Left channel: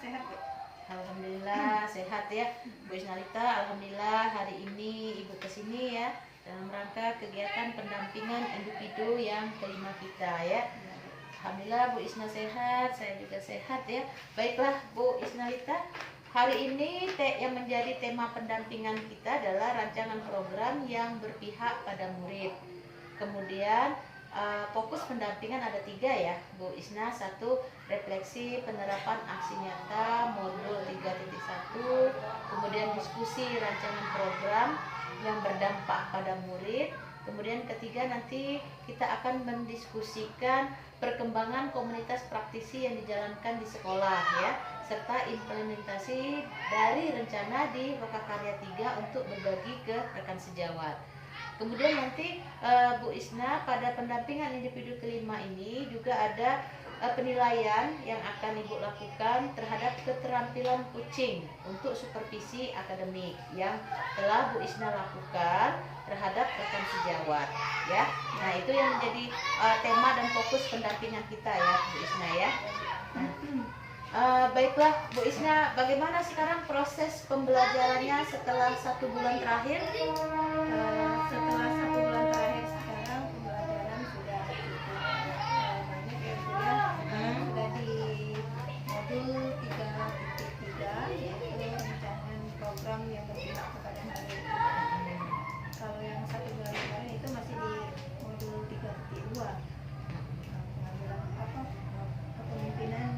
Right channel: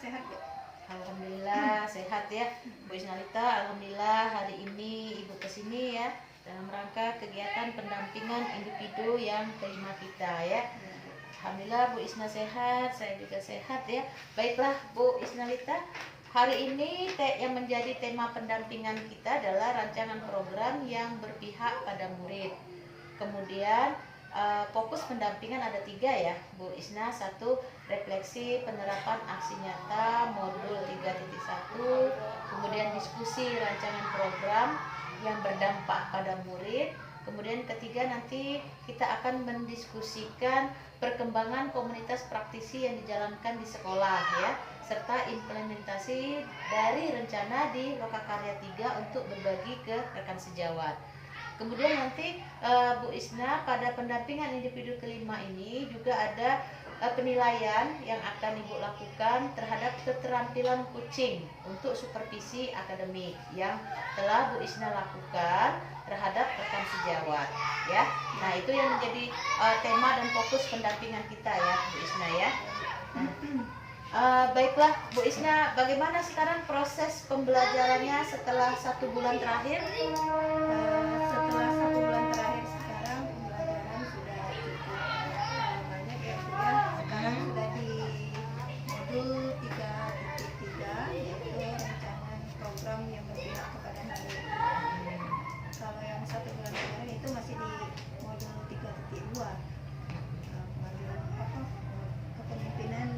sehat Bu? Alhamdulillah sehat ya Bu Isnalita. Alhamdulillah hari ini Ibu kesini ya dalam rangka kegiatan pendampingan individu yang terima kita ya. Alhamdulillah Bu Isna sehat, saya juga sehat ya. Baiklah Bu Isnalita, hari ini yang menjadi tema pendampingan kita adalah rancangan program yang berpihak pada murid. Kemudian fokus pendampingan ada 3 ya Bu Isna. 1, refleksi penerapan aksi nyata modul 3.1, kemudian diskusi rancangan program yang berdampak pada murid. Kemudian ketiga, nanti kita akan mendiskusikan perkembangan komunitas praktisi yang dijalankan di sekolah ya, serta implementasi dari rencana di Lokakarya 3 untuk berbagi ke rekan sejawat. Kemudian nanti Bu Isna pada pendampingan individu kelima ini juga ada penilaian yang akan Ibu lakukan terhadap keterampilan kucing untuk supervisi akademik yang telah Bu Isna lakukan terhadap rekan sejawat ya. Nah, itu yang menjadi tema dan fokus pendampingan kita ya Bu Isna ya. Baiklah Bu Isna, bagaimana sekarang proses pembelajarannya setelah 1 bulan terakhir? Setelah 1 bulan terakhir sekarang pembelajaran sudah cukup banyak ya Bu ya. Sekarang sudah di modul 3.3 yaitu rancangan program yang berpihak kepada murid. Kalau yang 1 bulan kemarin itu masih di modul 3.2 pengambilan kepemimpinan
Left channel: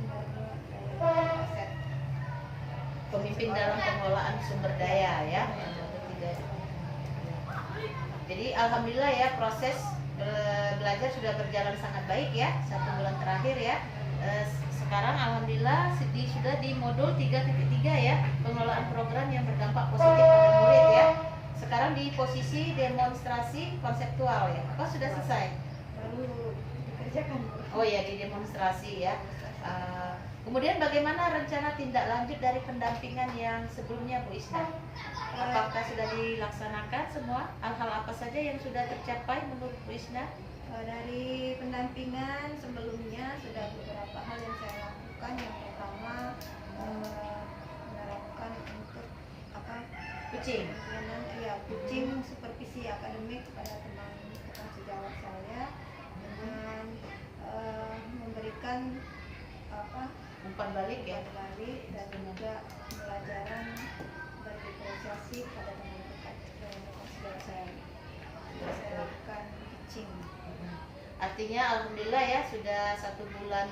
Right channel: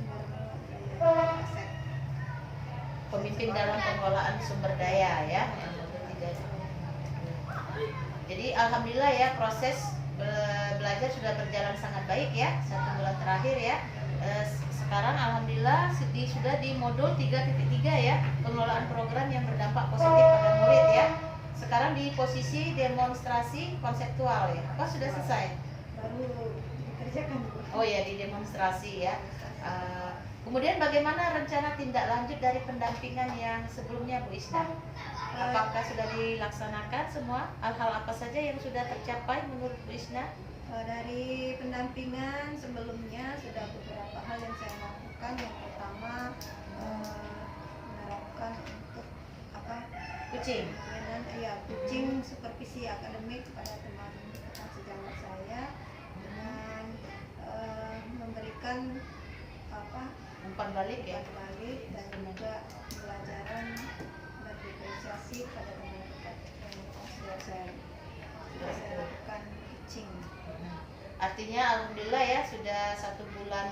sumber daya aset. Pemimpin dalam pengelolaan sumber daya ya, yang modul 3. Jadi alhamdulillah ya, proses belajar sudah berjalan sangat baik ya 1 bulan terakhir ya. Sekarang alhamdulillah sudah di modul 3.3 ya, pengelolaan program yang berdampak positif pada murid ya. Sekarang di posisi demonstrasi konseptual ya. Apa sudah selesai? Baru dikerjakan Bu. Oh ya, di demonstrasi ya. Kemudian bagaimana rencana tindak lanjut dari pendampingan yang sebelumnya Bu Isna? Apakah sudah dilaksanakan semua? Hal-hal apa saja yang sudah tercapai menurut Bu Isna? Dari pendampingan sebelumnya sudah beberapa hal yang saya lakukan. Yang pertama menerapkan untuk Kucing. kucing supervisi akademik kepada teman rekan sejawat saya dengan memberikan Umpan balik ya. balik dan juga pelajaran dan diferensiasi pada teman rekan sejawat saya. Sudah saya lakukan kucing. Artinya alhamdulillah ya, sudah 1 bulan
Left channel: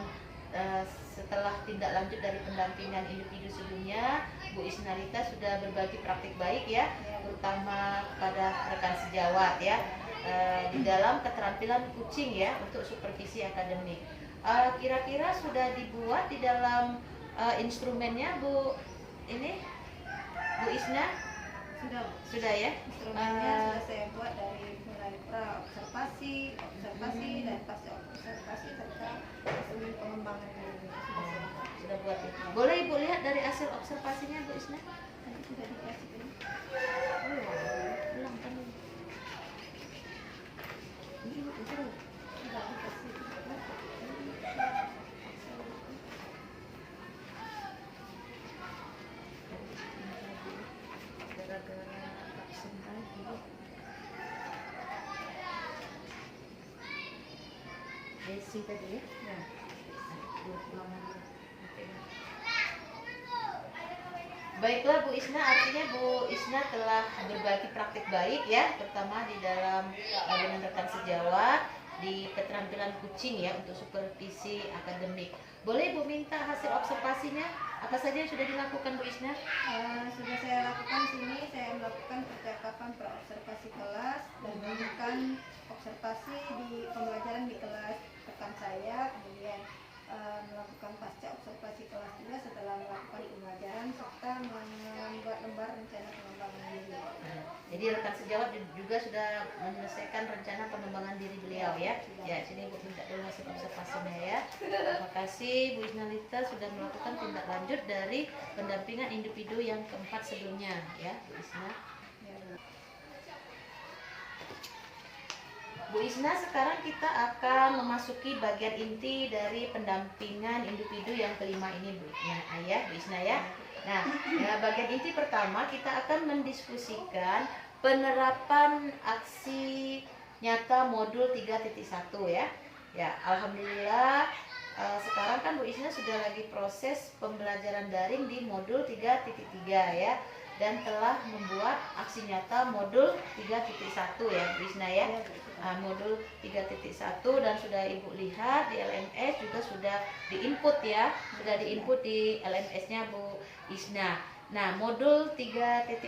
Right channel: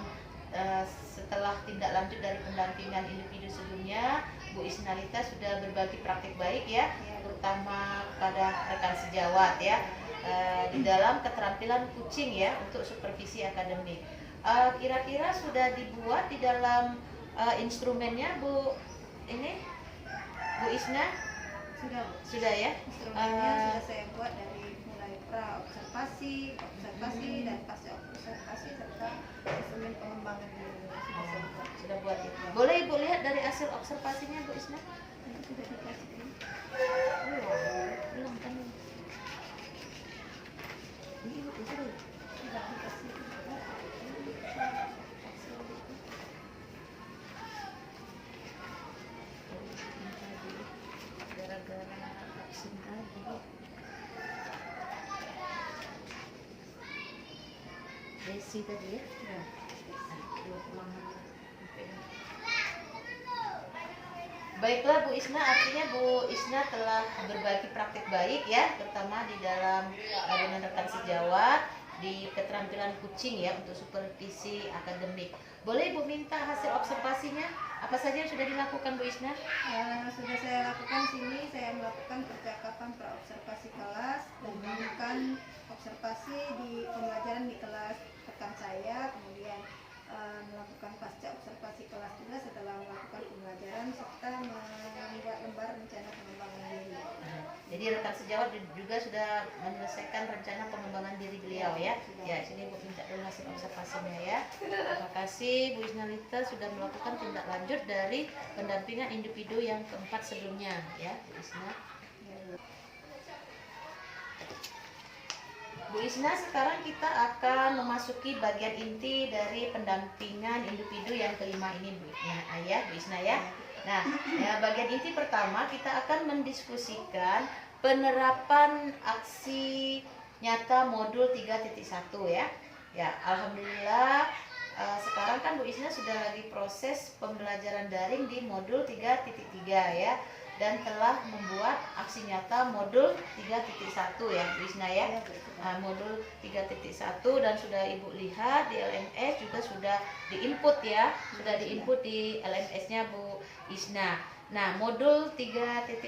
setelah tindak lanjut dari pendampingan individu sebelumnya, Bu Isnalita sudah berbagi praktik baik ya, terutama pada rekan sejawat ya, di dalam keterampilan kucing ya untuk supervisi akademik. Kira-kira sudah dibuat di dalam instrumennya Bu Isna? Sudah ya. Instrumennya sudah saya buat dari mulai pra-observasi, observasi dan pasca observasi serta instrumen pengembangan diri sudah saya buat. Sudah buat ya. Boleh Ibu lihat dari hasil observasinya Bu Isna? Nanti sudah dikasih ini. Ulang kan. Ini Ibu sudah Dikasih. gara-gara vaksin tadi. Desi tadi ya? Ya. Baiklah Bu Isna, artinya Bu Isna telah berbagi praktik baik ya, terutama di dalam dengan rekan sejawat di keterampilan kucing ya untuk supervisi akademik. Boleh Ibu minta hasil observasinya? Apa saja yang sudah dilakukan Bu Isna? Sudah saya lakukan sini, saya melakukan percakapan pra-observasi kelas dan melakukan observasi di pembelajaran di kelas rekan saya, kemudian melakukan pasca observasi kelas juga setelah melakukan pembelajaran serta membuat lembar rencana pengembangan diri. Jadi rekan sejawat juga sudah menyelesaikan rencana pengembangan diri beliau ya. Ya, sini Bu minta dulu hasil observasinya ya. Terima kasih Bu Isnalita sudah melakukan tindak lanjut dari pendampingan individu yang keempat sebelumnya ya Bu Isna. Bu Isna, sekarang kita akan memasuki bagian inti dari pendampingan individu yang kelima ini, Bu Isna ya. Nah, ya, bagian inti pertama kita akan mendiskusikan penerapan aksi nyata modul 3.1 ya. Ya, alhamdulillah sekarang kan Bu Isna sudah lagi proses pembelajaran daring di modul 3.3 ya, dan telah membuat aksi nyata modul 3.1 ya Bu Isna ya. Modul 3.1 dan sudah Ibu lihat di LMS juga sudah diinput ya, sudah diinput di LMS-nya Bu Isna. Nah, modul 3.1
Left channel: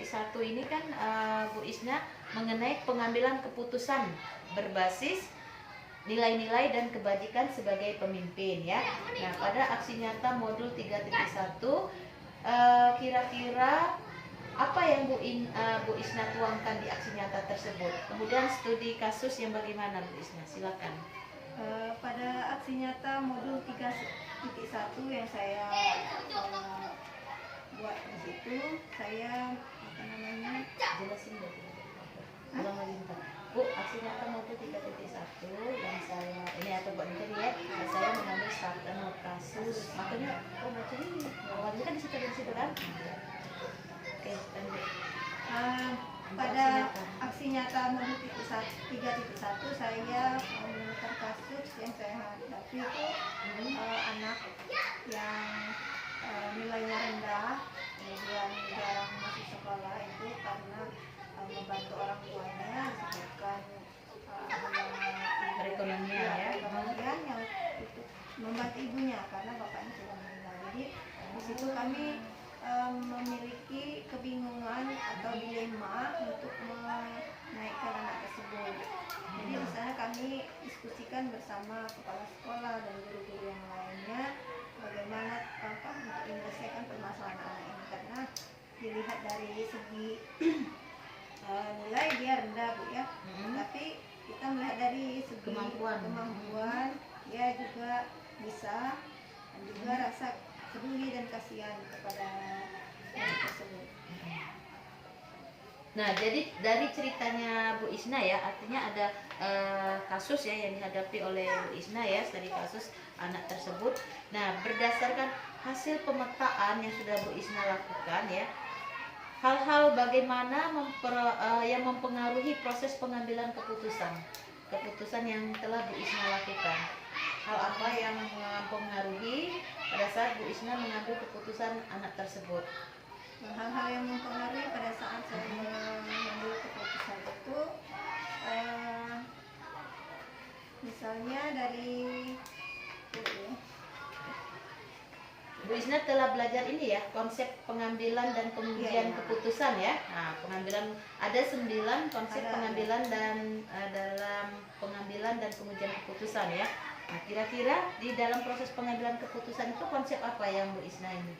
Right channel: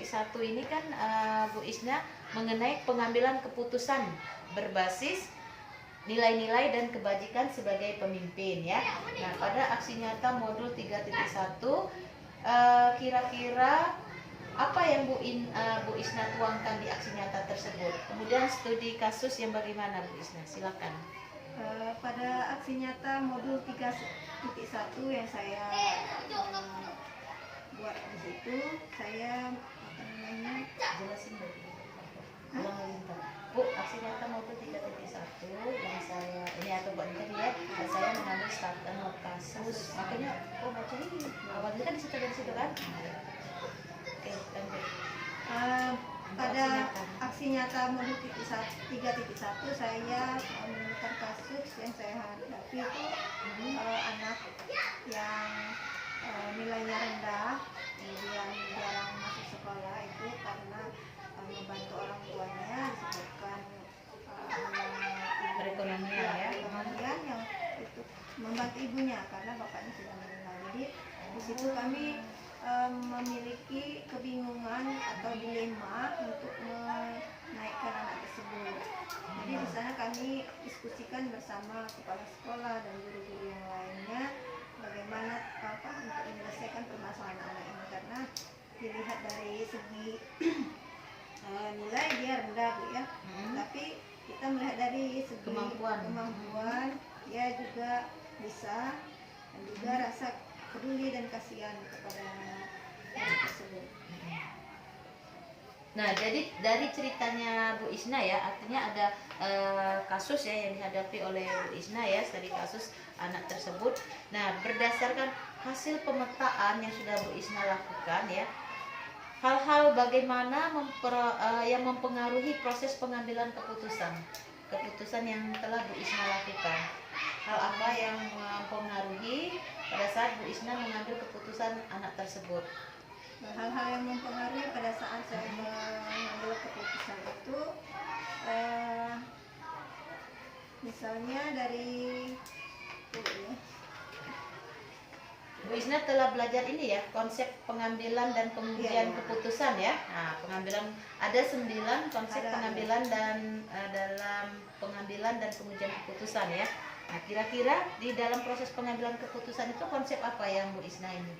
ini kan Bu Isna mengenai pengambilan keputusan berbasis nilai-nilai dan kebajikan sebagai pemimpin ya. Nah, pada aksi nyata modul 3.1 kira-kira apa yang Bu Isna tuangkan di aksi nyata tersebut? Kemudian studi kasus yang bagaimana Bu Isna? Silakan. Pada aksi nyata modul 3.1 yang saya buat di situ, saya Jelasin Bu. Ulang lagi bentar. Bu, aksi nyata modul 3.1 yang saya ini atau buat ya, saya mengambil starter kasus. Makanya baca ini. Awalnya kan di situ kan. Oke, lanjut. Pada aksi nyata modul 3.1 saya menemukan kasus yang saya hadapi itu anak yang nilainya rendah, kemudian jarang masuk sekolah itu karena membantu orang tuanya disebabkan perekonomian ya. Kemudian yang itu membantu ibunya karena bapaknya sudah meninggal. Jadi di situ kami memiliki kebingungan atau dilema untuk menaikkan anak tersebut. Jadi di sana kami diskusikan bersama kepala sekolah dan guru-guru yang lainnya bagaimana untuk menyelesaikan permasalahan anak ini, karena dilihat dari segi nilai dia rendah Bu ya, tapi kita melihat dari segi kemampuan dia juga bisa, dan juga rasa peduli dan kasihan kepada anak tersebut. Nah, jadi dari ceritanya Bu Isna ya, artinya ada kasus ya yang dihadapi oleh Bu Isna ya, dari kasus anak tersebut. Nah, berdasarkan hasil pemetaan yang sudah Bu Isna lakukan ya, hal-hal bagaimana yang mempengaruhi proses pengambilan keputusan yang telah Bu Isna lakukan. Hal apa yang mempengaruhi pada saat Bu Isna mengambil keputusan anak tersebut? Hal-hal yang mempengaruhi pada saat saya mengambil keputusan itu misalnya dari Bu Isna telah belajar ini ya, konsep pengambilan dan pengujian keputusan ya. Nah, pengambilan ada 9 konsep pengambilan dan dalam pengambilan dan pengujian keputusan ya. Nah, kira-kira di dalam proses pengambilan keputusan itu konsep apa yang Bu Isna ini?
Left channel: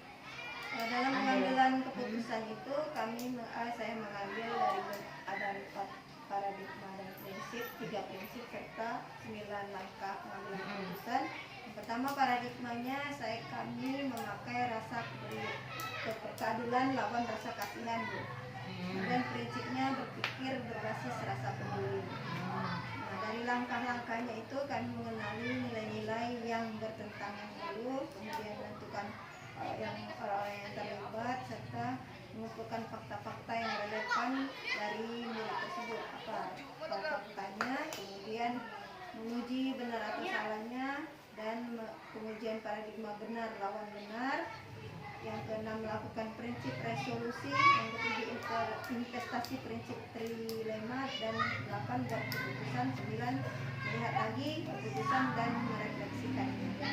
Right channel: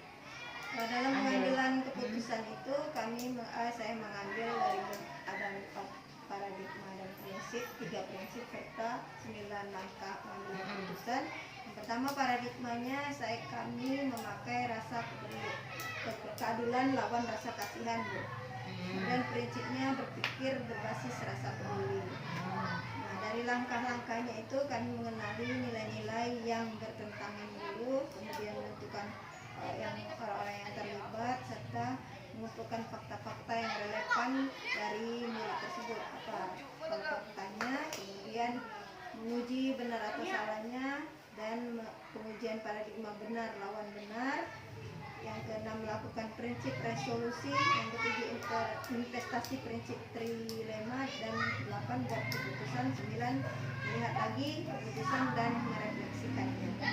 Dalam pengambilan keputusan itu saya mengambil dari ada 4 paradigma dan prinsip, 3 prinsip serta 9 langkah mengambil keputusan. Yang pertama paradigmanya kami memakai rasa keadilan lawan rasa kasihan Bu. Dan prinsipnya berpikir berbasis rasa peduli. Nah, dari langkah-langkahnya itu kami mengenali nilai-nilai yang bertentangan dulu, kemudian menentukan orang-orang yang terlibat serta mengumpulkan fakta-fakta yang relevan dari murid tersebut, apa faktanya, kemudian menguji benar atau salahnya, dan pengujian paradigma benar lawan benar. Yang keenam, melakukan prinsip resolusi. Yang ketujuh, investasi prinsip trilema. Dan 8, buat keputusan. 9, melihat lagi keputusan dan merefleksikannya.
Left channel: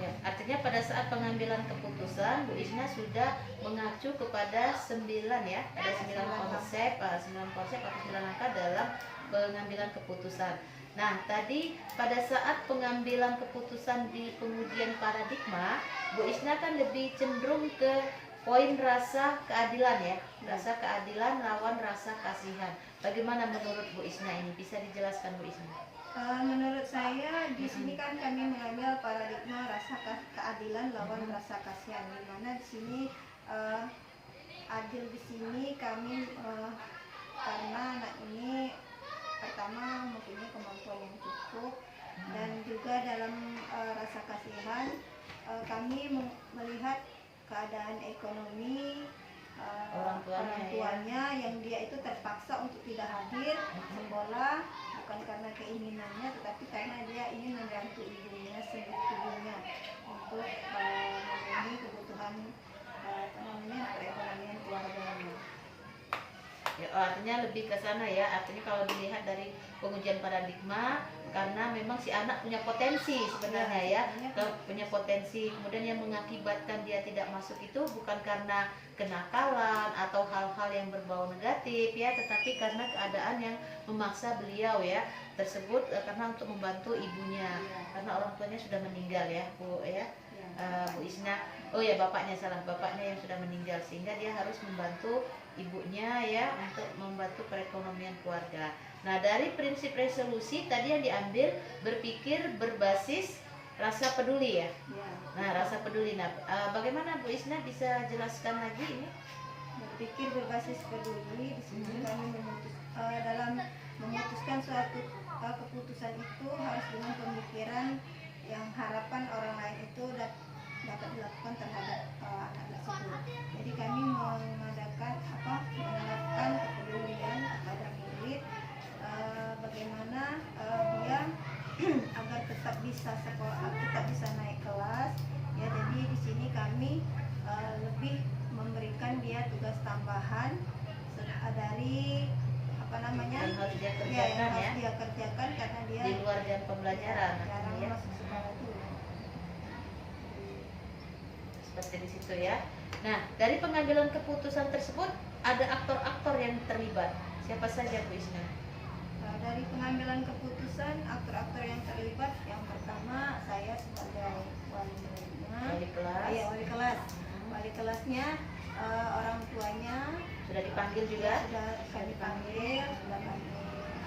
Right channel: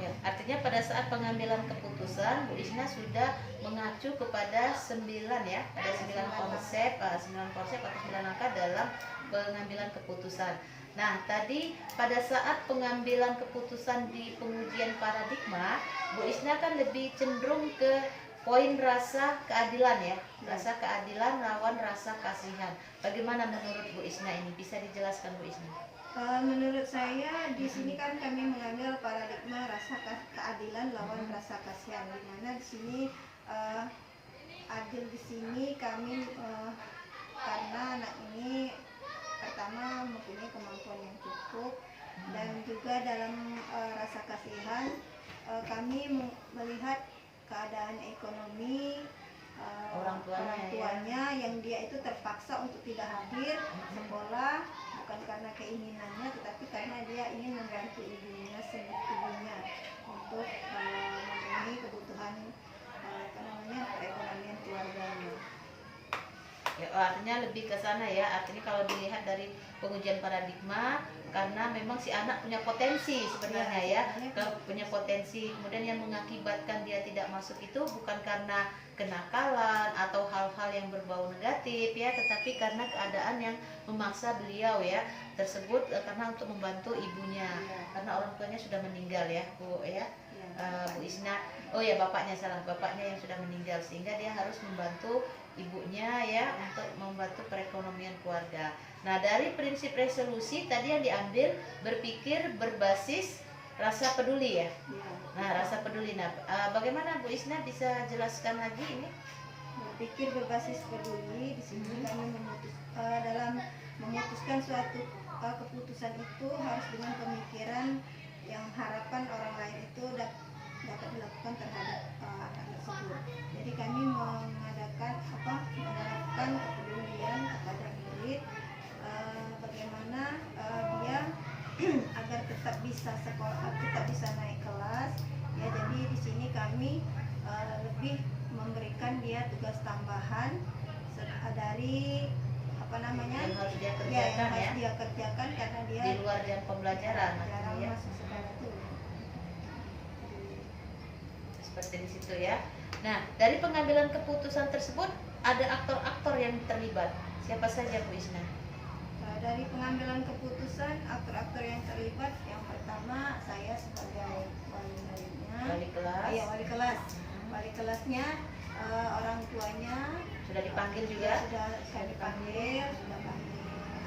Ya, artinya pada saat pengambilan keputusan Bu Isna sudah mengacu kepada 9 ya, pada 9 konsep atau 9 langkah dalam pengambilan keputusan. Nah, tadi pada saat pengambilan keputusan di pengujian paradigma, Bu Isna kan lebih cenderung ke poin rasa keadilan ya, rasa keadilan lawan rasa kasihan. Bagaimana menurut Bu Isna ini? Bisa dijelaskan Bu Isna? Menurut saya di sini kan kami mengambil paradigma rasa keadilan lawan rasa kasihan, di mana di sini adil di sini kami karena anak ini pertama mempunyai kemampuan yang cukup, dan juga dalam rasa kasihan kami melihat keadaan ekonomi Orang tuanya, yang dia itu terpaksa untuk tidak hadir sekolah, bukan karena keinginannya tetapi karena dia ingin membantu ibunya untuk memenuhi kebutuhan perekonomian keluarganya. Ya, artinya lebih ke sana ya. Artinya kalau dilihat dari pengujian paradigma, karena memang si anak punya potensi sebenarnya ya, punya potensi. Kemudian yang mengakibatkan dia tidak masuk itu bukan karena kenakalan atau hal-hal yang berbau negatif ya, tetapi karena keadaan yang memaksa beliau ya tersebut, karena untuk membantu ibunya, karena orang tuanya sudah meninggal ya Bu ya. Bu Isna, oh ya bapaknya yang sudah meninggal, sehingga dia harus membantu ibunya ya untuk membantu perekonomian keluarga. Nah, dari prinsip resolusi tadi yang diambil berpikir berbasis rasa peduli ya. Nah, rasa peduli. Nah, bagaimana Bu Isna bisa jelaskan lagi ini? Berpikir berbasis peduli di sini kami dalam memutuskan suatu keputusan itu harus dengan pemikiran yang harapan orang lain itu dapat dilakukan terhadap anak tersebut. Jadi kami menerapkan kepedulian kepada murid, bagaimana dia agar tetap bisa sekolah, tetap bisa naik kelas. Ya, jadi di sini kami lebih memberikan dia tugas tambahan dari yang harus dia kerjakan yang harus dia kerjakan karena dia di luar jam pembelajaran jarang ya. masuk sekolah itu. Seperti di situ ya. Nah, dari pengambilan keputusan tersebut ada aktor-aktor yang terlibat. Siapa saja Bu Isna? Dari pengambilan keputusan, aktor-aktor yang terlibat, yang pertama saya sebagai wali muridnya, wali kelas. Wali kelasnya, orang tuanya sudah dipanggil juga. Sudah kami panggil, sudah kami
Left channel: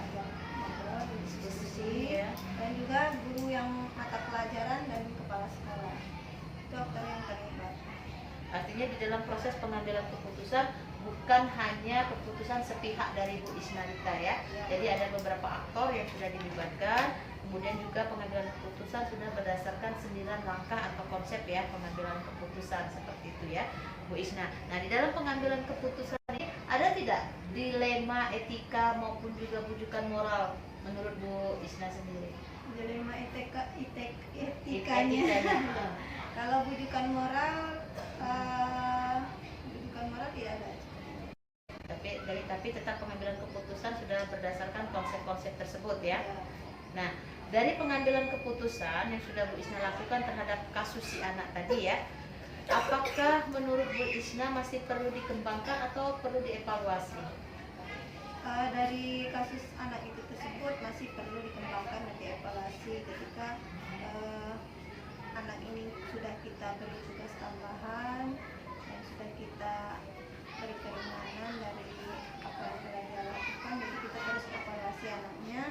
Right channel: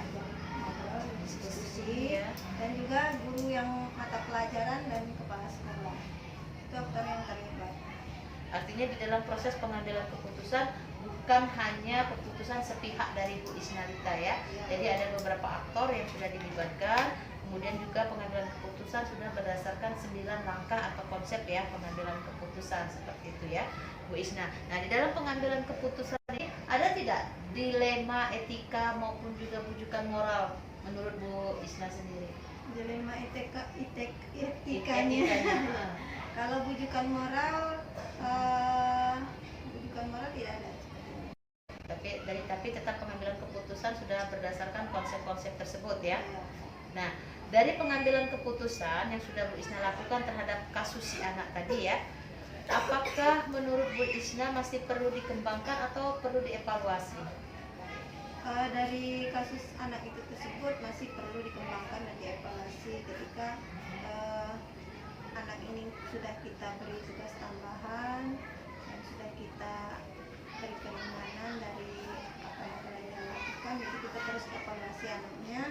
ajak ngobrol, diskusi, dan juga guru yang mata pelajaran dan kepala sekolah. Itu aktor yang terlibat. Artinya di dalam proses pengambilan keputusan bukan hanya keputusan sepihak dari Bu Isnalita ya. Jadi ada beberapa aktor yang sudah dilibatkan. Kemudian juga pengambilan keputusan sudah berdasarkan 9 langkah atau konsep ya pengambilan keputusan seperti itu ya Bu Isna. Nah, di dalam pengambilan keputusan ini ada tidak dilema etika maupun juga bujukan moral menurut Bu Isna sendiri? Dilema etikanya. Kalau bujukan moral tidak ada. Tapi tetap pengambilan keputusan sudah berdasarkan konsep-konsep tersebut ya. Nah, dari pengambilan keputusan yang sudah Bu Isna lakukan terhadap kasus si anak tadi ya, apakah menurut Bu Isna masih perlu dikembangkan atau perlu dievaluasi? Dari kasus anak itu tersebut masih perlu dikembangkan dan dievaluasi ketika anak ini sudah kita beri tugas tambahan dan sudah kita beri keringanan dari apa yang telah dia lakukan. Jadi kita terus evaluasi anaknya,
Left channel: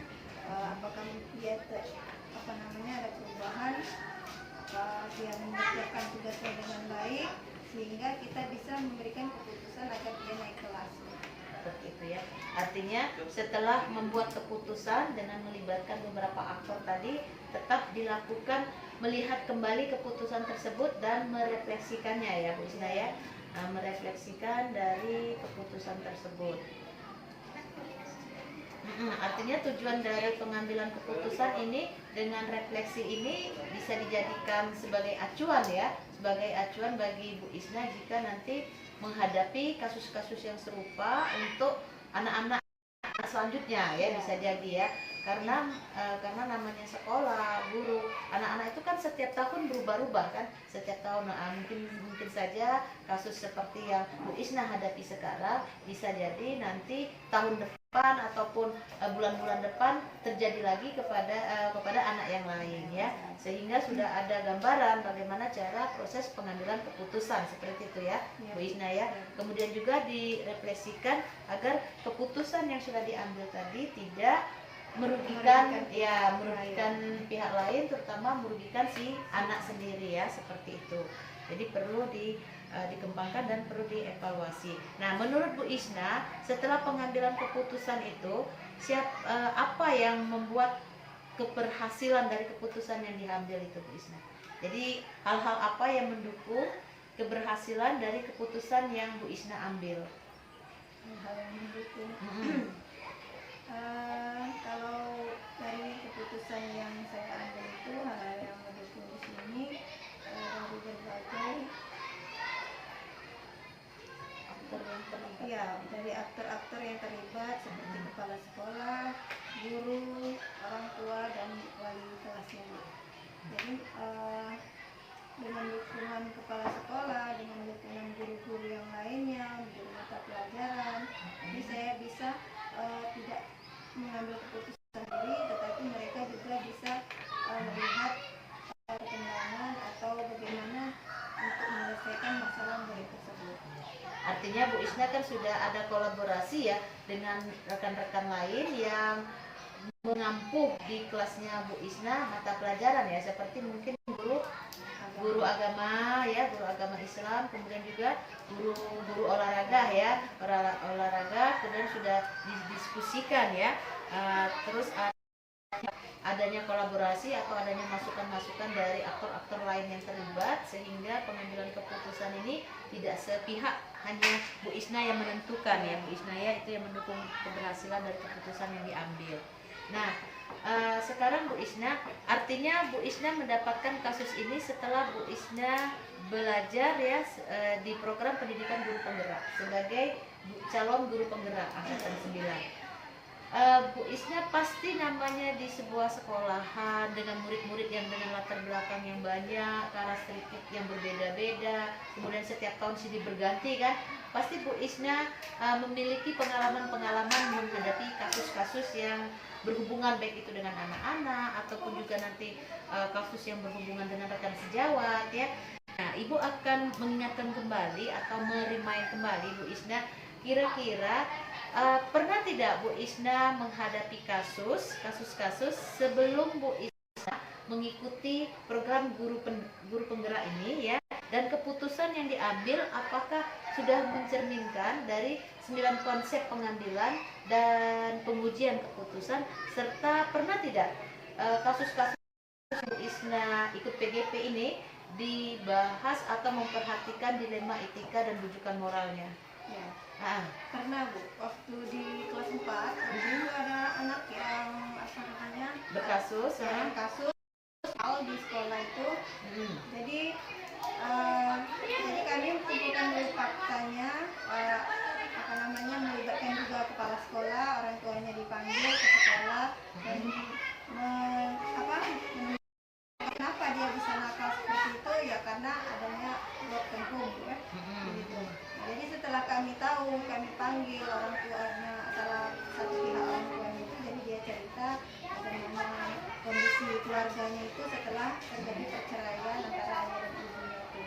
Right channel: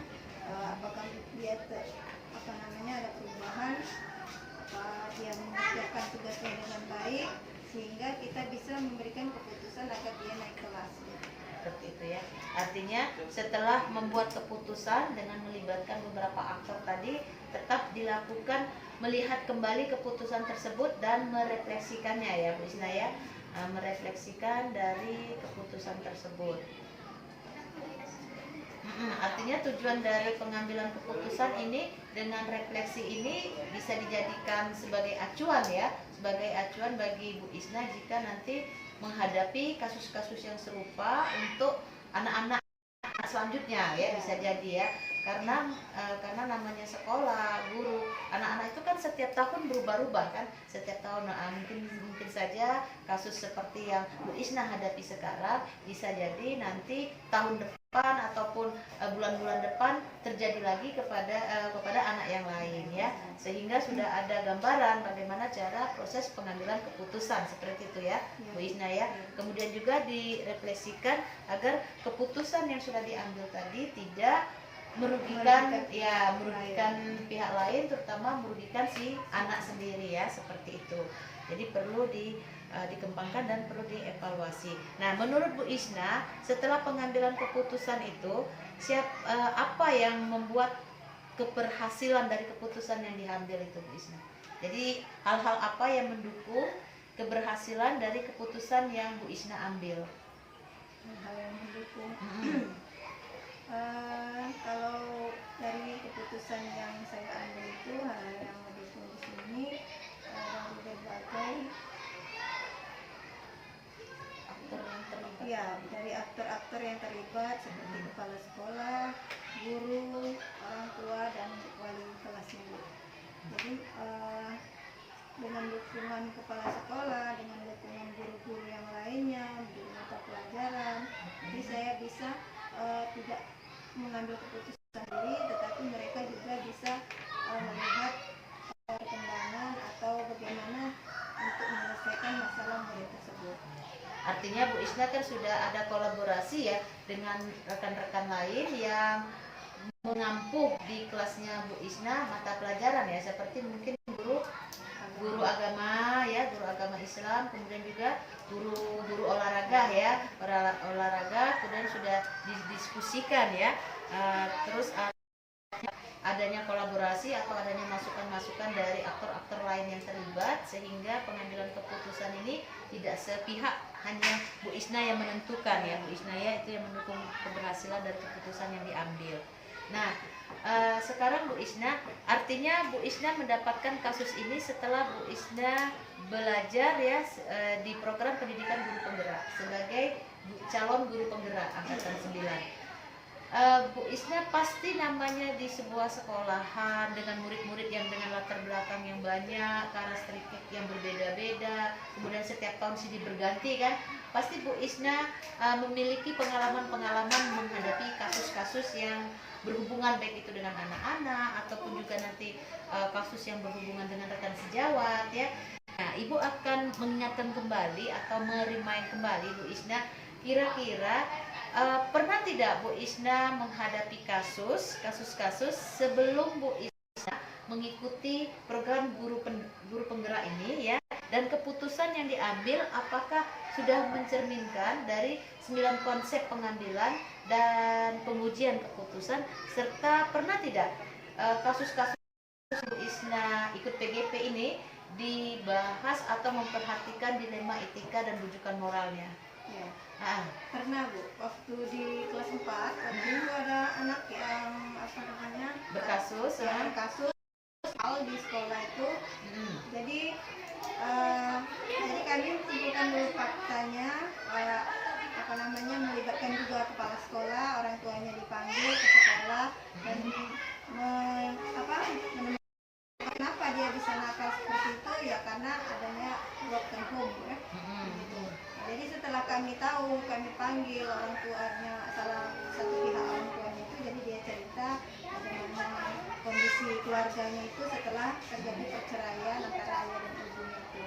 apakah dia ada perubahan, apa dia mengerjakan tugasnya dengan baik, sehingga kita bisa memberikan keputusan agar dia naik kelas. Seperti itu ya. Artinya setelah membuat keputusan dengan melibatkan beberapa aktor tadi, tetap dilakukan melihat kembali keputusan tersebut dan merefleksikannya ya Bu Isna ya. Merefleksikan dari keputusan tersebut. Artinya tujuan dari pengambilan keputusan ini dengan refleksi ini bisa dijadikan sebagai acuan ya, sebagai acuan bagi Bu Isna jika nanti menghadapi kasus-kasus yang serupa untuk anak-anak selanjutnya ya, bisa jadi ya, karena namanya sekolah, guru, anak-anak itu kan setiap tahun berubah-ubah kan, setiap tahun. Mungkin saja kasus seperti yang Bu Isna hadapi sekarang bisa jadi nanti tahun depan ataupun bulan-bulan depan terjadi lagi kepada anak yang lain ya, sehingga sudah ada gambaran bagaimana cara proses pengambilan keputusan seperti itu ya Bu Isna ya. Kemudian juga direfleksikan agar keputusan yang sudah diambil tadi tidak merugikan pihak lain, terutama merugikan si anak sendiri ya, seperti itu. Jadi perlu dikembangkan dan perlu dievaluasi. Nah, menurut Bu Isna, setelah pengambilan keputusan itu, apa yang membuat keberhasilan dari keputusan yang diambil itu, Bu Isna? Jadi hal-hal apa yang mendukung keberhasilan dari keputusan yang Bu Isna ambil? Hal yang mendukung. Kalau dari keputusan yang saya ambil itu, hal yang mendukung di sini dari berbagai dari aktor-aktor yang terlibat seperti kepala sekolah, guru, orang tua, dan wali kelasnya. Jadi dengan dukungan kepala sekolah, dengan dukungan guru-guru yang lainnya, guru mata pelajaran, jadi saya bisa tidak mengambil keputusan sendiri, tetapi mereka juga bisa melihat perkembangan atau bagaimana untuk menyelesaikan masalah murid tersebut. Artinya Bu Isna kan sudah ada kolaborasi ya dengan rekan-rekan lain yang mengampuh di kelasnya Bu Isna mata pelajaran ya, seperti mungkin guru agama ya, guru agama Islam, kemudian juga guru olahraga ya, olahraga, kemudian sudah didiskusikan ya. Terus adanya kolaborasi atau adanya masukan-masukan dari aktor-aktor lain yang terlibat, sehingga pengambilan keputusan ini tidak sepihak hanya Bu Isna yang menentukan ya, Bu Isna ya itu yang mendukung keberhasilan dari keputusan yang diambil. Nah, sekarang Bu Isna, artinya Bu Isna mendapatkan kasus ini setelah Bu Isna belajar ya di program pendidikan guru penggerak sebagai calon guru penggerak angkatan 9. Bu Isna pasti namanya di sebuah sekolahan dengan murid-murid yang dengan latar belakang yang banyak, karakteristik yang berbeda-beda, kemudian setiap tahun silih berganti kan, pasti Bu Isna memiliki pengalaman-pengalaman menghadapi kasus-kasus yang berhubungan baik itu dengan anak-anak ataupun juga nanti kasus yang berhubungan dengan rekan sejawat ya. Nah, Ibu akan mengingatkan kembali atau merimain kembali Bu Isna, kira-kira pernah tidak Bu Isna menghadapi kasus-kasus sebelum Bu Isna mengikuti program guru penggerak ini ya, dan keputusan yang diambil apakah sudah mencerminkan dari 9 konsep pengambilan dan pengujian keputusan, serta pernah tidak kasus-kasus Bu Isna ikut PGP ini dibahas atau memperhatikan dilema etika dan rujukan moralnya? Ya, pernah Bu, waktu di kelas 4 waktu itu ada anak yang berkasus di sekolah itu. Jadi kami kumpulkan dulu faktanya, melibatkan juga kepala sekolah, orang tuanya dipanggil ke sekolah dan kenapa dia bisa nakal seperti itu ya, karena adanya broken home ya. Jadi setelah kami tahu, kami panggil orang tuanya, salah satu pihak orang tuanya itu, jadi dia cerita bagaimana kondisi keluarganya itu setelah terjadi perceraian antara ayah dan ibunya itu.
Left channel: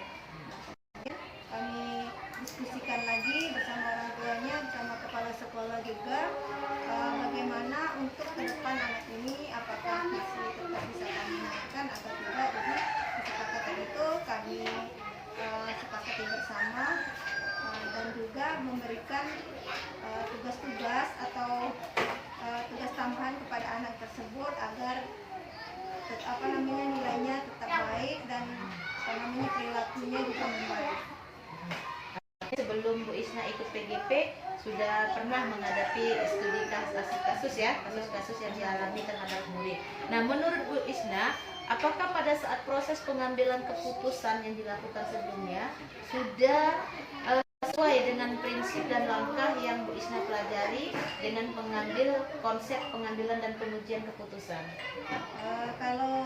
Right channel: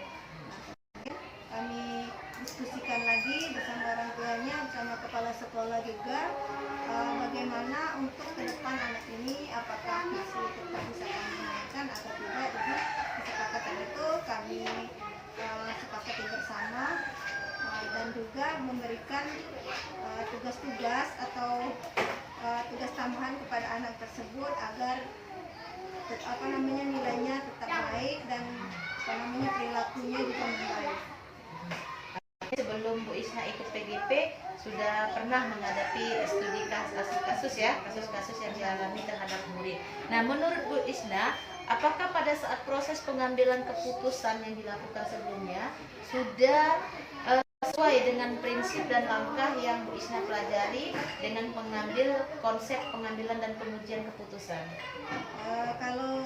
Nah, kemudian kami diskusikan lagi bersama orang tuanya, bersama kepala sekolah juga, bagaimana untuk ke depan anak ini, apakah masih tetap bisa kami mainkan atau tidak. Jadi kesepakatan itu kami sepakati bersama, dan juga memberikan tugas-tugas atau tugas tambahan kepada anak tersebut agar nilainya tetap baik dan perilakunya juga membaik. Sebelum Bu Isna ikut PGP sudah pernah menghadapi studi kasus-kasus ya, kasus-kasus yang dialami terhadap murid. Nah, menurut Bu Isna, apakah pada saat proses pengambilan keputusan yang dilakukan sebelumnya sudah sesuai dengan prinsip dan langkah yang Bu Isna pelajari dengan mengambil konsep pengambilan dan pengujian keputusan? Kalau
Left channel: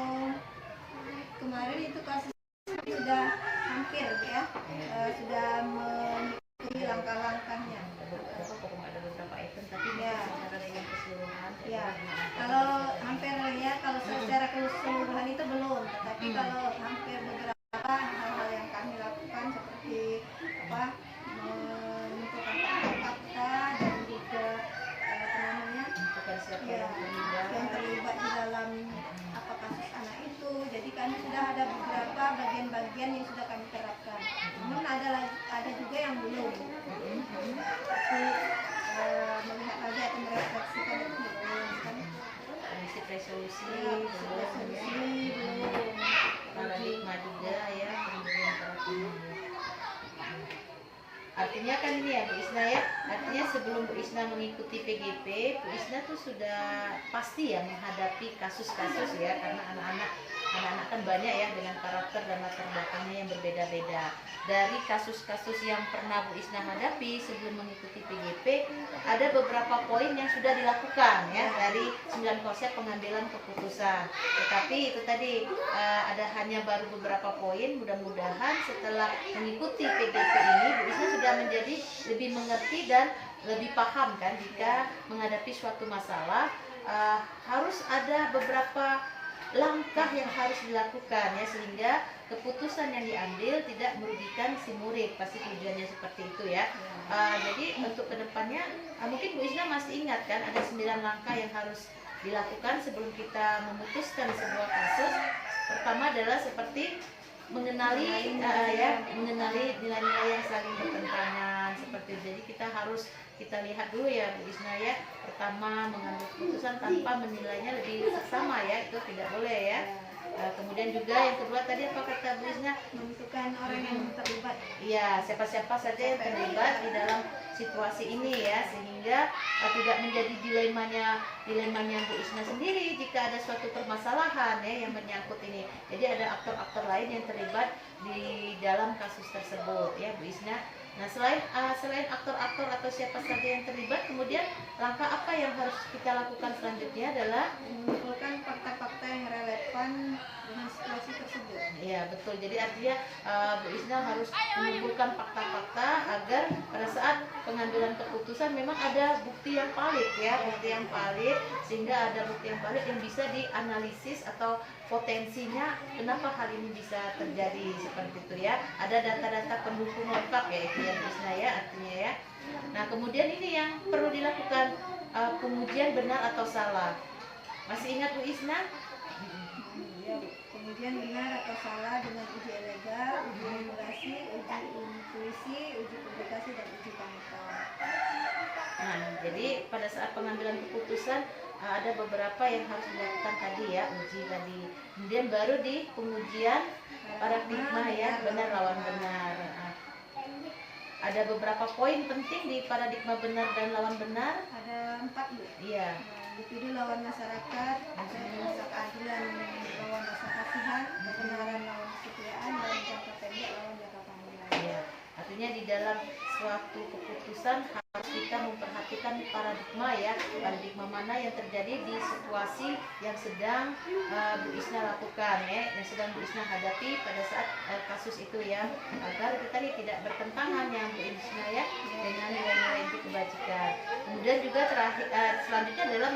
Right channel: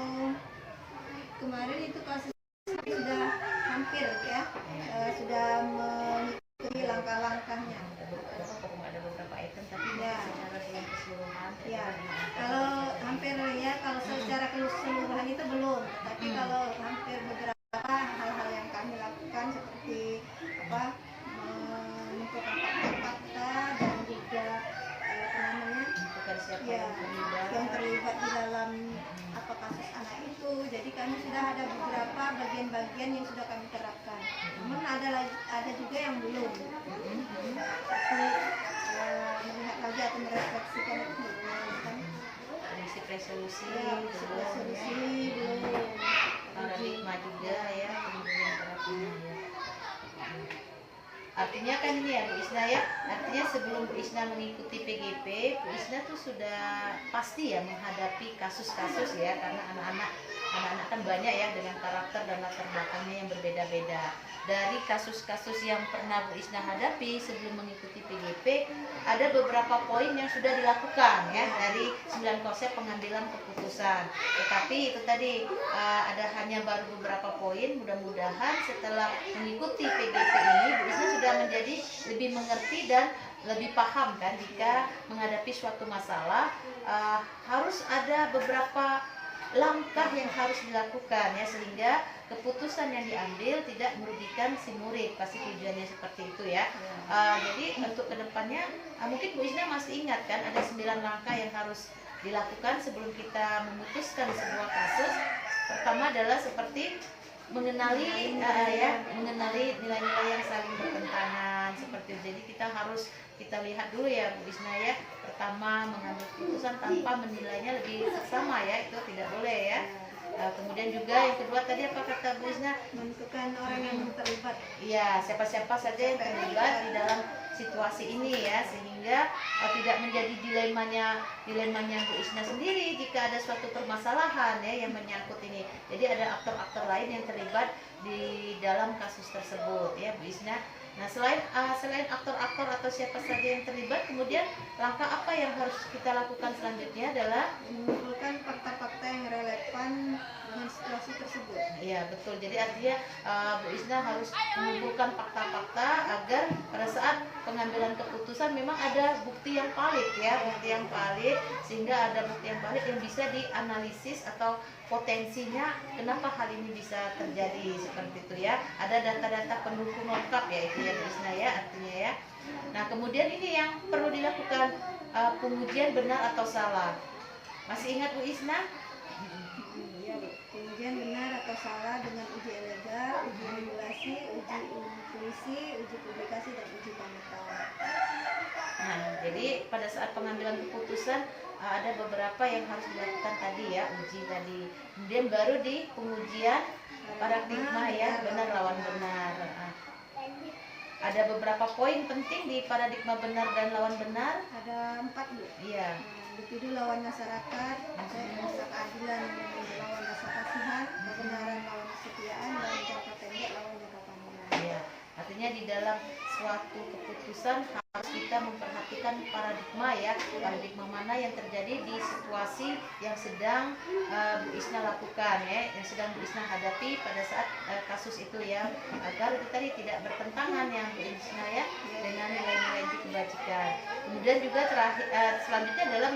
kemarin itu kasus sudah hampir ya, sudah mengikuti langkah-langkahnya. Ada beberapa item tapi ya, secara keseluruhan. Ya, kalau hampir ya, kalau secara keseluruhan itu belum, tetapi kalau hampir beberapa hal-hal yang kami lakukan seperti menentukan fakta-fakta dan juga yang terlibat di dalam kasus anak itu. Jadi kami sudah ada beberapa bagian-bagian yang sudah kami terapkan. Namun ada lagi Tapi melihat lagi atau merefleksikan itu belum kan. prinsip resolusi Ya, resolusi belum. paradigma juga ya, kemudian terapinya ya. Artinya kan ini ya Bu Isna ya, artinya sebelum Bu Isna mengikuti PGP, Bu Isna tuh sudah pasti ya menghadapi kasus-kasus ya, karena anak-anak kan banyak ya dengan karakter dan latar belakangnya yang berbeda-beda. Dari kasus-kasus yang pernah Bu Isna hadapi sebelum mengikuti PGP, ada beberapa poin yang sudah dilakukan ya dari 9 konsep pengambilan keputusan. Tetapi itu tadi ada hanya baru beberapa poin. Mudah-mudahan setelah mengikuti PGP ini Bu Isna sudah menjadi lebih mengerti dan lebih paham kan jika menghadapi suatu masalah harus ada beberapa langkah yang harus dilakukan ya, sehingga keputusan yang diambil tidak merugikan si murid. Pasti tujuannya seperti itu ya. Jadi untuk kedepannya mungkin Bu Isna masih ingat kan ada 9 langkah yang harus dilakukan sebelum kita memutuskan sebuah kasus. Pertama adalah seperti mengenali nilai-nilai yang saling bertentangan seperti itu. Jadi kita lihat dulu ya Bu Isna ya. Pertama, mengambil keputusan tanpa menilainya lebih seksama ya, itu tidak boleh ya. Kemudian juga yang kedua tadi apa kata Bu Isna? Menentukan orang yang terlibat. Iya, siapa-siapa saja yang terlibat di dalam situasi ini ya, sehingga tidak menjadi dilemanya Bu Isna sendiri jika ada suatu permasalahan ya yang menyangkut ini. Jadi ada aktor-aktor lain yang terlibat di dalam kasus tersebut ya Bu Isna. Nah selain aktor-aktor atau siapa saja yang terlibat, kemudian langkah apa yang harus kita lakukan selanjutnya adalah mengumpulkan fakta-fakta yang relevan dengan situasi tersebut. Iya betul. Jadi artinya Bu Isna harus mengumpulkan fakta-fakta agar pada saat pengambilan keputusan memang ada bukti yang valid ya, sehingga ada bukti yang valid yang bisa dianalisis atau potensinya kenapa hal ini bisa terjadi seperti itu ya. Ada data-data pendukung lengkap ya itu ya Bu Isna ya artinya ya. Nah kemudian ini yang perlu dilakukan pengujian benar atau salah. Masih ingat Bu Isna? Ya, pengujian benar atau salah dengan uji elega, uji regulasi, uji intuisi, uji publikasi, dan uji panutan. Nah, jadi pada saat pengambilan keputusan ada beberapa yang harus dilakukan tadi ya, uji tadi. Kemudian baru di pengujian paradigma ya, benar lawan benar. Ada beberapa poin penting di paradigma benar dan lawan benar. Ada 4 Bu. Iya. Individu lawan masyarakat, rasa keadilan lawan rasa kasihan, kebenaran lawan kesetiaan, dan jangka pendek lawan jangka panjang. Iya. Artinya di dalam suatu keputusan harus kita memperhatikan paradigma ya, paradigma mana yang terjadi di situasi yang sedang Bu Isna lakukan ya, yang sedang Bu Isna hadapi pada saat kasus itu ya, agar kita tidak bertentangan yang Bu Isna ya dengan nilai-nilai itu kebajikan. Kemudian juga selanjutnya adalah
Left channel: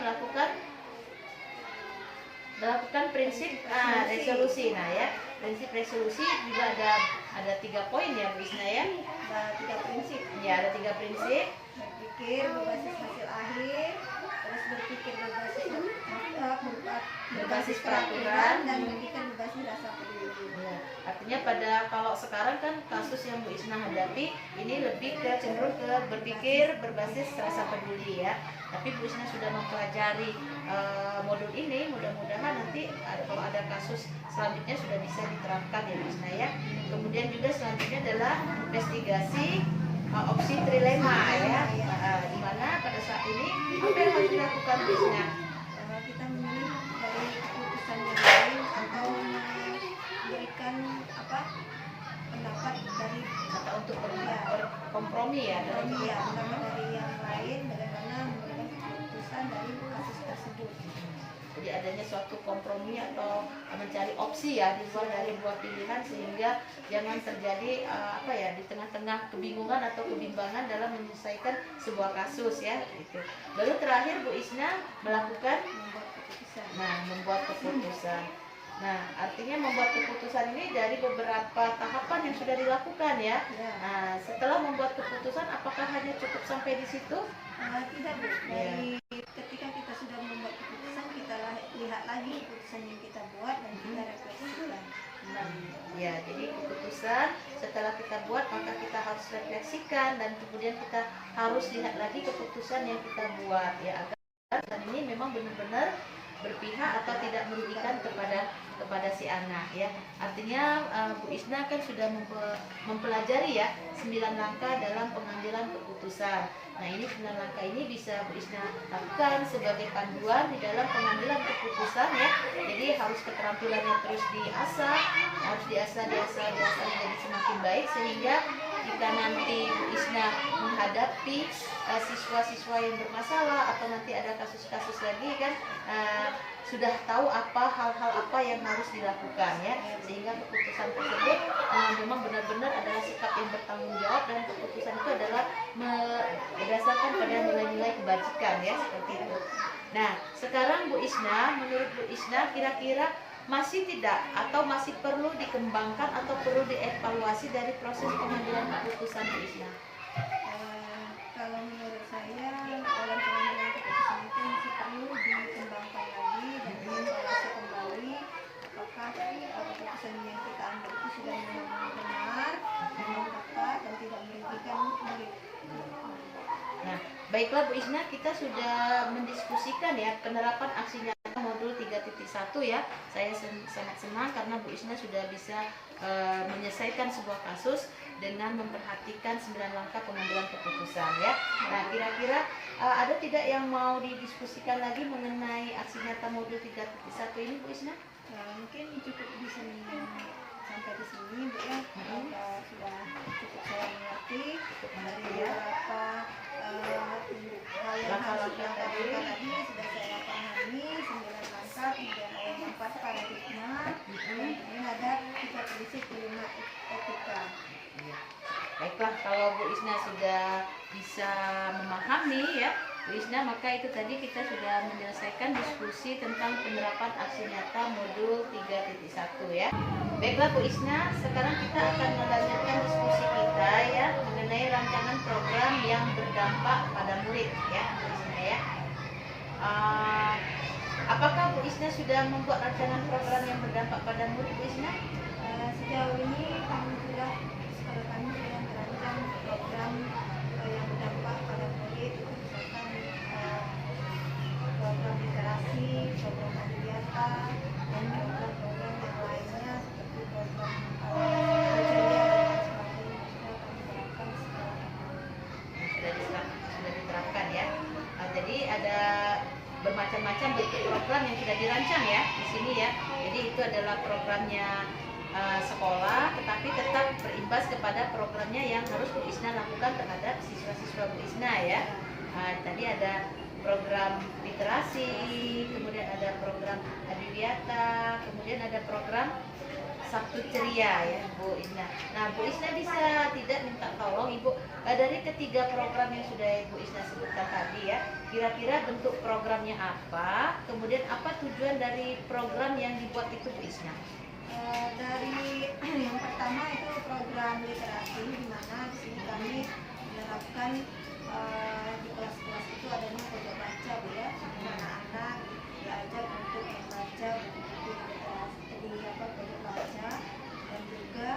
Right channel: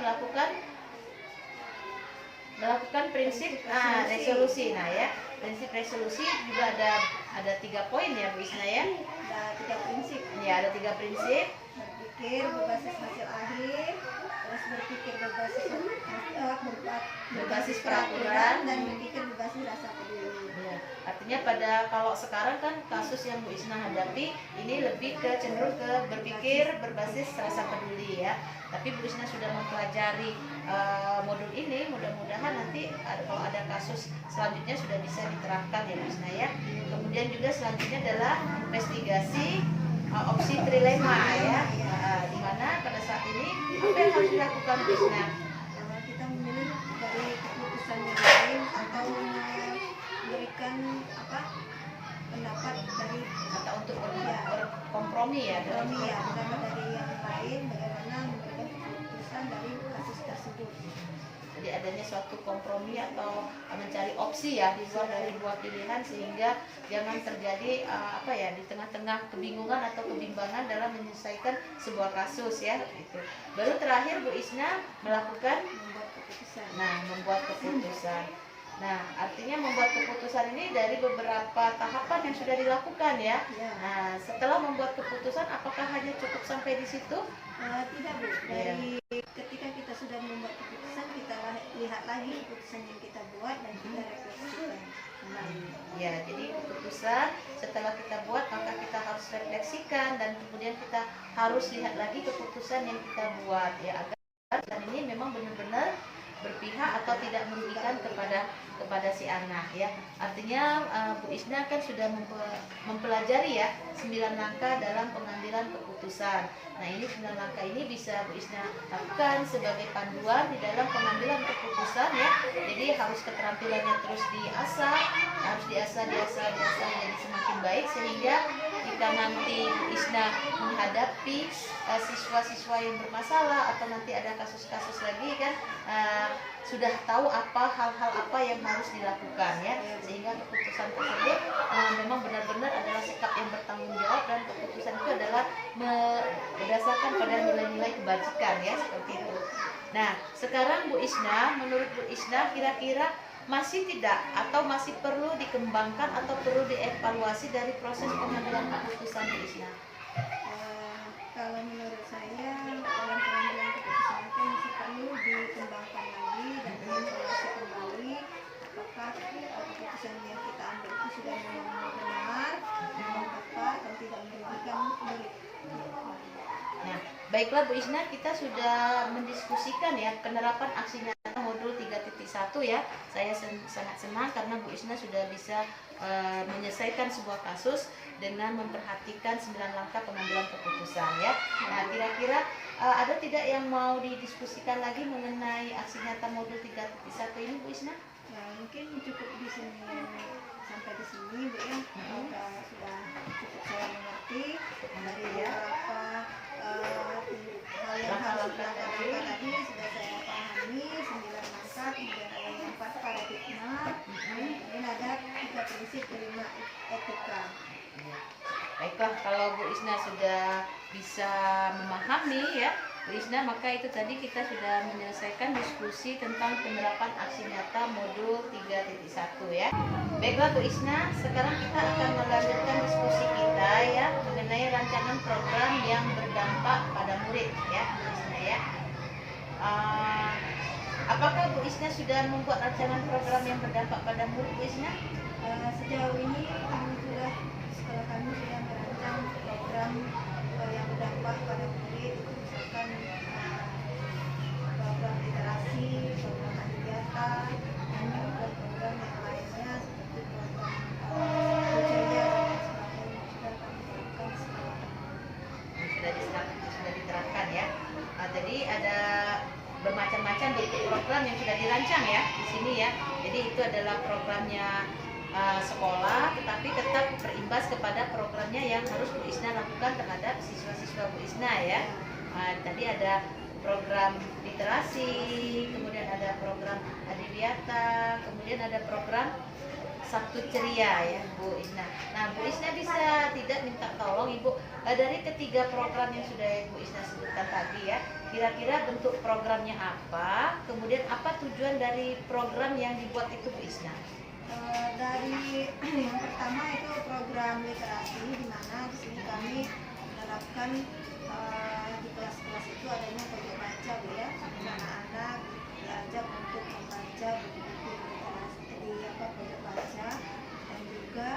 melakukan prinsip resolusi. Nah ya, prinsip resolusi juga ada 3 poin ya Bu Isna ya. Ada 3 prinsip. Ya, ada 3 prinsip. Berpikir berbasis hasil akhir, terus berpikir berbasis peraturan, dan berpikir berbasis rasa peduli. Ya, artinya kalau sekarang kan kasus yang Bu Isna hadapi ini lebih cenderung ke berpikir berbasis rasa peduli ya. Tapi Bu Isna sudah mempelajari modul ini, mudah-mudahan nanti kalau ada kasus selanjutnya sudah bisa diterapkan ya Bu Isna ya. Kemudian juga selanjutnya adalah investigasi opsi trilema ya, di mana pada saat ini apa yang harus dilakukan Bu Isna? Kita memilih dari keputusan yang lain atau memberikan pendapat dari Atau untuk berkompromi ya, pendapat dari yang lain bagaimana memberikan keputusan dari kasus tersebut. Jadi adanya suatu kompromi atau mencari opsi ya di luar dari dua pilihan, sehingga jangan terjadi di tengah-tengah kebingungan atau kebimbangan dalam menyelesaikan sebuah kasus ya gitu. Baru terakhir Bu Isna melakukan membuat keputusan. Nah, artinya membuat keputusan ini dari beberapa tahapan yang sudah dilakukan ya. Nah, setelah membuat keputusan, apakah hanya cukup sampai di situ? Tidak Bu. Dari ketika kita sudah membuat keputusan, kita lihat lagi keputusan yang kita buat dan kita refleksikan. Ya, jadi keputusan setelah kita buat maka kita harus refleksi diskusikan dan kemudian kita harus lihat lagi keputusan yang kita buat ya, agar ini memang benar-benar berpihak atau tidak merugikan kepada si anak ya. Artinya Bu Isna kan sudah mempelajari ya 9 langkah dalam pengambilan keputusan. Nah, ini 9 langkah ini bisa Bu Isna lakukan sebagai panduan di dalam pengambilan keputusan ya. Jadi harus keterampilannya terus diasah, harus diasah menjadi semakin baik, sehingga jika nanti Bu Isna menghadapi siswa-siswa yang bermasalah atau nanti ada kasus-kasus lagi kan, sudah tahu hal-hal apa yang harus dilakukan ya, sehingga keputusan tersebut memang benar-benar adalah sikap yang bertanggung jawab, dan keputusan itu adalah berdasarkan pada nilai-nilai kebajikan ya, seperti itu. Nah, sekarang Bu Isna, menurut Bu Isna kira-kira masih tidak atau masih perlu dikembangkan atau perlu dievaluasi dari proses pengambilan keputusan Bu Isna? Kalau menurut saya dalam pengambilan keputusan itu masih perlu dikembangkan lagi dan dievaluasi kembali apakah keputusan yang kita ambil itu sudah memang benar, memang tepat dan tidak merugikan murid. Nah, baiklah Bu Isna, kita sudah mendiskusikan ya penerapan aksi nyata modul 3.1 ya. Saya sangat senang karena Bu Isna sudah bisa menyelesaikan sebuah kasus dengan memperhatikan 9 langkah pengambilan keputusan ya. Nah, kira-kira ada tidak yang mau didiskusikan lagi mengenai aksi nyata modul 3.1 ini Bu Isna? Nah, mungkin cukup di sini, sampai di sini Bu ya. Sudah cukup saya mengerti dari beberapa hal yang harus dilakukan tadi sudah saya pahami. 9 langkah, kemudian yang 4 paradigma, kemudian ada 3 prinsip 5 etika. Ya. Baiklah, kalau Bu Isna sudah bisa memahami ya Bu Isna, maka itu tadi kita sudah menyelesaikan diskusi tentang penerapan aksi nyata modul 3.1 ya. Baiklah Bu Isna, sekarang kita akan melanjutkan diskusi kita ya mengenai rancangan program yang berdampak pada murid ya Bu Isna ya. Apakah Bu Isna sudah membuat rancangan program yang berdampak pada murid Bu Isna? Sejauh ini kami sudah merancang program yang berdampak pada murid, misalkan program literasi, program adiwiyata, dan program-program yang lainnya seperti program ceria dan sebagainya sudah kami terapkan sekarang. Sudah diterapkan ya. Jadi ada bermacam-macam bentuk program yang sudah dirancang ya di sini ya. Jadi itu adalah programnya sekolah, tetapi tetap berimbas kepada programnya yang harus Bu Isna lakukan terhadap siswa-siswa Bu Isna ya. Tadi ada program literasi, kemudian ada program adiwiyata, kemudian ada program Sabtu Ceria ya Bu Isna. Nah, Bu Isna bisa tidak minta tolong Ibu dari ketiga program yang sudah Bu Isna sebutkan tadi ya, kira-kira bentuk programnya apa, kemudian apa tujuan dari program yang dibuat itu Bu Isna? Dari yang pertama itu program literasi, di mana di sini kami menerapkan di kelas-kelas itu adanya pojok baca Bu ya. Anak-anak diajak untuk membaca buku-buku literasi di pojok baca, dan juga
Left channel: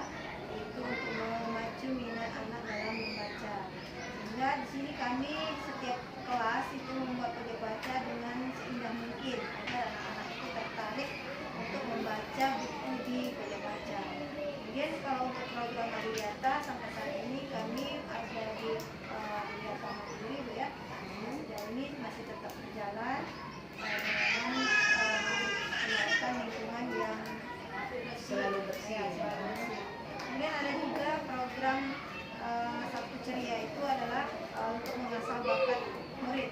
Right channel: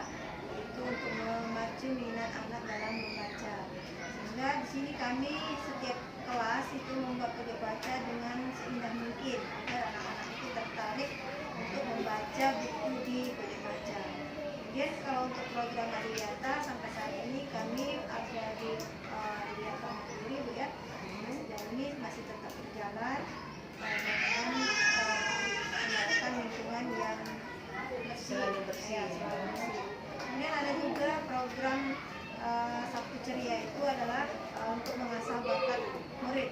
itu untuk memacu minat anak dalam membaca. Sehingga di sini kami setiap kelas itu membuat pojok baca dengan seindah mungkin agar anak-anak itu tertarik untuk membaca buku di pojok baca. Kemudian kalau untuk program adiwiyata sampai saat ini kami ada di Adiwiyata Mandiri Bu ya. Sejauh ini masih tetap berjalan dengan menyalakan lingkungan yang Selalu bersih. selalu bersih. Kemudian ada juga program Sabtu Ceria, itu adalah untuk mengasah bakat murid,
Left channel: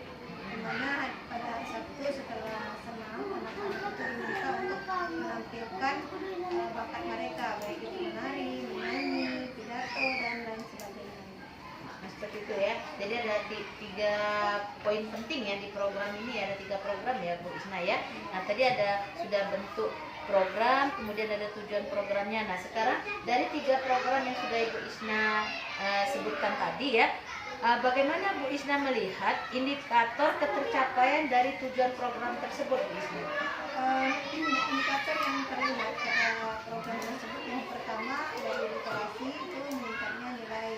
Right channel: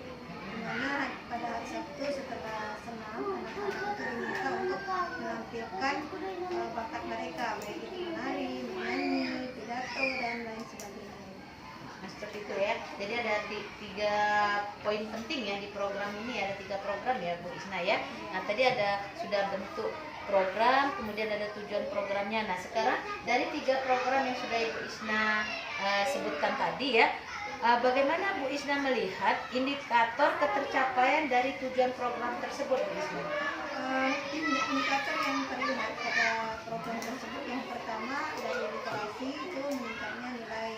di mana pada hari Sabtu setelah senam anak-anak itu diminta untuk menampilkan bakat mereka, baik itu menari, menyanyi, pidato, dan lain sebagainya. Nah, seperti itu ya. Jadi ada 3 poin penting ya di program ini, ada 3 program ya Bu Isna ya. Nah, tadi ada sudah bentuk program, kemudian ada tujuan programnya. Nah, sekarang dari 3 program yang sudah Ibu Isna sebutkan tadi ya, bagaimana Bu Isna melihat indikator ketercapaian dari tujuan program tersebut Bu Isna? Indikator yang terlihat pada program tersebut yang pertama dari literasi itu meningkatnya nilai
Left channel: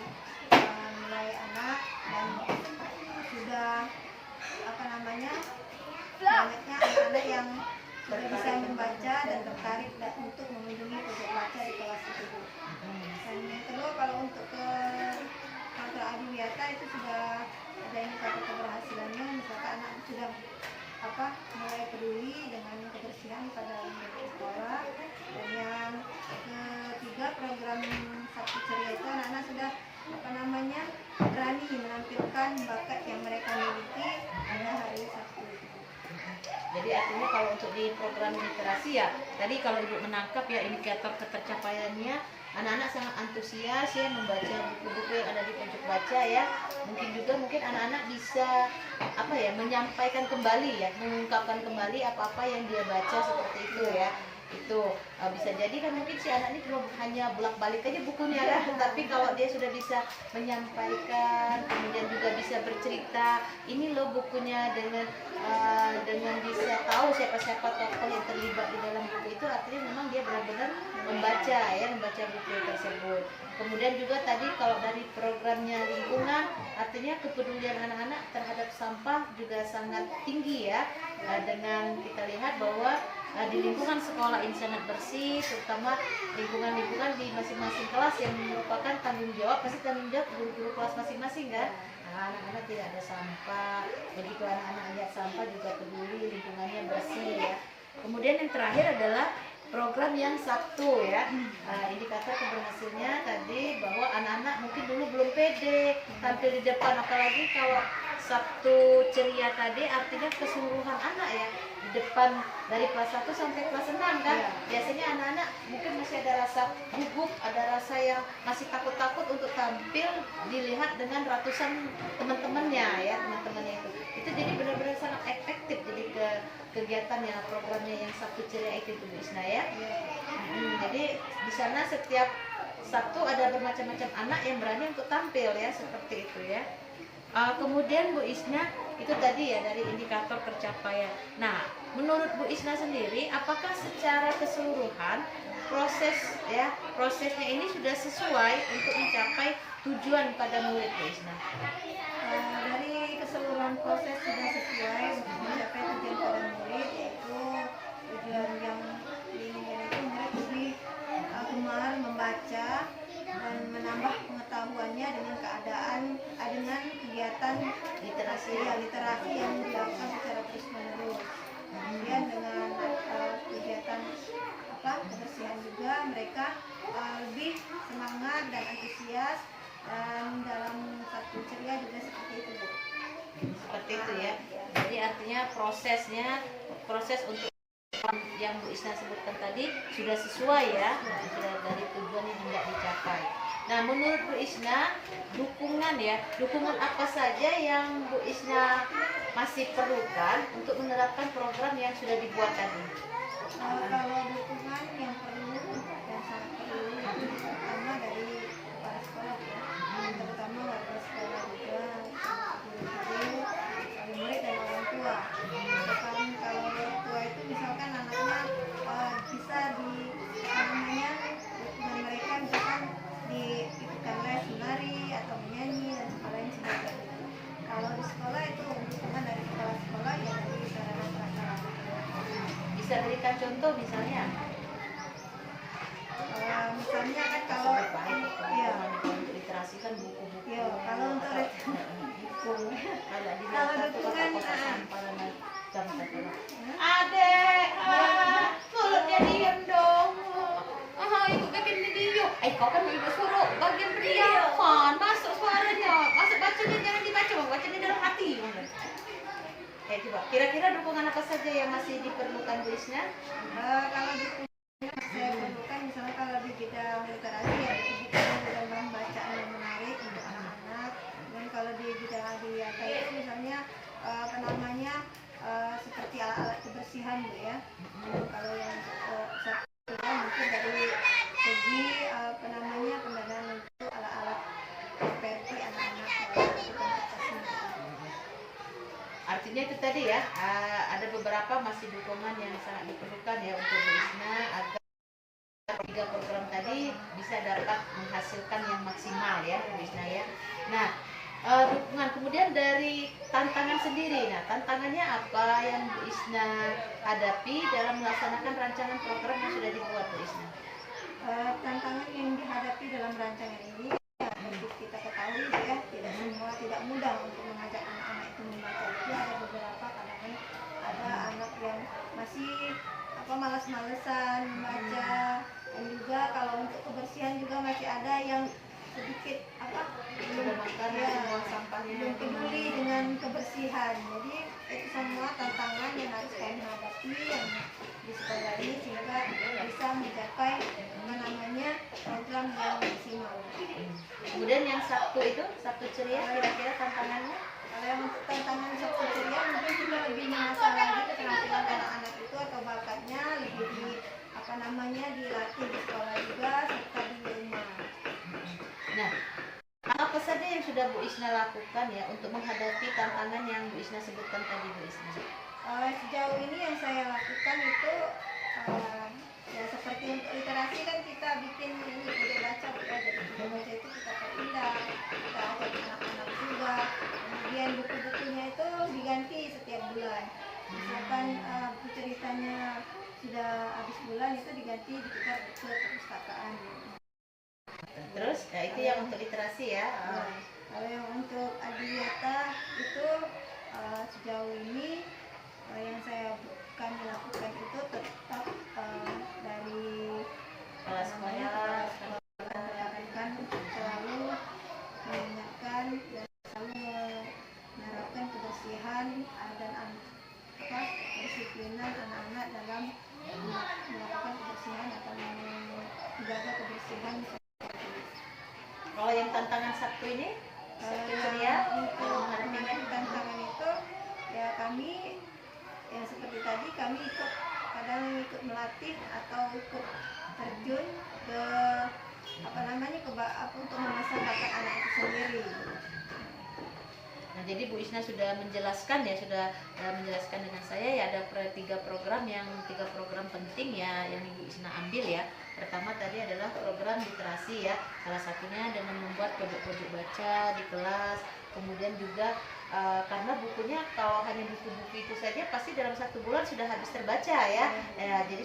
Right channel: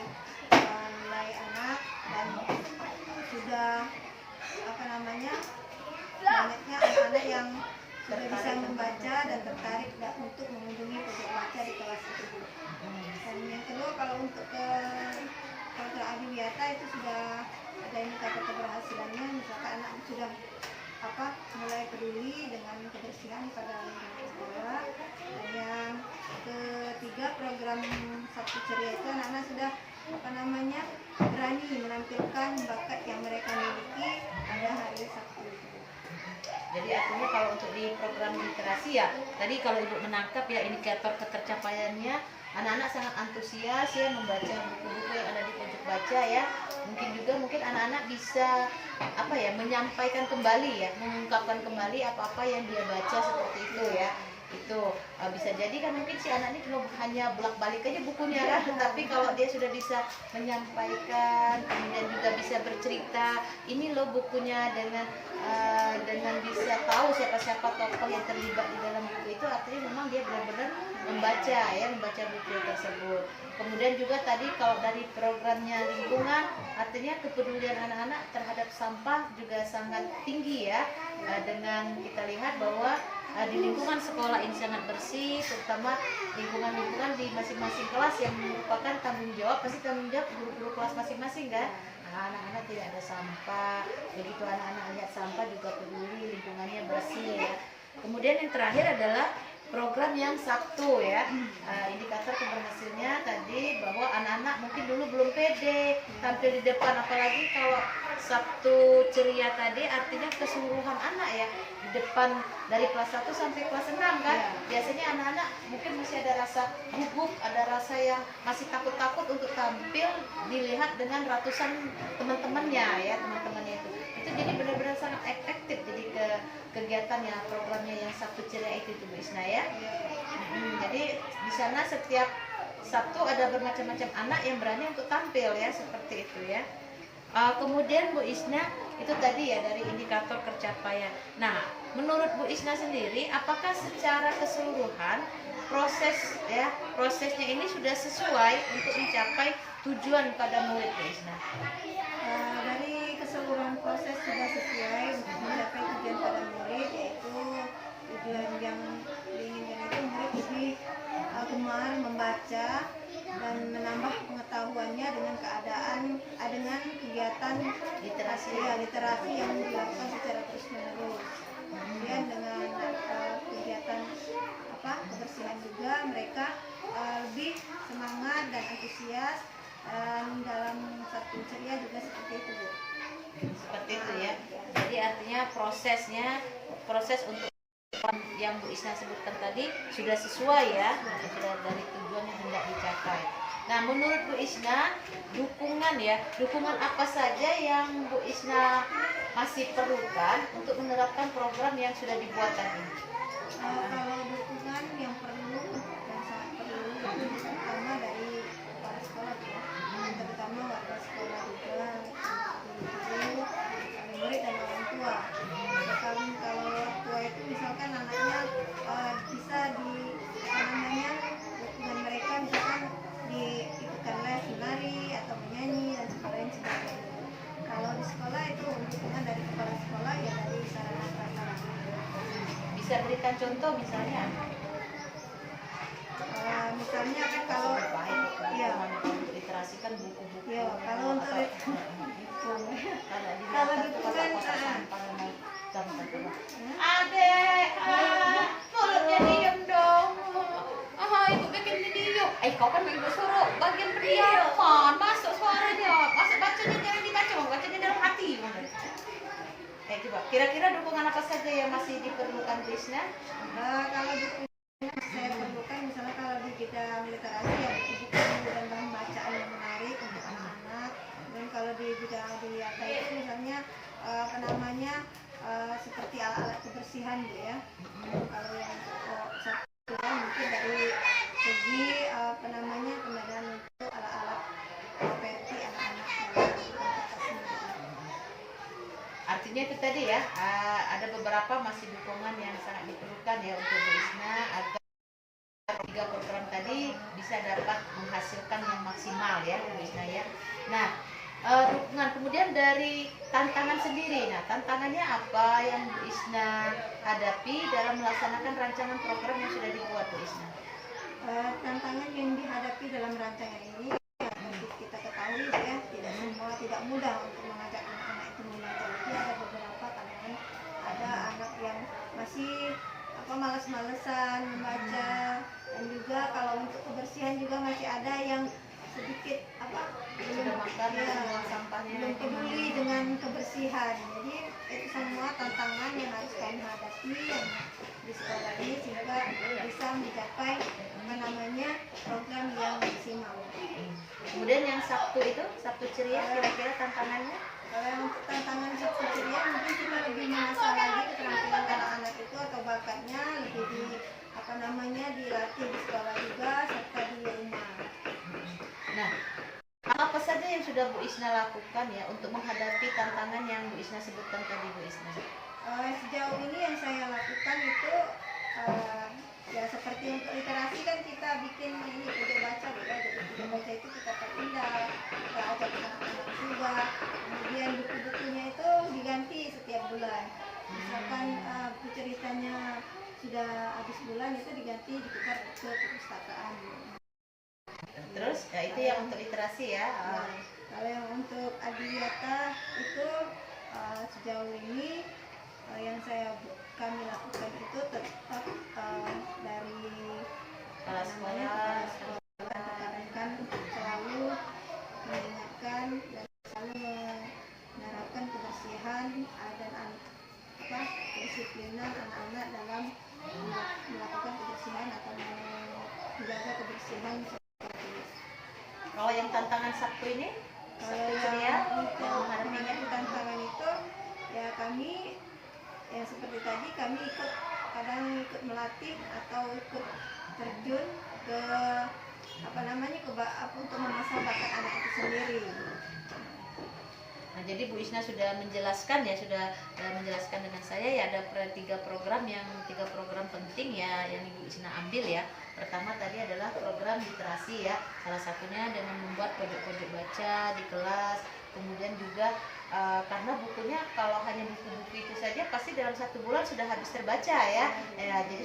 sudah bisa membaca dan tertarik untuk mengunjungi pojok baca di kelas itu. Dan yang kedua, kalau untuk ke Kantor Adiwiyata itu sudah ada indikator keberhasilannya, misalkan anak sudah mulai peduli dengan kebersihan pada lingkungan sekolah. Dan yang ketiga, program Sabtu Ceria itu anak-anak sudah berani menampilkan bakat yang mereka miliki pada hari Sabtu. Jadi artinya kalau untuk di program literasi ya, tadi kalau Ibu menangkap ya indikator ketercapaiannya, anak-anak sangat antusias ya membaca buku-buku yang ada di pojok baca ya. Mungkin anak-anak bisa menyampaikan kembali ya, mengungkapkan kembali apa-apa yang dia baca seperti itu ya. Itu bisa jadi kan mungkin si anak ini cuma hanya bolak-balik aja bukunya kan, tetapi kalau dia sudah bisa menyampaikan, kemudian juga bisa bercerita ini loh bukunya, dengan bisa tahu siapa-siapa tokoh yang terlibat di dalam buku itu, artinya memang dia benar-benar membaca buku tersebut. Kemudian juga tadi kalau dari programnya lingkungan, artinya kepedulian anak-anak terhadap sampah juga sangat tinggi ya. Dengan kita lihat bahwa di lingkungan sekolah ini sangat bersih, terutama lingkungan-lingkungan di masing-masing kelas yang merupakan tanggung jawab guru-guru kelas masing-masing kan. Anak-anak tidak ada sampah, begitu anak-anak lihat sampah juga peduli lingkungannya bersih ya. Kemudian yang terakhir adalah program yang Sabtu ya. Indikator keberhasilannya tadi bahwa anak-anak mungkin dulu belum pede tampil di depan, apalagi kalau Sabtu Ceria tadi artinya keseluruhan anak ya, di depan dari kelas 1 sampai kelas 6 kan. Biasanya anak-anak mungkin masih ada rasa gugup, ada rasa yang masih takut-takut untuk tampil dilihat dengan ratusan teman-temannya ya, teman-temannya itu jadi benar-benar sangat efektif jadi kegiatannya, programnya yang Sabtu Ceria itu Bu Isna ya. Jadi di sana setiap Sabtu ada bermacam-macam anak yang berani untuk tampil ya, seperti itu ya. Kemudian Bu Isna itu tadi ya dari indikator pencapaian. Nah, menurut Bu Isna sendiri, apakah secara keseluruhan prosesnya ini sudah sesuai untuk mencapai tujuan pada murid Bu Isna? Dari keseluruhan proses sudah sesuai untuk mencapai tujuan pada murid, yaitu tujuan yang diinginkan itu murid lebih gemar membaca dan menambah pengetahuannya dengan dengan kegiatan literasi yang dilakukan secara terus-menerus. Kemudian dengan kegiatan kebersihan juga mereka lebih semangat dan antusias, dan dalam Sabtu Ceria juga seperti itu Bu. Seperti itu ya. Jadi artinya proses untuk yang Bu Isna sebutkan tadi sudah sesuai ya, sudah dari tujuan yang hendak dicapai. Nah, menurut Bu Isna, dukungan apa saja yang Bu Isna masih perlukan untuk menerapkan program yang sudah dibuat tadi? Kalau dukungan yang perlu dan sangat perlu itu pertama dari kepala sekolah ya, terutama warga sekolah juga, guru-guru, murid dan orang tua. Misalkan kalau orang tua itu misalkan anaknya bisa dukungan mereka misalkan diikutkan les menari atau menyanyi dan sebagainya. Kalau di sekolah itu dukungan dari kepala sekolah ya dari sarana prasarana. Bisa berikan contoh misalnya? Misalnya kan kalau untuk literasi kan buku-buku. Ya, kalau untuk ada di kalau mata dukungan Adek, mulutnya diem dong. Ibu bikin video. Kau kan ibu suruh bagian periapan, masuk suaranya, masuk bacanya jangan dibaca, bacanya dalam hati. Coba, kira-kira dukungan apa saja yang masih diperlukan Bu Isna? Kalau dukungan saya perlukan, misalnya kalau di bidang literasi ya buku dan bahan bacaan yang menarik untuk anak-anak. Dan kalau di bidang Adiwiyata itu misalnya seperti alat-alat kebersihan Bu ya. Kalau yang satunya mungkin dari segi pendanaan untuk alat-alat properti anak-anak dalam pentas. Artinya itu tadi ya, ada beberapa masih dukungan yang sangat diperlukan ya untuk Bu Isna agar 3 program tadi bisa dapat menghasilkan yang maksimal ya Bu Isna ya. Nah, dukungan. Kemudian dari tantangan sendiri, nah tantangannya apa yang Bu Isna hadapi dalam melaksanakan rancangan program yang sudah dibuat Bu Isna? Tantangan yang dihadapi dalam rancangan ini ya, tentu kita ketahui ya, tidak mudah untuk mengajak anak-anak itu membaca. Jadi ada beberapa kalangan, ada anak yang masih malas-malesan membaca, dan juga kalau untuk kebersihan juga masih ada yang sedikit Sudah makan semua sampahnya, belum peduli dengan kebersihan. Jadi itu semua tantangan yang harus kami hadapi yang di sekolah ini sehingga bisa mencapai program yang maksimal. Kemudian yang Sabtu itu, Sabtu ceria, kira-kira tantangannya? Kalau yang untuk tantangan Sabtu ceria mungkin kita lebih mengasah lagi keterampilan anak-anak itu atau bakatnya lebih dilatih di sekolah juga serta di rumah. Nah, apa saja yang sudah Bu Isna lakukan ya untuk menghadapi tantangan yang Bu Isna sebutkan tadi Bu Isna? Sejauh ini yang saya lakukan itu ya seperti untuk literasi kan kita bikin ini budaya baca ya, jadi budaya baca itu kita pindah, kita ajak anak-anak juga. Kemudian buku-bukunya itu diganti setiap bulan. Misalkan buku ceritanya sudah habis bulan itu diganti ditukar ke perpustakaan. Terus ya itu yang untuk literasi ya. Kalau yang untuk adiwiyata itu sejauh ini yang kami lakukan itu tetap dari kepala sekolah tekankan selalu mengingatkan dan selalu menerapkan kebersihan dan kedisiplinan anak-anak dalam melakukan kebersihan atau menjaga kebersihan. Kalau yang tantangan Sabtu ini, Sabtu ceria untuk menghadapi tantangan itu ya kami yang seperti tadi kami kadang ikut melatih atau ikut terjun ke untuk mengasah bakat anak itu sendiri. Nah, jadi Bu Isna sudah menjelaskan dengan saya ya ada tiga program penting ya yang Ibu Isna ambil ya. Pertama tadi adalah program literasi ya, salah satunya dengan membuat pojok-pojok baca di kelas. Kemudian juga karena bukunya kalau hanya buku-buku itu saja pasti dalam 1 bulan sudah habis terbaca ya. Jadi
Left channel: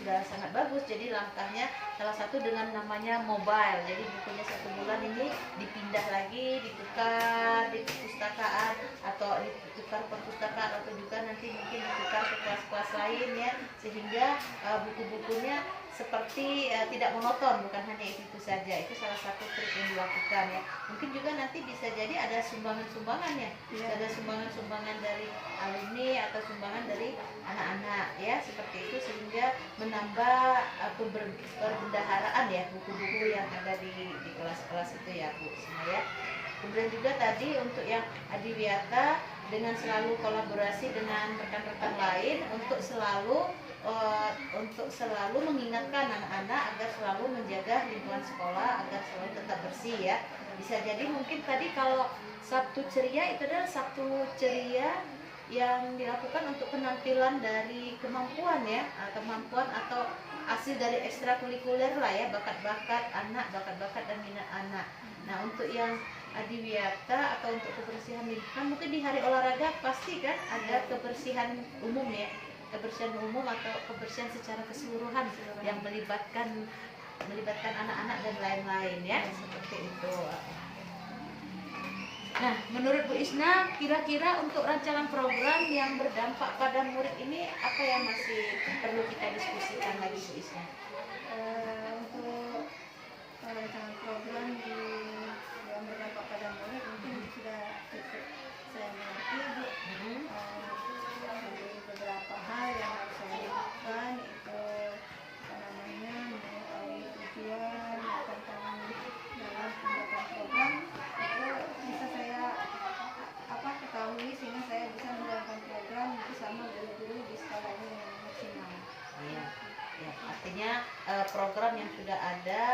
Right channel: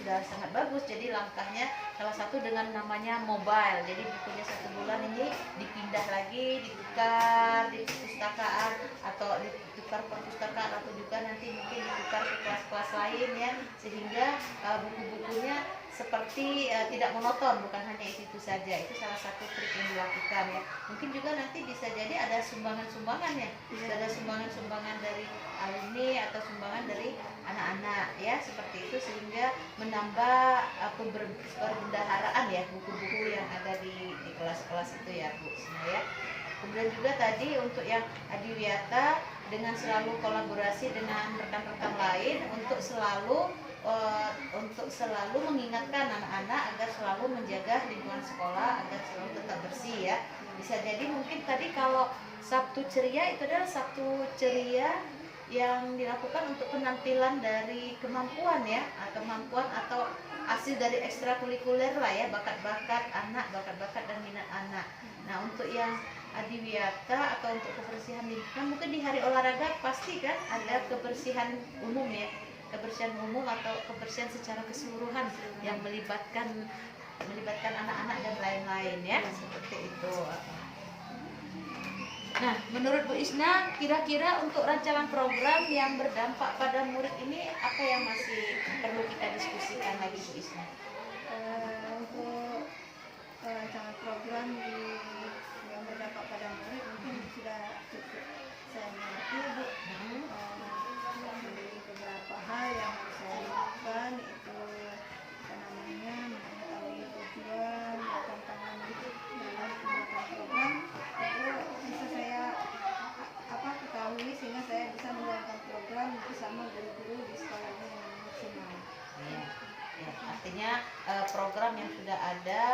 sudah sangat bagus. Jadi langkahnya salah satu dengan namanya mobile. Jadi bukunya 1 bulan ini dipindah lagi, ditukar di perpustakaan atau ditukar perpustakaan atau juga nanti mungkin ditukar ke kelas-kelas lain ya, sehingga buku-bukunya seperti tidak monoton, bukan hanya itu saja. Itu salah satu trik yang dilakukan ya. Mungkin juga nanti bisa jadi ada sumbangan-sumbangan ya, ada sumbangan-sumbangan dari alumni atau sumbangan dari anak-anak ya, seperti itu sehingga menambah perbendaharaan ya buku-buku yang ada di kelas-kelas itu ya Bu Isna ya. Kemudian juga tadi untuk yang adiwiyata dengan selalu kolaborasi dengan rekan-rekan lain untuk selalu mengingatkan anak-anak agar selalu menjaga lingkungan sekolah agar selalu tetap bersih ya. Bisa jadi mungkin tadi kalau Sabtu ceria itu adalah Sabtu ceria yang dilakukan untuk penampilan dari kemampuan ya, kemampuan atau hasil dari ekstrakurikuler lah ya, bakat-bakat anak, bakat-bakat dan minat anak. Nah untuk yang adiwiyata atau untuk kebersihan lingkungan mungkin di hari olahraga pasti kan ada kebersihan umum ya, kebersihan umum atau kebersihan secara keseluruhan yang melibatkan anak-anak dan lain-lain ya, seperti itu. Nah, menurut Bu Isna, kira-kira untuk rancangan program yang berdampak pada murid ini apa yang masih perlu kita diskusikan lagi Bu Isna? Untuk rancangan program yang berdampak pada murid mungkin sudah cukup saya mengerti Bu. Dari beberapa hal yang harus saya lakukan itu mengetahui tujuan dan tantangan dalam pembuatan program itu bisa saya ketahui sehingga saya bisa menjalankan program bersama guru-guru di sekolah ini dengan maksimal. Ya, artinya program yang sudah ada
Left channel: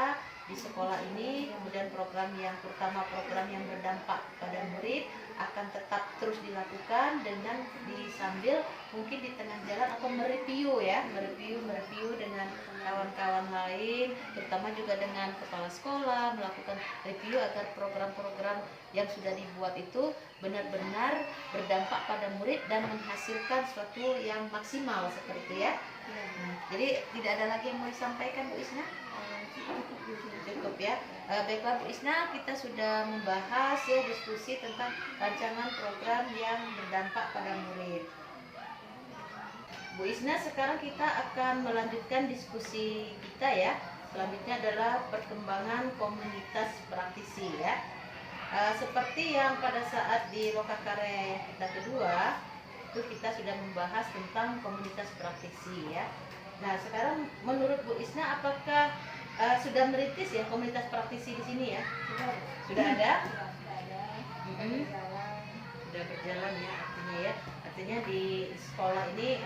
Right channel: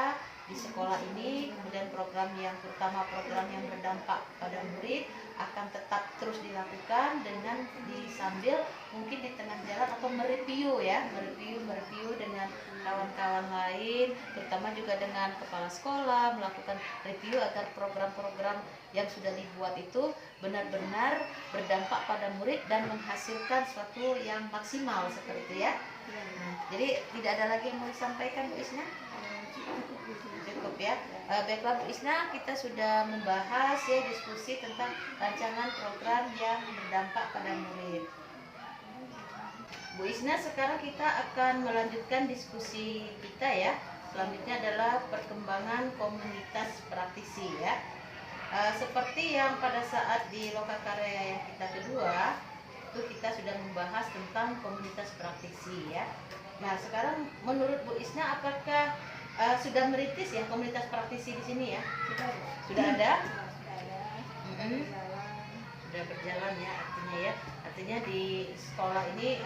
di sekolah ini, kemudian program yang terutama program yang berdampak pada murid akan tetap terus dilakukan dengan sambil mungkin di tengah jalan atau mereview ya, mereview dengan kawan-kawan lain, terutama juga dengan kepala sekolah, melakukan review agar program-program yang sudah dibuat itu benar-benar berdampak pada murid dan menghasilkan sesuatu yang maksimal seperti itu ya. Jadi tidak ada lagi yang mau disampaikan Bu Isna? Cukup ya. Baiklah Bu Isna, kita sudah membahas ya, diskusi tentang rancangan program yang berdampak pada murid. Bu Isna, sekarang kita akan melanjutkan diskusi kita ya. Selanjutnya adalah perkembangan komunitas praktisi ya. Seperti yang pada saat di Lokakarya yang kita kedua, itu kita sudah membahas tentang komunitas praktisi ya. Nah, sekarang menurut Bu Isna, apakah sudah merintis ya komunitas praktisi di sini ya? Sudah ada? Sudah berjalan ya, artinya di sekolah ini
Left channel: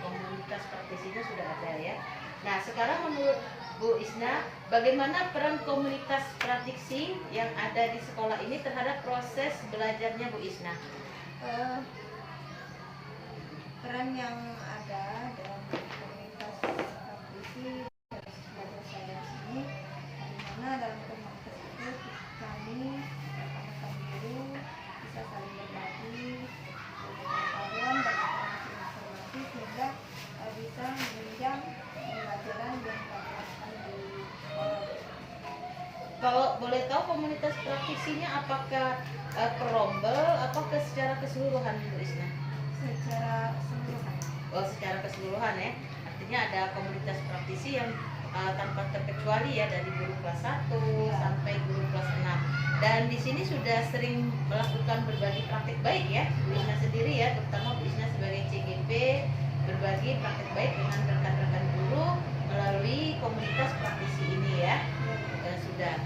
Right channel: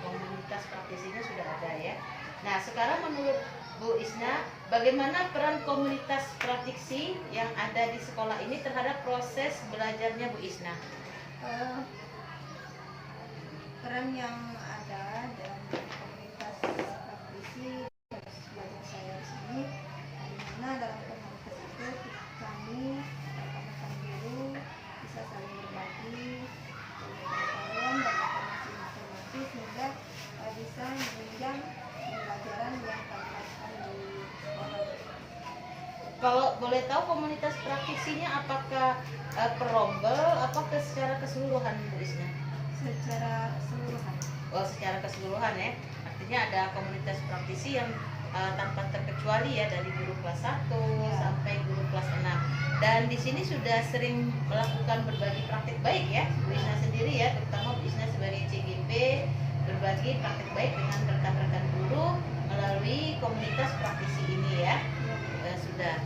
komunitas praktisinya sudah ada ya. Nah, sekarang menurut Bu Isna, bagaimana peran komunitas praktisi yang ada di sekolah ini terhadap proses belajarnya Bu Isna? Peran yang ada dalam komunitas praktisi belajar saya di sini, di mana dalam komunitas itu kami rekan-rekan guru bisa saling berbagi pengetahuan dan informasi sehingga bisa menunjang pembelajaran yang kami lakukan di sekolah. Kalau boleh tahu komunitas praktisinya apakah perombel, apakah secara keseluruhan Bu Isna? Secara keseluruhan. Oh, secara keseluruhan ya. Artinya ada komunitas praktisi yang tanpa terkecuali ya, dari guru kelas 1 sampai guru kelas 6. Dan di sini sudah sering melakukan berbagi praktik baik ya, Bu Isna sendiri ya, terutama Bu Isna sebagai CGP berbagi praktik baik dengan rekan-rekan guru melalui komunitas praktisi ini ya. Sudah.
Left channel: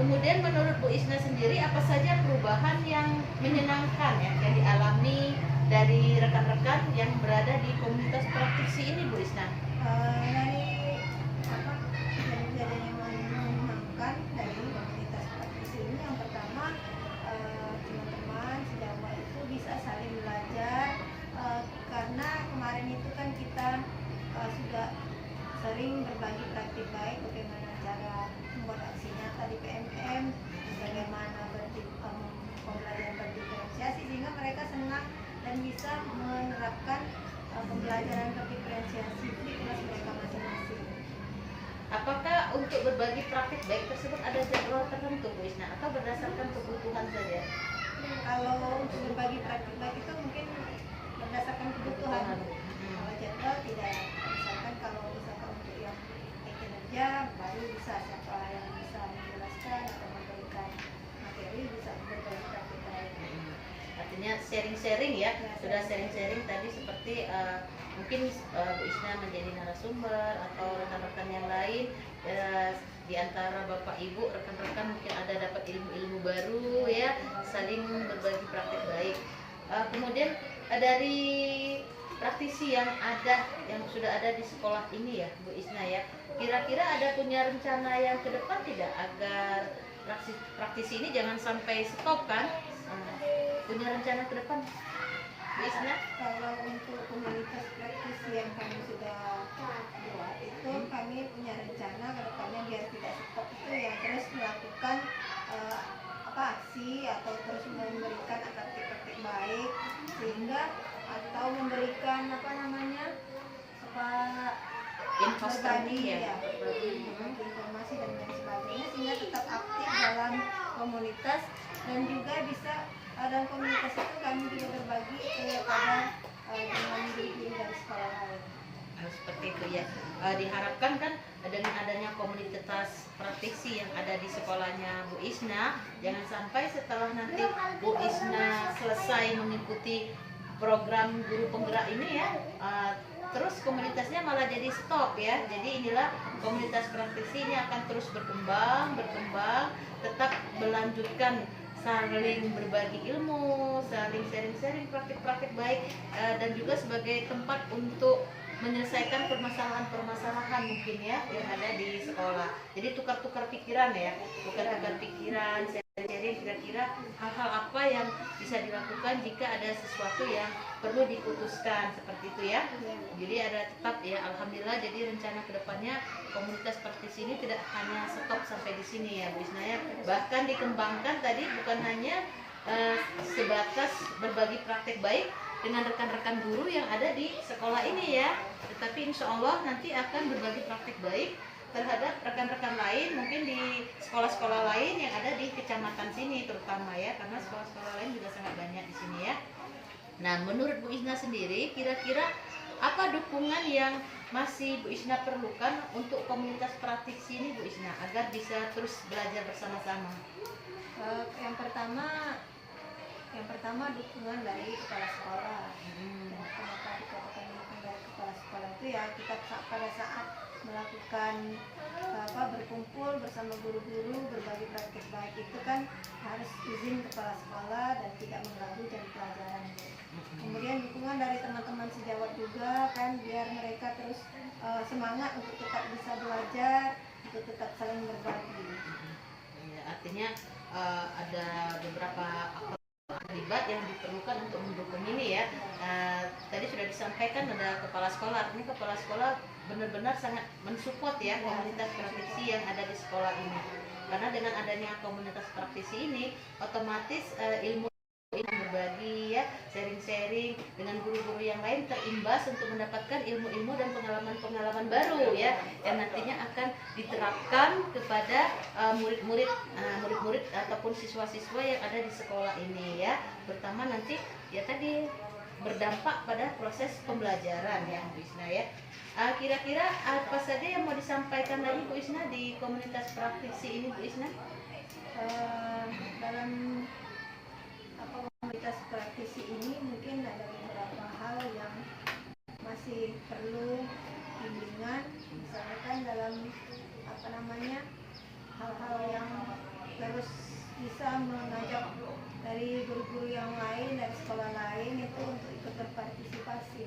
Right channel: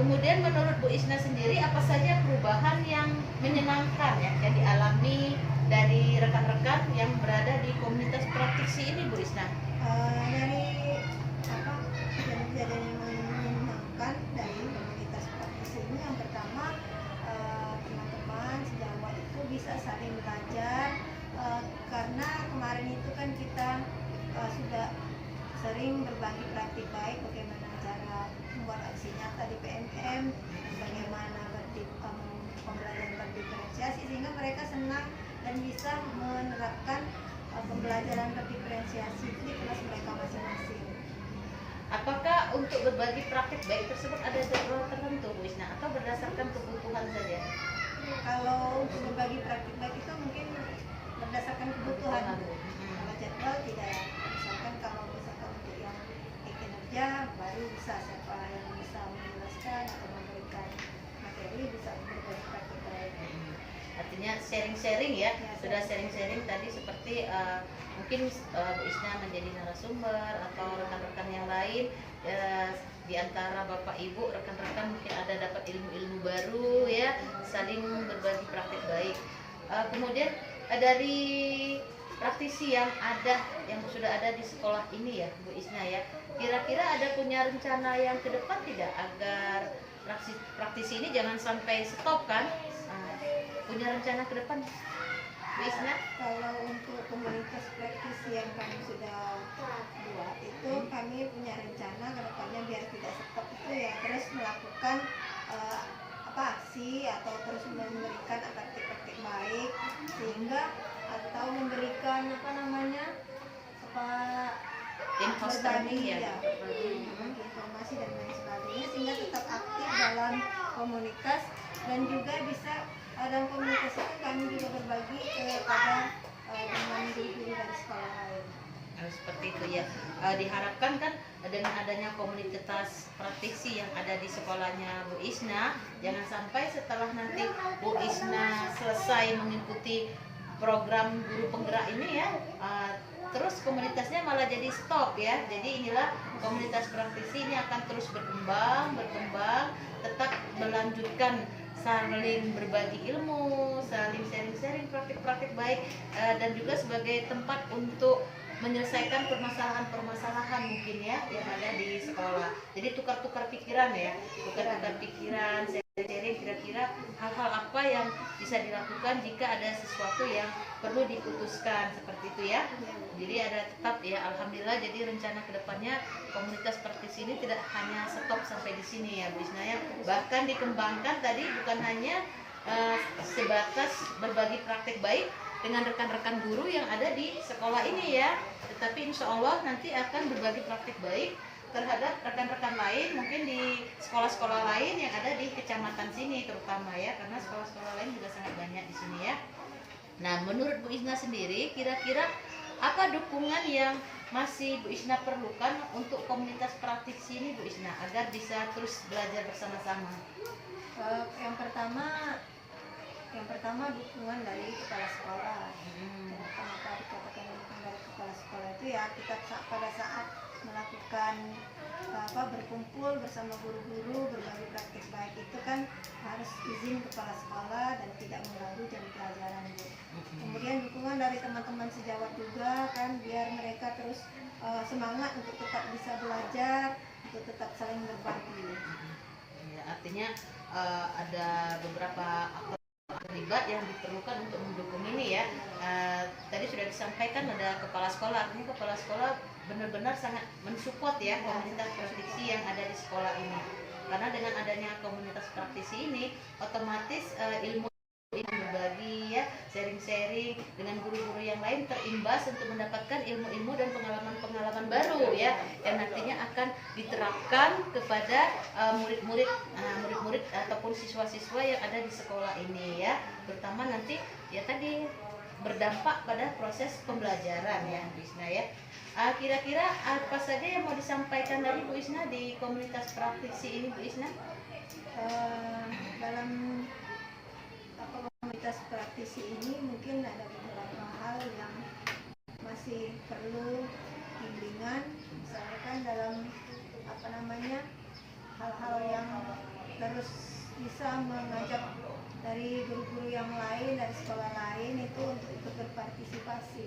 Kemudian menurut Bu Isna sendiri, apa saja perubahan yang menyenangkan ya yang dialami dari rekan-rekan yang berada di komunitas praktisi ini Bu Isna? Dari kejadian yang menyenangkan dari komunitas praktisi ini, yang pertama teman-teman sejawat itu bisa saling belajar, karena kemarin itu kan kita sudah sering berbagi praktik baik bagaimana cara membuat aksi nyata di PMM, bagaimana pembelajaran berdiferensiasi, sehingga mereka senang dan bisa menerapkan pembelajaran berdiferensiasi di kelas mereka masing-masing. Apakah untuk berbagi praktik baik tersebut ada jadwal tertentu Bu Isna atau berdasarkan kebutuhan saja? Kalau untuk berbagi praktik baik itu mungkin berdasarkan kebutuhan. Kalau jadwal tidak, misalkan kalau misalkan untuk yang kinerja baru bisa siapa yang bisa menjelaskan atau memberikan materi bisa berbagi praktik baik. Artinya sharing-sharing ya, sudah sharing-sharing tadi seperti mungkin Bu Isna menjadi narasumber atau rekan-rekan yang lain, di antara Bapak Ibu rekan-rekan mungkin ada dapat ilmu-ilmu baru ya, saling berbagi praktik baik. Kemudian dari praktisi yang sudah ada di sekolah ini ya Bu Isna ya, kira-kira ada punya rencana yang ke depan tidak agar praktisi ini jangan sampai stop kan? Punya rencana ke depan Bu Isna? Kalau untuk komunitas praktisi yang kami sudah buat itu, kami punya rencana ke depannya biar tidak stop itu ya, terus melakukan aksi atau terus memberikan praktik-praktik baik, sehingga atau memberikan berbagi informasi dan lain sebagainya, sehingga tetap aktif dalam komunitas. Dan juga bisa dalam komunitas itu kami juga berbagi kepada dengan guru-guru dari sekolah lain. Seperti itu ya. Diharapkan kan dengan adanya komunitas praktisi yang ada di sekolahnya Bu Isna, jangan sampai setelah nanti Bu Isna selesai mengikuti program guru penggerak ini ya, terus komunitasnya malah jadi stop ya. Jadi inilah komunitas praktisi ini akan terus berkembang, tetap melanjutkan saling berbagi ilmu, saling sharing-sharing praktik-praktik baik, dan juga sebagai tempat untuk menyelesaikan permasalahan-permasalahan mungkin ya yang ada di sekolah. Jadi tukar-tukar pikiran ya, tukar-tukar pikiran, sharing kira-kira hal-hal apa yang bisa dilakukan jika ada sesuatu yang perlu diputuskan seperti itu ya. Jadi ada tetap ya, alhamdulillah. Jadi rencana kedepannya komunitas praktisi ini tidak hanya stop sampai di sini ya Bu Isna ya, bahkan dikembangkan tadi bukan hanya sebatas berbagi praktek baik dengan rekan-rekan guru yang ada di sekolah ini ya, tetapi insya Allah nanti akan berbagi praktek baik terhadap rekan-rekan lain mungkin di sekolah-sekolah lain yang ada di kecamatan sini terutama ya, karena sekolah-sekolah lain juga sangat banyak di sini ya. Nah, menurut Bu Isna sendiri kira-kira apa dukungan yang masih Bu Isna perlukan untuk komunitas praktisi ini Bu Isna agar bisa terus belajar bersama-sama? Yang pertama dukungan dari kepala sekolah. Kenapa dikatakan dukungan dari kepala sekolah itu ya, kita pada saat melakukan berkumpul bersama guru-guru berbagi praktik baik itu kan harus izin kepala sekolah dan tidak mengganggu jam pelajaran. Kemudian dukungan dari teman-teman sejawat juga kan, biar mereka terus semangat untuk tetap bisa belajar, untuk tetap saling berbagi. Ya, artinya ada beberapa terlibat yang diperlukan untuk mendukung ini ya. Tadi sudah disampaikan ada kepala sekolah, artinya kepala sekolah benar-benar sangat mensupport ya komunitas praktisi yang ada di sekolah ini, karena dengan adanya komunitas praktisi ini otomatis ilmu berbagi ya, sharing-sharing dengan guru-guru yang lain terimbas untuk mendapatkan ilmu-ilmu dan pengalaman-pengalaman baru ya, yang nantinya akan diterapkan kepada murid-murid ataupun siswa-siswa yang ada di sekolah ini ya, terutama nanti ya tadi berdampak pada proses pembelajaran ya Bu Isna ya. Kira-kira apa saja yang mau disampaikan lagi Bu Isna di komunitas praktisi ini Bu Isna? Dalam komunitas praktisi ini mungkin ada beberapa hal yang masih perlu bimbingan, misalnya kan dalam hal-hal yang terus bisa mengajak dari guru-guru yang lain, dari sekolah lain itu untuk ikut berpartisipasi.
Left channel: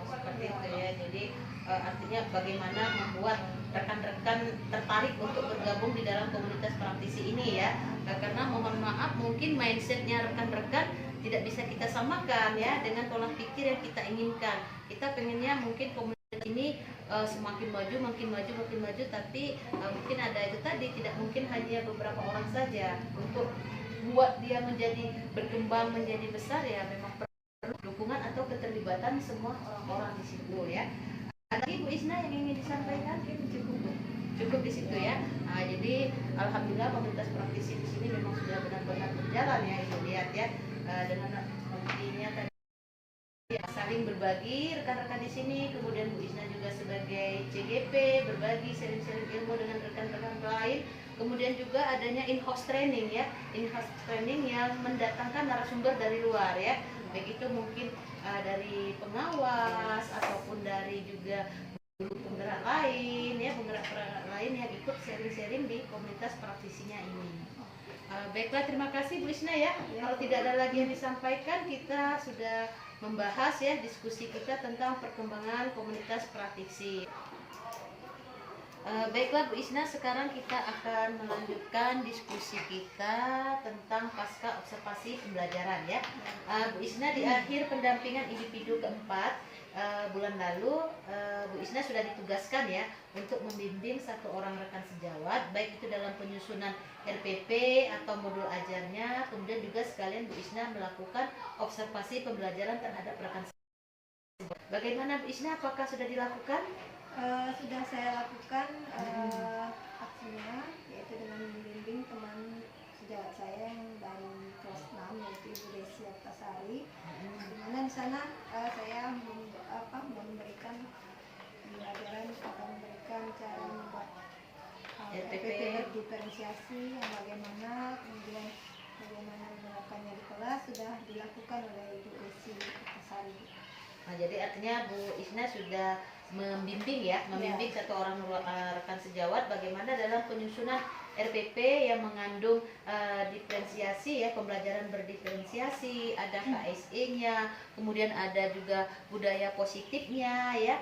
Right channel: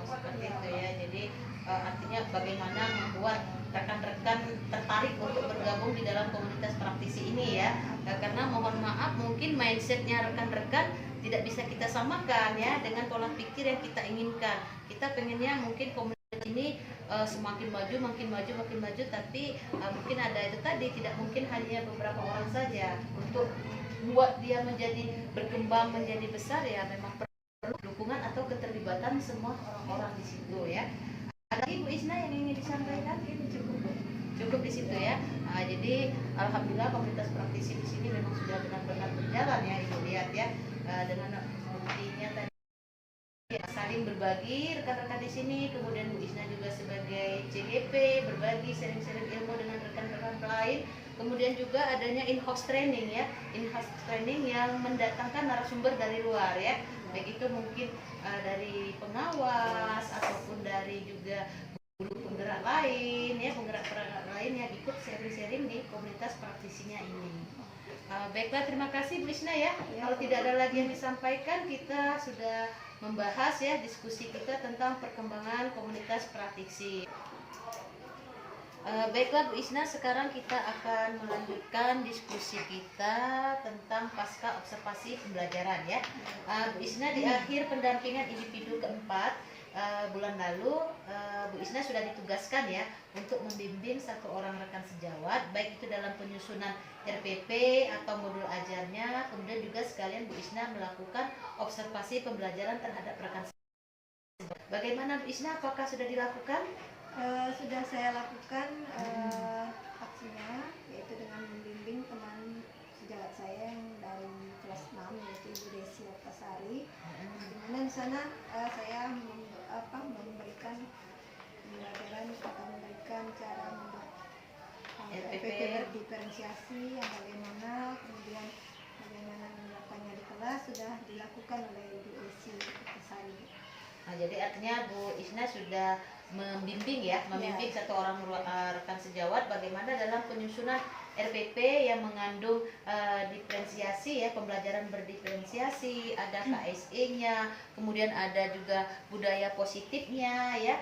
Seperti itu ya, jadi artinya bagaimana membuat rekan-rekan tertarik untuk bergabung di dalam komunitas praktisi ini ya, karena mohon maaf mungkin mindsetnya rekan-rekan tidak bisa kita samakan ya dengan pola pikir yang kita inginkan. Kita pengennya mungkin komunitas ini semakin maju, tapi mungkin ada itu tadi, tidak mungkin hanya beberapa orang saja. Untuk buat dia menjadi berkembang menjadi besar ya memang perlu dukungan atau keterlibatan semua orang-orang di situ ya. Lagi Bu Isna yang ingin disampaikan? Cukup di situ ya. Jadi alhamdulillah komunitas praktisi di sini memang sudah benar-benar berjalan ya, Ibu lihat ya, dengan buktinya tadi saling berbagi rekan-rekan di sini, kemudian Bu Isna juga sebagai CGP berbagi sharing-sharing ilmu dengan rekan-rekan lain. Kemudian juga adanya in-house training ya, in-house training yang mendatangkan narasumber dari luar ya, baik itu mungkin dari pengawas ataupun dari juga guru penggerak lain ya, penggerak lain yang ikut sharing-sharing di komunitas praktisinya ini. Baiklah, terima kasih Bu Isna ya. Kalau tidak ada lagi yang disampaikan, kita sudah membahas ya diskusi kita tentang perkembangan komunitas praktisi. Baiklah Bu Isna, sekarang kita akan melanjutkan diskusi kita tentang pasca observasi pembelajaran ya. Bu Isna di akhir pendampingan individu keempat bulan lalu, Bu Isna sudah ditugaskan ya untuk membimbing satu orang rekan sejawat, baik itu dalam penyusunan RPP atau modul ajarnya, kemudian juga sekalian Bu Isna melakukan observasi pembelajaran terhadap rekan sejawat. Bagaimana Bu Isna, apakah sudah dilakukan? Sudah saya lakukan aksinya, yaitu dengan membimbing teman sejawat saya yang dari kelas 6 yaitu Ibu Desi Altasari, di mana di sana saya memberikan pembelajaran atau memberikan cara membuat RPP berdiferensiasi yang bagaimana, kemudian bagaimana menerapkannya di kelas sudah dilakukan oleh Ibu Desi Altasari. Jadi artinya Bu Isna sudah membimbing ya, membimbing satu orang rekan sejawat bagaimana dalam penyusunan RPP yang mengandung diferensiasi ya, pembelajaran berdiferensiasi, ada KSE-nya, kemudian ada juga budaya positifnya ya.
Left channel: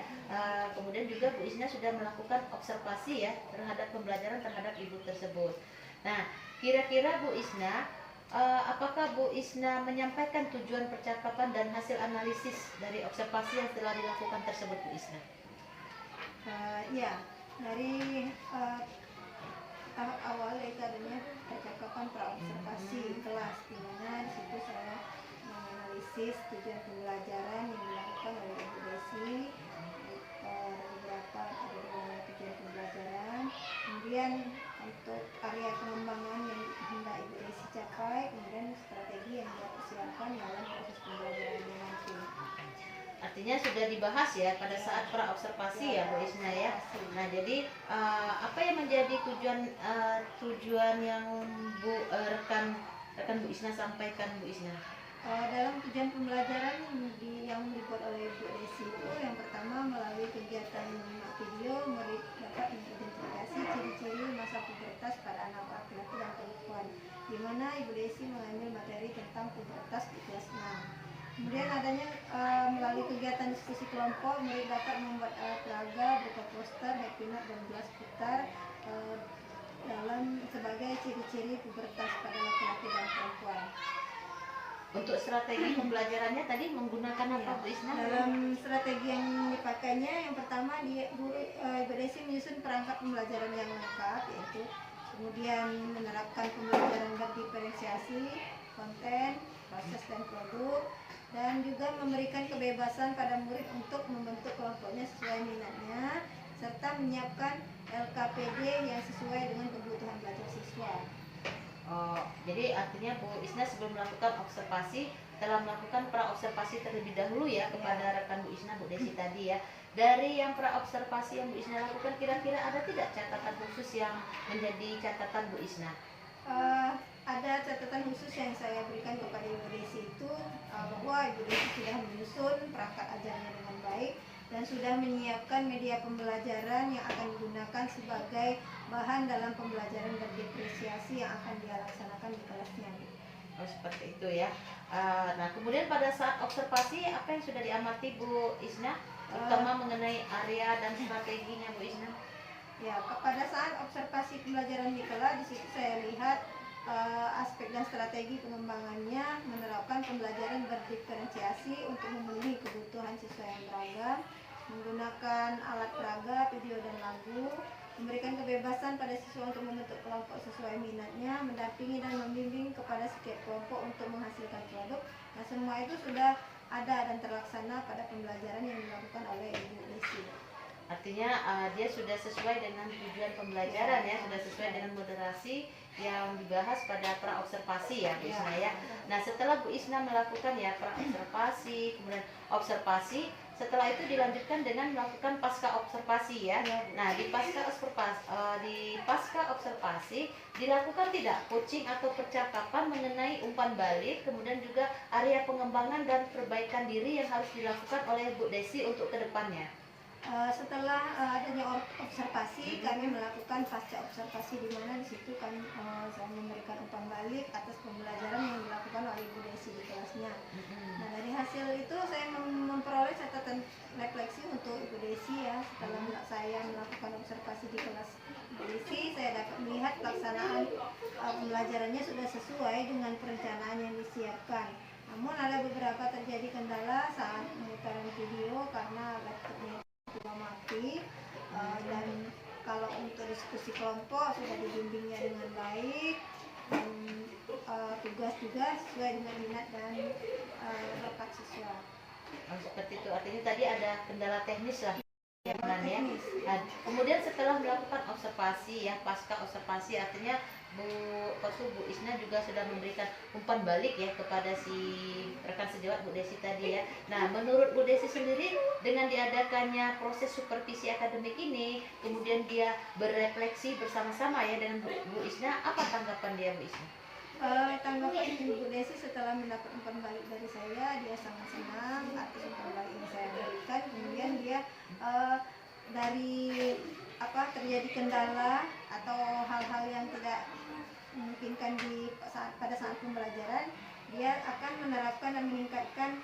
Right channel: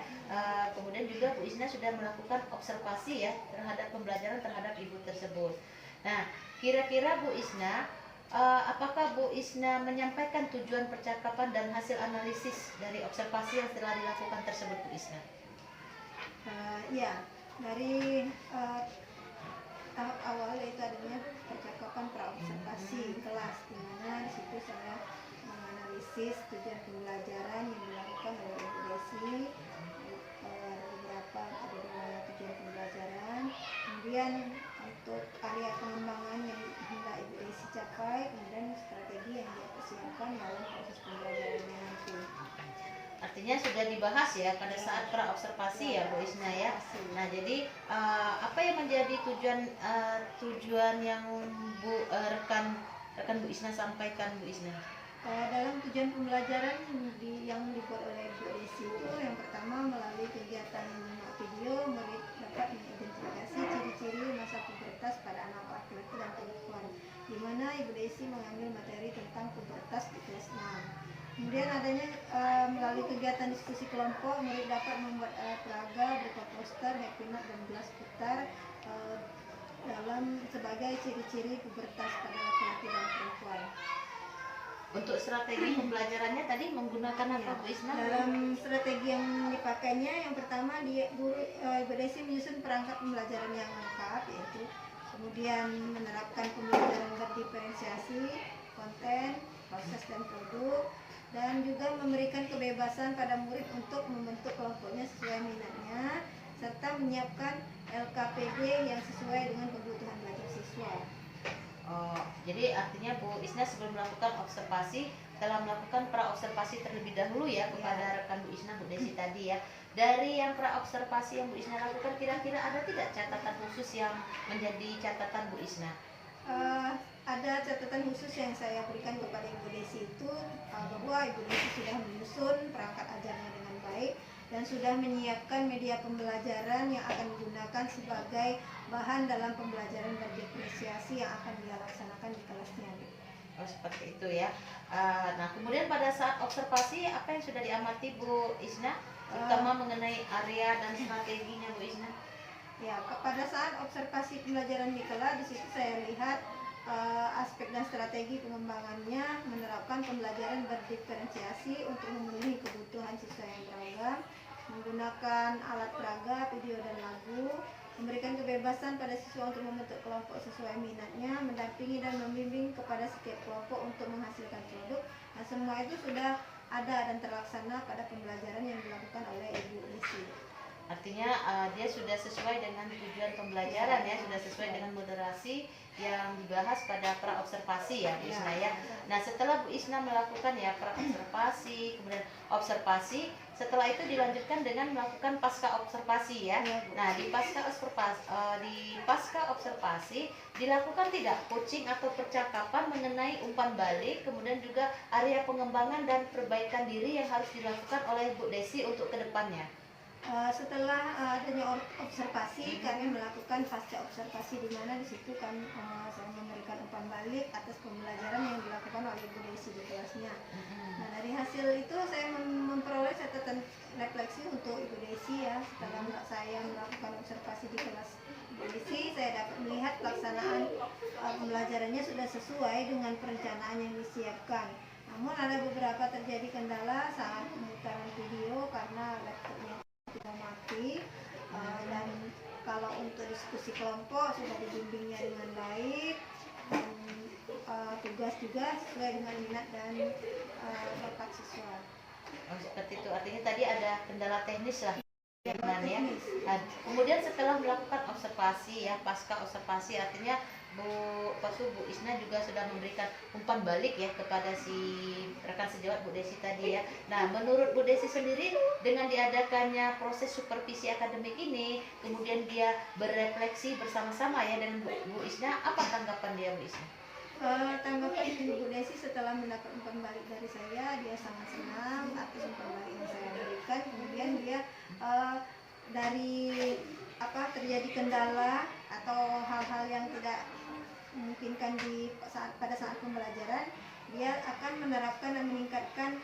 Kemudian juga Bu Isna sudah melakukan observasi ya terhadap pembelajaran terhadap ibu tersebut. Nah, kira-kira Bu Isna, apakah Bu Isna menyampaikan tujuan percakapan dan hasil analisis dari observasi yang telah dilakukan tersebut, Bu Isna? Ya, dari tahap awal yaitu adanya percakapan praobservasi kelas, di mana di situ saya menganalisis tujuan pembelajaran yang dilakukan oleh Ibu Desi. Beberapa ada tujuan pembelajaran, kemudian untuk area pengembangan yang hendak Ibu Desi capai, kemudian strategi yang dia persiapkan dalam proses pembelajarannya nanti. Artinya sudah dibahas ya pada saat praobservasi ya Bu Isna ya. Nah, jadi apa yang menjadi tujuan yang rekan Bu Isna sampaikan, Bu Isna? Dalam tujuan pembelajaran yang dibuat oleh Bu Desi itu, yang pertama melalui kegiatan menyimak video, murid dapat mengidentifikasi ciri-ciri masa pubertas pada anak laki-laki dan perempuan, di mana Ibu Desi mengambil materi tentang pubertas di kelas 6. Kemudian adanya melalui kegiatan diskusi kelompok, murid dapat membuat alat peraga berupa poster, happy note, dan gelas putar dalam sebagai ciri-ciri pubertas pada laki-laki dan perempuan. Untuk strategi pembelajarannya tadi menggunakan apa, Bu Isna? Dalam strategi yang dipakainya, yang pertama Ibu Desi menyusun perangkat pembelajaran yang lengkap, yaitu kemudian menerapkan pembelajaran berdiferensiasi, konten, proses, dan produk, dan juga memberikan kebebasan pada murid untuk membentuk kelompoknya sesuai minatnya, serta menyiapkan LKPD yang sesuai dengan kebutuhan belajar siswa. Oh, jadi artinya Bu Isna sebelum melakukan observasi telah melakukan praobservasi terlebih dahulu ya kepada rekan Bu Isna, Bu Desi tadi ya. Dari yang praobservasi yang Bu Isna lakukan, kira-kira ada tidak catatan khusus yang menjadi catatan Bu Isna? Ada catatan khusus yang saya berikan kepada Ibu Desi itu bahwa Ibu Desi sudah menyusun perangkat ajarnya dengan baik dan sudah menyiapkan media pembelajaran yang akan digunakan sebagai bahan dalam pembelajaran berdiferensiasi yang akan dia laksanakan di kelasnya. Oh, seperti itu ya. Nah, kemudian pada saat observasi apa yang sudah diamati Bu Isna, terutama mengenai area dan strateginya Bu Isna? Ya, pada saat observasi pembelajaran di kelas, di situ saya lihat aspek dan strategi pengembangannya menerapkan pembelajaran berdiferensiasi untuk memenuhi kebutuhan siswa yang beragam, menggunakan alat peraga, video, dan lagu, memberikan kebebasan pada siswa untuk membentuk kelompok sesuai minatnya, mendampingi dan membimbing kepada setiap kelompok untuk menghasilkan produk. Nah, semua itu sudah ada dan terlaksana pada pembelajaran yang dilakukan oleh Ibu Desi. Artinya dia sudah sesuai dengan tujuan pembelajaran ya, sudah sesuai dengan moderasi yang dibahas pada praobservasi ya Bu Isna ya. Nah, setelah Bu Isna melakukan ya praobservasi, kemudian observasi, setelah itu dilanjutkan dengan melakukan pasca observasi ya. Nah, di pasca observasi dilakukan tidak coaching atau percakapan mengenai umpan balik, kemudian juga area pengembangan dan perbaikan diri yang harus dilakukan oleh Bu Desi untuk kedepannya. Setelah adanya observasi, kami melakukan pasca observasi, di mana di situ kami saya memberikan umpan balik atas pembelajaran yang dilakukan oleh Ibu Desi di kelasnya. Nah, dari hasil itu saya memperoleh catatan refleksi untuk Ibu Desi ya. Setelah saya melakukan observasi di kelas Ibu Desi, saya dapat melihat pelaksanaan pembelajarannya sudah sesuai dengan perencanaan yang disiapkan. Namun ada beberapa terjadi kendala saat pemutaran video karena laptopnya sudah mati, dan kalau untuk diskusi kelompok sudah dibimbingnya dengan baik, dan tugas juga sesuai dengan minat dan bakat siswa. Oh, seperti itu, artinya tadi ada kendala teknis lah ya. Kemudian setelah melakukan observasi ya, pasca observasi artinya Bu Isna juga sudah memberikan umpan balik ya kepada si rekan sejawat Bu Desi tadi ya. Nah, menurut Bu Desi sendiri dengan diadakannya proses supervisi akademik ini, kemudian dia berefleksi bersama-sama ya dengan Bu Isna, apa tanggapan dia Bu Isna? Tanggapan Ibu Desi setelah mendapat umpan balik dari saya, dia sangat senang atas umpan balik yang saya berikan. Kemudian dia dari terjadi kendala atau hal-hal yang tidak memungkinkan pada saat pembelajaran, dia akan menerapkan dan meningkatkan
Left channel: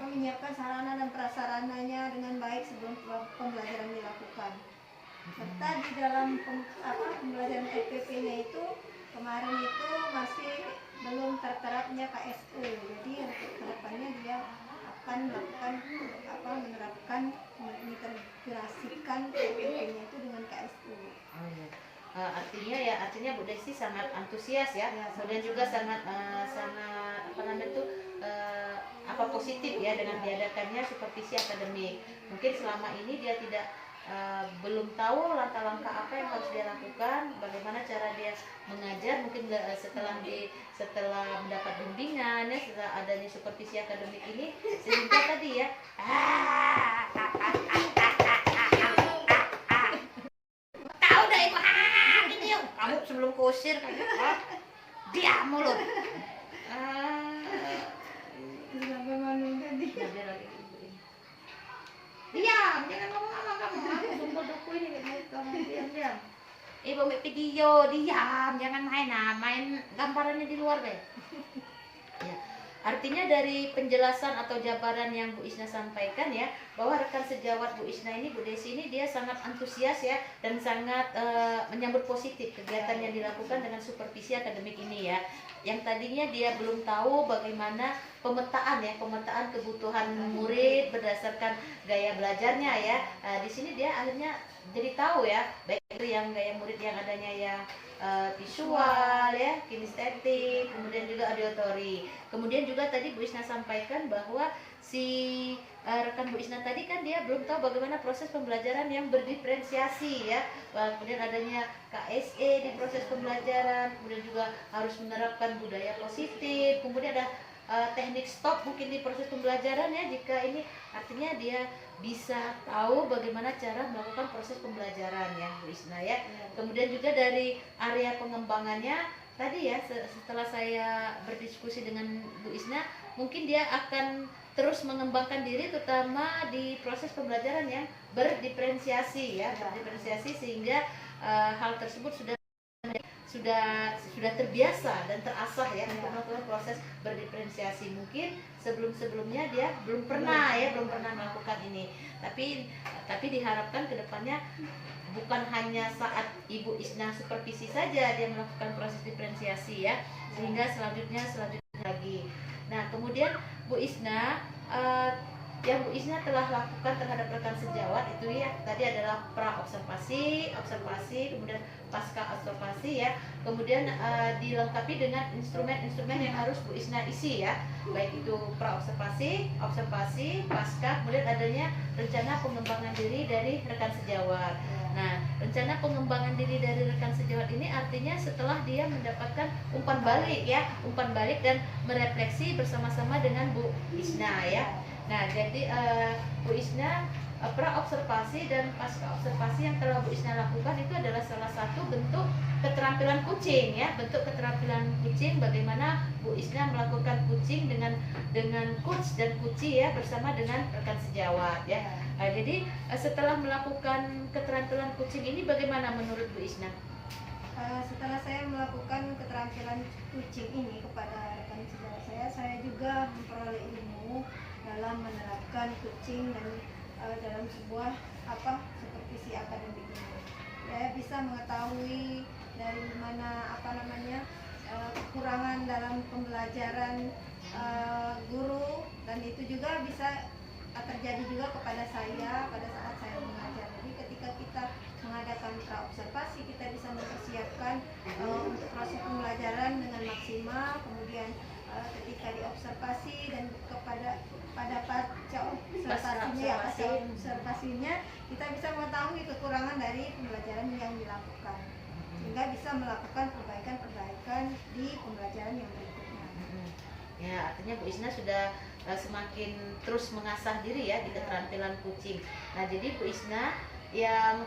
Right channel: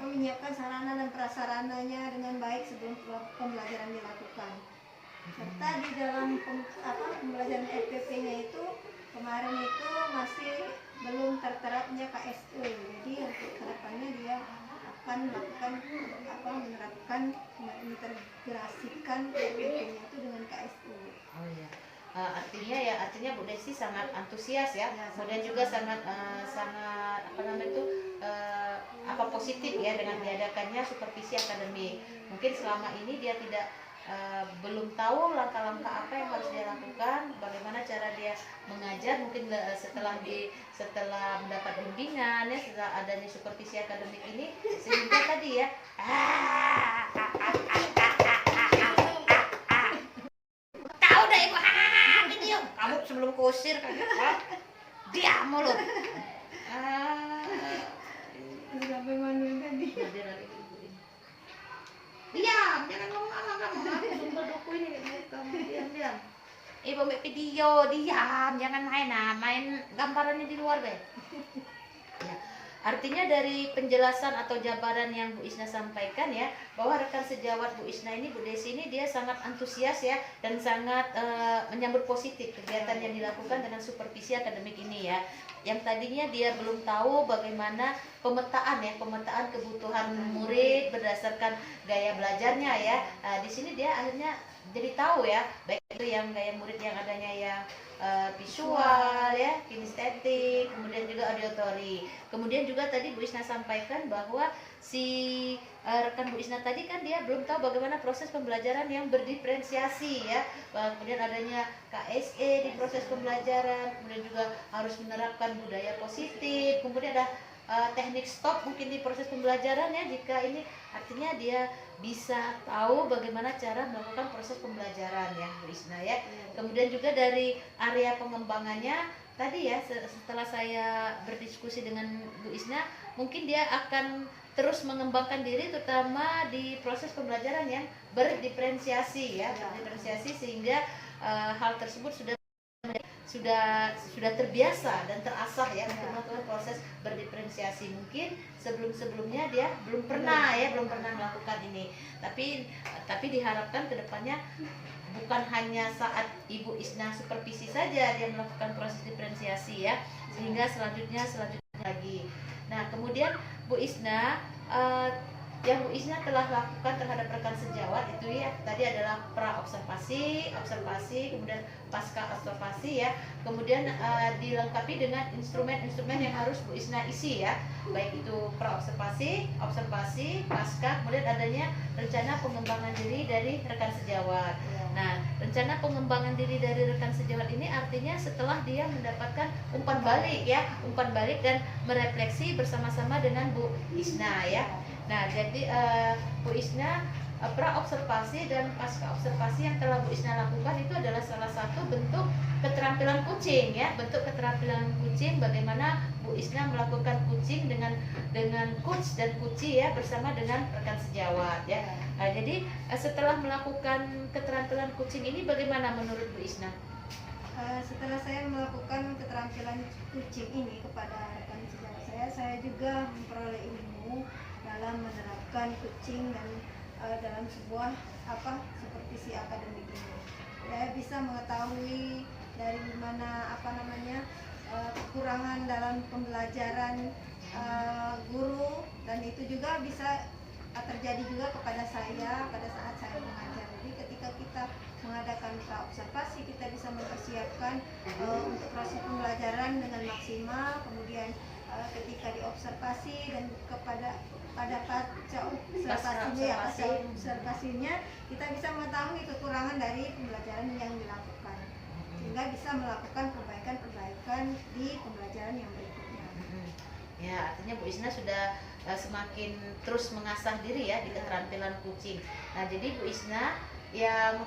menyiapkan sarana dan prasarananya dengan baik sebelum pembelajaran dilakukan. Serta di dalam pembelajaran FPP-nya itu kemarin itu masih belum terterapnya KSE. Jadi untuk kedepannya dia akan melakukan menerapkan mengintegrasikan FPP-nya itu dengan KSE. Oh iya. Artinya Bu Desi sangat antusias ya, kemudian juga sangat positif ya dengan diadakannya supervisi akademik. Mungkin selama ini dia belum tahu langkah-langkah apa yang harus dia lakukan, bagaimana cara dia mengajar. Mungkin setelah mendapat bimbingan ya, setelah adanya supervisi akademik ini, sehingga tadi ya kamu sebelum kusir diam mulu. Sampai mana tadi? Diam, jangan ngomong sama kamu. Aku sumpah duku ini kamu diam. Ibu video diam, jangan main gambarannya di luar deh. Ya. Artinya dari penjelasan atau jabaran yang Bu Isna sampaikan ya, bahwa rekan sejawat Bu Isna ini, Bu Desi ini, dia sangat antusias ya, dan sangat menyambut positif kegiatan yang dilakukan dengan supervisi akademik ini ya. Yang tadinya dia belum tahu bagaimana pemetaan kebutuhan murid berdasarkan gaya belajarnya ya. Di sini dia akhirnya jadi tahu ya, baik itu yang gaya murid yang adanya yang visual ya, kinestetik, kemudian juga auditory. Kemudian juga tadi Bu Isna sampaikan bahwa si rekan Bu Isna tadi kan dia belum tahu bagaimana proses pembelajaran yang berdiferensiasi ya. Kemudian adanya KSE di proses pembelajaran, kemudian juga harus menerapkan budaya positif, kemudian ada teknik stop mungkin di proses pembelajaran ya. Jika ini artinya dia bisa tahu bagaimana cara melakukan proses pembelajaran ya Bu Isna ya. Kemudian juga dari area pengembangannya tadi ya, setelah saya berdiskusi dengan Bu Isna, mungkin dia akan terus mengembangkan diri terutama di proses pembelajaran yang berdiferensiasi ya, berdiferensiasi sehingga hal tersebut sudah terbiasa dan terasah ya untuk melakukan proses berdiferensiasi. Mungkin sebelumnya dia belum pernah melakukan ini, tapi diharapkan kedepannya bukan hanya saat Ibu Isna supervisi saja dia melakukan proses diferensiasi ya, sehingga selanjutnya lagi. Nah kemudian Bu Isna, yang Bu Isna telah lakukan terhadap rekan sejawat itu ya, tadi adalah pra observasi, kemudian pasca observasi ya, kemudian dilengkapi dengan instrumen-instrumen yang harus Bu Isna isi ya, baik itu pra observasi, pasca, kemudian adanya rencana pengembangan diri dari rekan sejawat. Nah, rencana pengembangan diri dari rekan sejawat ini artinya setelah dia mendapatkan umpan balik dan merefleksi bersama-sama dengan Bu Isna ya. Nah, jadi Bu Isna pra observasi dan pasca observasi yang telah Bu Isna lakukan itu adalah salah satu bentuk keterampilan coaching ya, bagaimana Bu Isna melakukan coaching dengan coach dan coachee ya, bersama dengan rekan sejawat ya. Jadi setelah melakukan keterampilan coaching ini bagaimana menurut Bu Isna? Setelah saya melakukan keterampilan coaching ini kepada rekan sejawat saya juga memperoleh ilmu dalam menerapkan coaching dan dalam sebuah supervisi akademik ini. Saya bisa mengetahui dari mana kekurangan dalam pembelajaran guru, dan itu juga bisa terjadi juga kepada saya pada saat saya mengajar. Jadi ketika kita mengadakan pra observasi, kita bisa mempersiapkan untuk proses pembelajaran dengan maksimal. Kemudian ketika diobservasi dan pada pasca observasinya kita bisa mengetahui kekurangan dari pembelajaran yang dilakukan, sehingga bisa melakukan perbaikan di pembelajaran yang berikutnya. Ya, artinya Bu Isna sudah semakin terus mengasah diri ya di keterampilan coaching. Nah, jadi Bu Isna yang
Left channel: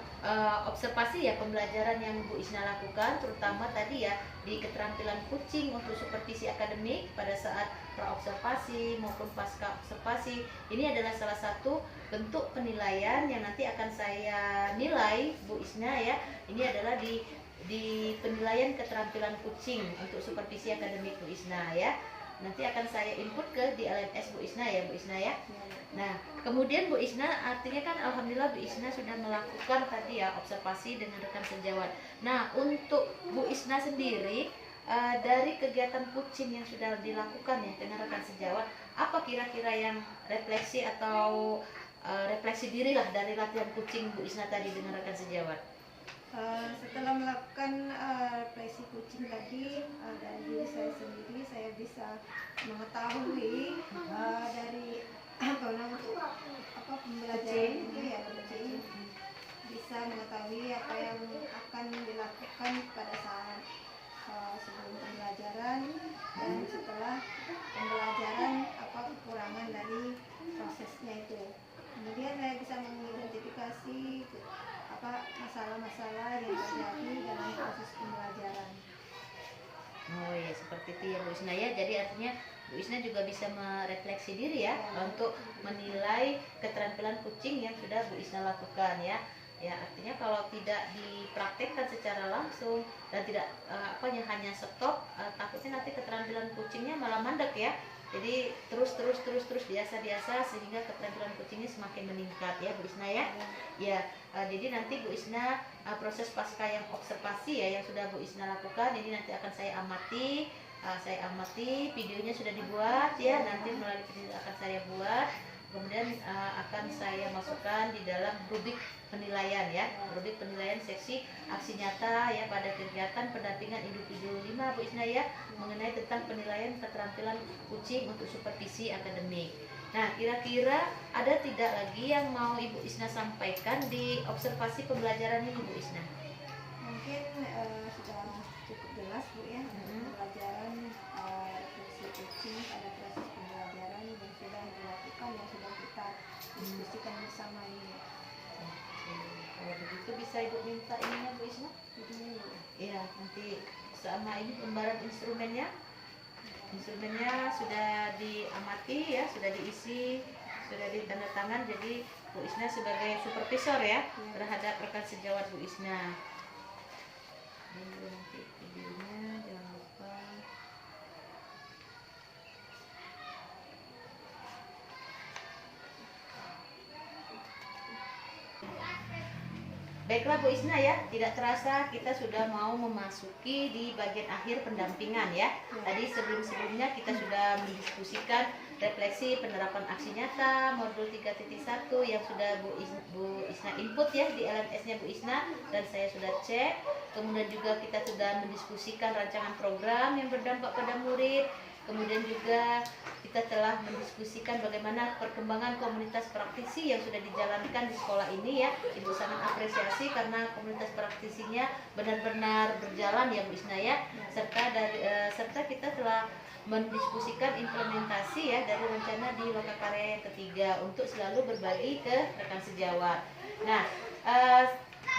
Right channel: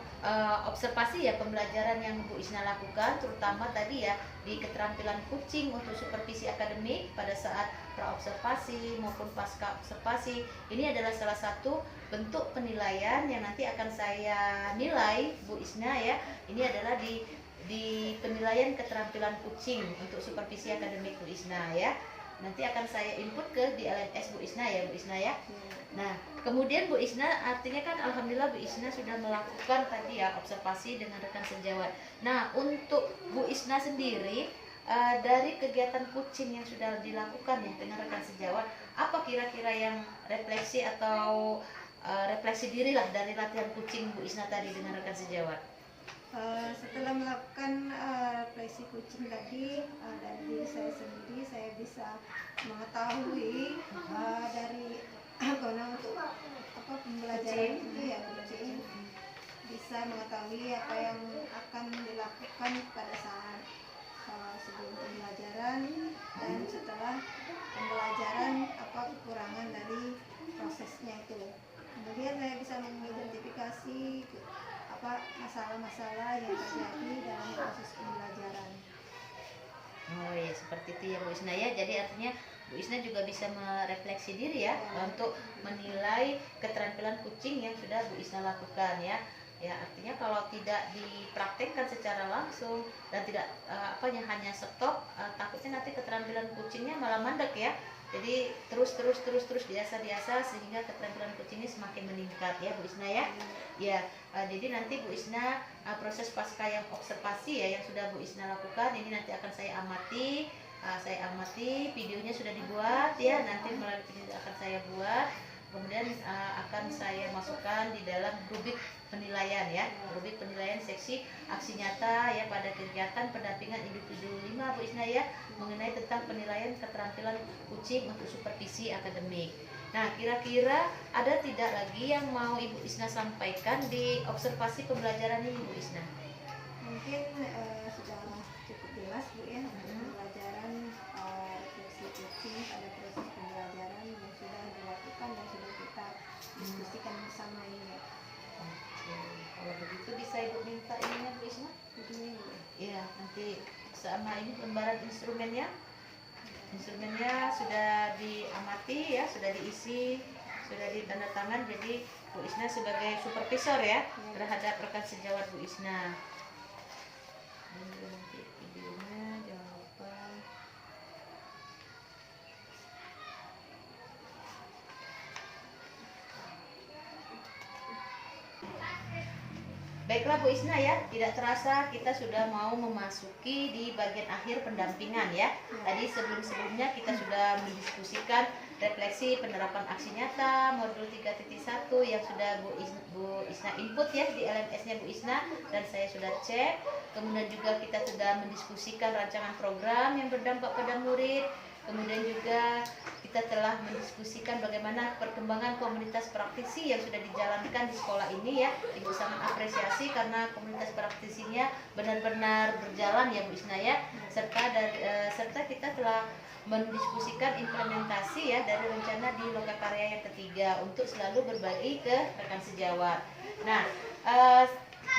observasi ya, pembelajaran yang Bu Isna lakukan, terutama tadi ya di keterampilan kucing untuk supervisi akademik pada saat praobservasi maupun pasca observasi. Ini adalah salah satu bentuk penilaian yang nanti akan saya nilai Bu Isna ya. Ini adalah di penilaian keterampilan kucing untuk supervisi akademik Bu Isna ya. Nanti akan saya input di LMS Bu Isna ya Bu Isna ya. Nah, kemudian Bu Isna, artinya kan alhamdulillah Bu Isna sudah melakukan tadi ya observasi dengan rekan sejawat. Nah, untuk Bu Isna sendiri dari kegiatan kucing yang sudah dilakukan ya dengan rekan sejawat, apa kira-kira yang refleksi atau refleksi diri lah dari latihan kucing Bu Isna tadi dengan rekan sejawat? Setelah melakukan refleksi kucing tadi, dari diri saya sendiri, saya bisa mengetahui dari untuk pembelajaran itu ya kucing bisa mengetahui apa yang akan dilakukan pada saat sebelum pembelajaran dan setelah pembelajaran, apa kekurangan dari prosesnya itu. Kemudian saya bisa mengidentifikasi apa masalah-masalah yang terjadi dalam proses pembelajaran. Oh ya, seperti itu ya Bu Isna ya. Jadi artinya Bu Isna juga bisa merefleksi diri ya, untuk menilai keterampilan kucing yang sudah Bu Isna lakukan ya. Ya, artinya kalau tidak dipraktekkan secara langsung dan tidak hanya stop, takutnya nanti keterampilan kucingnya malah mandek ya. Jadi terus biasa sehingga keterampilan kucing ini semakin meningkat ya Bu Isna ya. Ya, jadi nanti Bu Isna proses pasca yang observasi ya yang sudah Bu Isna lakukan ini nanti akan saya amati. Videonya sudah dibuat ya, nanti melalui video akan saya buat, kemudian akan saya masukkan di dalam rubrik penilaian ya, rubrik penilaian seksi aksi nyata ya pada kegiatan pendampingan individu 5 Bu Isna ya, mengenai tentang penilaian keterampilan kucing untuk supervisi akademik. Nah, kira-kira ada tidak lagi yang mau Ibu Isna sampaikan di observasi pembelajaran ini Bu Isna? Mungkin sudah cukup jelas Bu ya, pembelajaran refleksi kucing pada proses pembelajaran yang sudah dilakukan, yang sudah kita diskusikan bersama ini ya. Kalau begitu bisa Ibu minta ininya Bu Isna? Iya, nanti sama ini lembaran instrumennya. Instrumennya sudah diamati ya, sudah diisi, sudah ditandatangan. Jadi Bu Isna sebagai supervisor ya terhadap rekan sejawat Bu Isna. Ini nanti videonya jangan lupa. Baiklah Bu Isna ya, tidak terasa kita sudah mau memasuki di bagian akhir pendampingan ya. Tadi sebelumnya kita sudah mendiskusikan refleksi penerapan aksi nyata modul 3.1 yang sudah Bu Isna input ya di LMS-nya Bu Isna dan saya sudah cek. Kemudian juga kita sudah mendiskusikan rancangan program yang berdampak pada murid. Kemudian juga kita telah mendiskusikan bagaimana perkembangan komunitas praktisi yang sudah dijalankan di sekolah ini ya. Ibu sangat apresiasi karena komunitas praktisinya benar-benar berjalan ya Bu Isna ya. Serta kita telah mendiskusikan implementasi ya dari rencana di lokakarya yang ketiga untuk selalu berbagi ke rekan sejawat. Nah,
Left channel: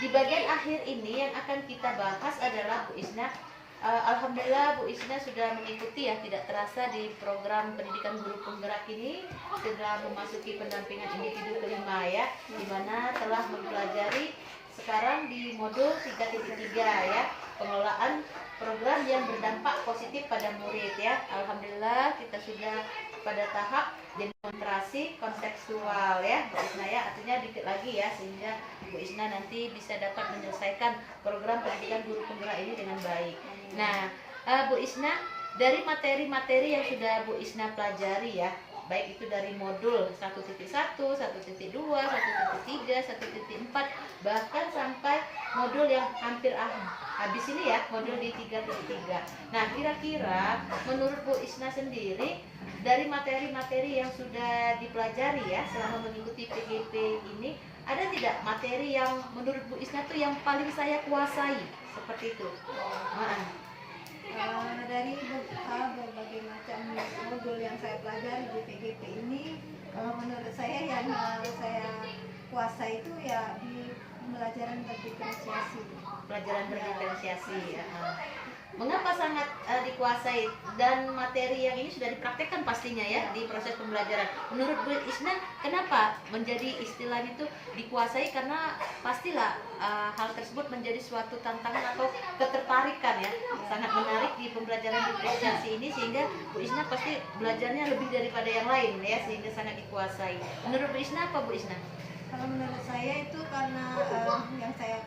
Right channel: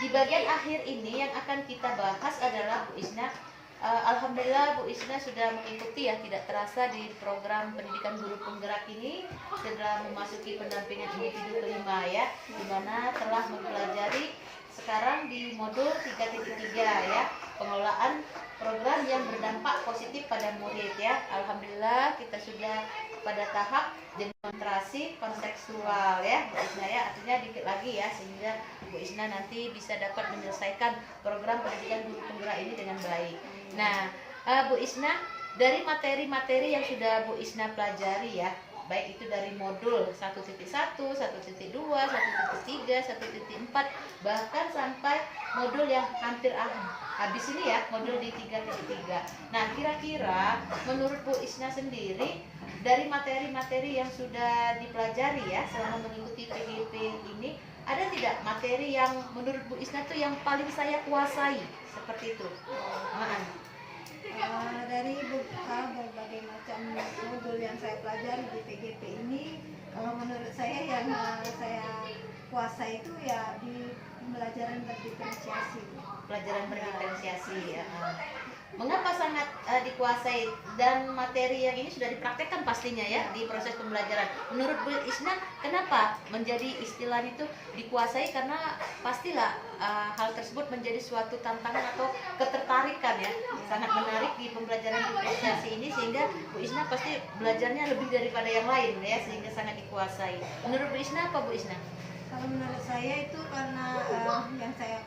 di bagian akhir ini yang akan kita bahas adalah Bu Isna, alhamdulillah Bu Isna sudah mengikuti ya tidak terasa di program pendidikan guru penggerak ini setelah memasuki pendampingan individu kelima ya, di mana telah mempelajari sekarang di modul 3.3 ya, pengelolaan program yang berdampak positif pada murid ya. Alhamdulillah kita sudah pada tahap demonstrasi kontekstual ya Bu Isna ya, artinya dikit lagi ya sehingga Bu Isna nanti bisa dapat menyelesaikan program pendidikan guru penggerak ini dengan baik. Nah, Bu Isna, dari materi-materi yang sudah Bu Isna pelajari ya, baik itu dari modul 1.1, 1.2, 1.3, 1.4, bahkan sampai modul yang hampir habis ini ya, modul di 3.3. Nah, kira-kira menurut Bu Isna sendiri, dari materi-materi yang sudah dipelajari ya selama mengikuti PGP ini, ada tidak materi yang menurut Bu Isna tuh yang paling saya kuasai seperti itu? Dari berbagai macam modul yang saya pelajari di PGP ini, kalau menurut saya yang saya kuasai itu ya di pembelajaran berdiferensiasi. Pelajaran berdiferensiasi ya. Mengapa sangat dikuasai dan materi yang ini sudah dipraktekkan pastinya ya di proses pembelajaran. Menurut Bu Isna, kenapa menjadi istilah itu dikuasai? Karena pastilah hal tersebut menjadi suatu tantangan atau ketertarikan ya. Sangat menarik di pembelajaran diferensiasi ini sehingga Bu Isna pasti belajarnya lebih daripada yang lain ya, sehingga sangat dikuasai. Menurut Bu Isna apa Bu Isna? Kalau menurut saya itu karena yang saya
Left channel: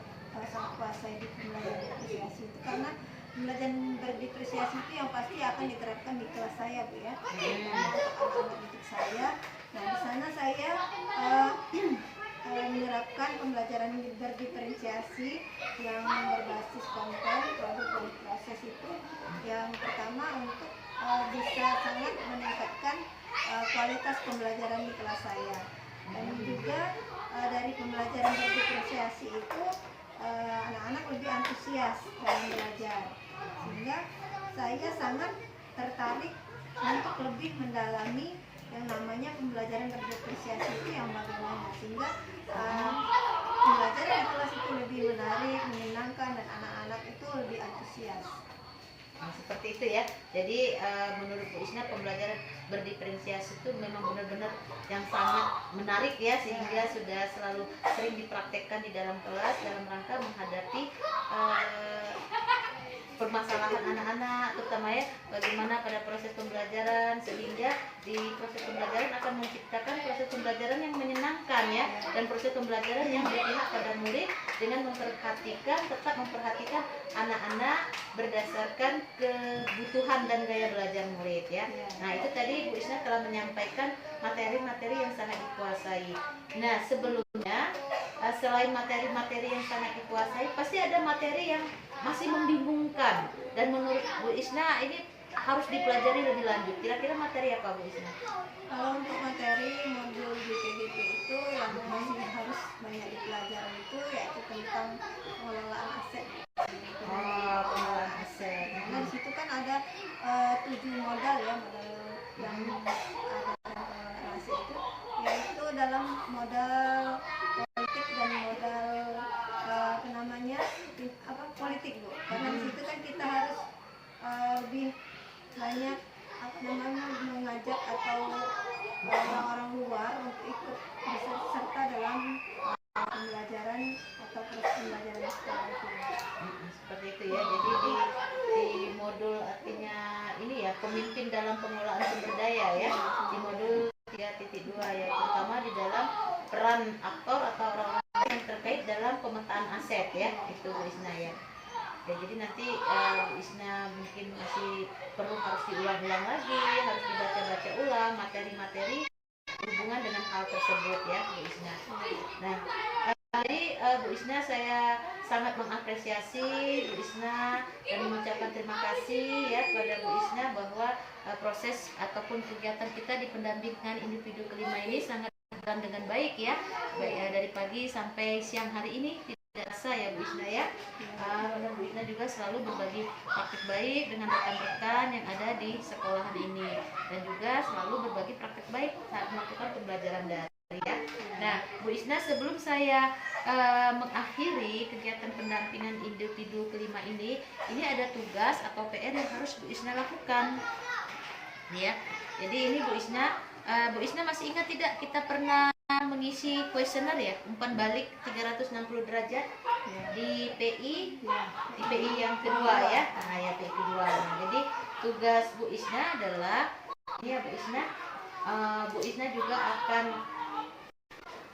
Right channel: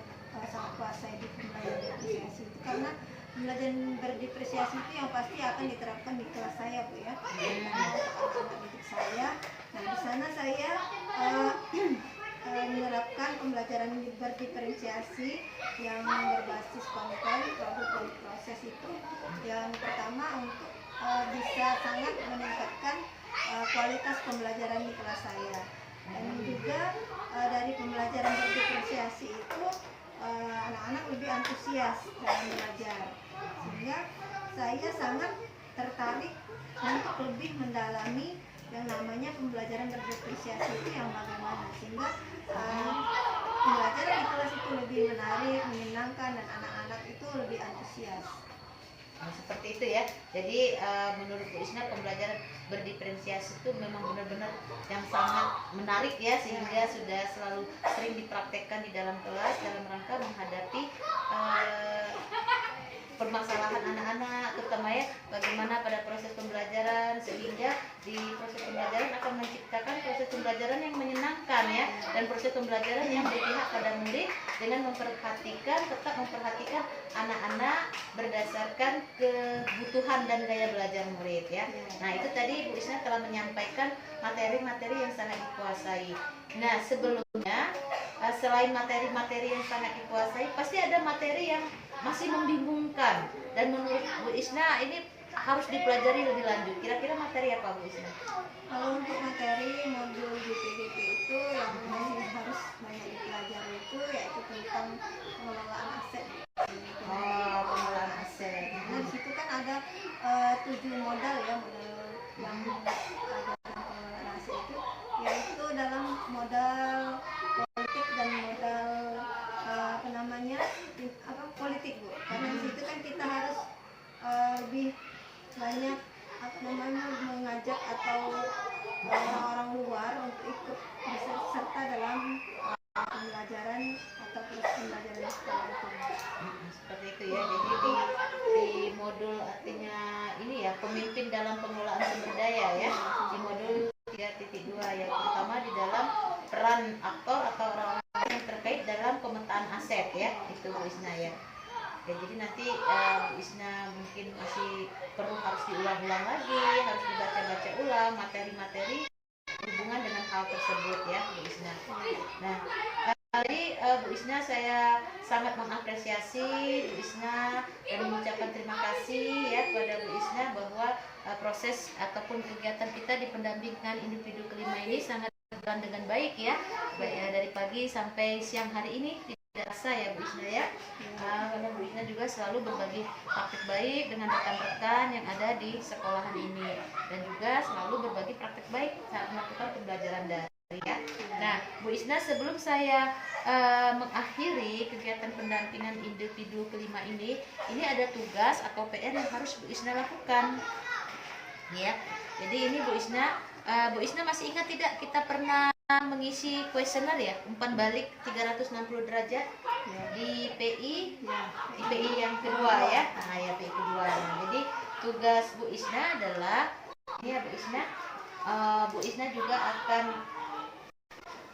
sangat kuasai di pembelajaran diferensiasi itu karena pembelajaran berdiferensiasi itu yang pasti akan diterapkan di kelas saya, Bu ya. Karena untuk anak-anak didik saya, nah di sana saya menerapkan pembelajaran berdiferensiasi yang berbasis konten, produk dan proses itu. Yang pertama untuk bisa sangat meningkatkan kualitas pembelajaran di kelas saya. Dan juga dari pembelajaran berdiferensiasi itu anak-anak lebih antusias dalam belajar, sehingga saya sangat tertarik untuk lebih mendalami yang namanya pembelajaran berdiferensiasi itu yang bagaimana, sehingga pembelajaran di kelas itu lebih menarik, menyenangkan, dan anak-anak itu lebih antusias. Nah, seperti itu ya. Jadi menurut Bu Isna pembelajaran berdiferensiasi itu memang benar-benar yang sangat menarik ya, sehingga sudah selalu sering dipraktekkan di dalam kelas dalam rangka menghadapi permasalahan anak-anak, terutama ya bagaimana pada proses pembelajaran, sehingga di proses pembelajaran akan menciptakan proses pembelajaran yang menyenangkan ya, dan proses pembelajaran yang berpihak pada murid dengan tetap memperhatikan anak-anak berdasarkan kebutuhan dan gaya belajar murid ya. Nah itu tadi Bu Isna telah menyampaikan materi-materi yang sangat dikuasai. Nah sebelumnya selain materi-materi yang sangat dikuasai, pasti ada materi yang masih membingungkan dan menurut Bu Isna ini harus dipelajari lebih lanjut. Kira-kira materi apa Bu Isna? Kalau untuk materi modul GPDP itu yang masih harus banyak dipelajari itu yaitu tentang pengelolaan aset. Pengelolaan aset. Nah di situ kan ada 7 modal ya, modal yang ada dalam pengelolaan aset itu, yaitu dalam modal politik dan modal politik, Bu. Karena di situ kan kita harus lebih banyak mengajak atau orang-orang luar untuk ikut serta dalam pembelajaran atau proses pembelajaran di sekolah itu. Seperti itu ya. Jadi di modul artinya ini ya, pemimpin dalam pengelolaan sumber daya ya. Di modul 3.2 ya, terutama di dalam peran aktor atau orang-orang yang terkait dalam pemetaan aset ya, itu Bu Isna ya. Ya, jadi nanti Bu Isna mungkin masih harus diulang-ulang lagi, harus dibaca-baca ulang materi-materi berhubungan dengan hal tersebut ya Bu Isna. Nah, tadi Bu Isna saya sangat mengapresiasi Bu Isna dan mengucapkan terima kasih ya kepada Bu Isna bahwa proses ataupun kegiatan kita di pendampingan individu kelima ini sangat berjalan dengan baik ya, dari pagi sampai siang hari ini. Tidak rasa ya Bu Isna ya. Karena Bu Isna juga selalu berbagi praktik baik dengan rekan-rekan yang ada di sekolahan ini, dan juga selalu berbagi praktik baik saat melakukan pembelajaran daring ya. Nah Bu Isna, sebelum saya mengakhiri kegiatan pendampingan individu kelima ini ada tugas atau PR yang harus Bu Isna lakukan ya. Jadi ini Bu Isna masih ingat tidak kita pernah mengisi kuesioner ya, umpan balik 360 derajat ya, di PI ya, di PI yang kedua ya. Nah ya, PI kedua. Nah, jadi tugas Bu Isna adalah ini ya Bu Isna, Bu Isna juga akan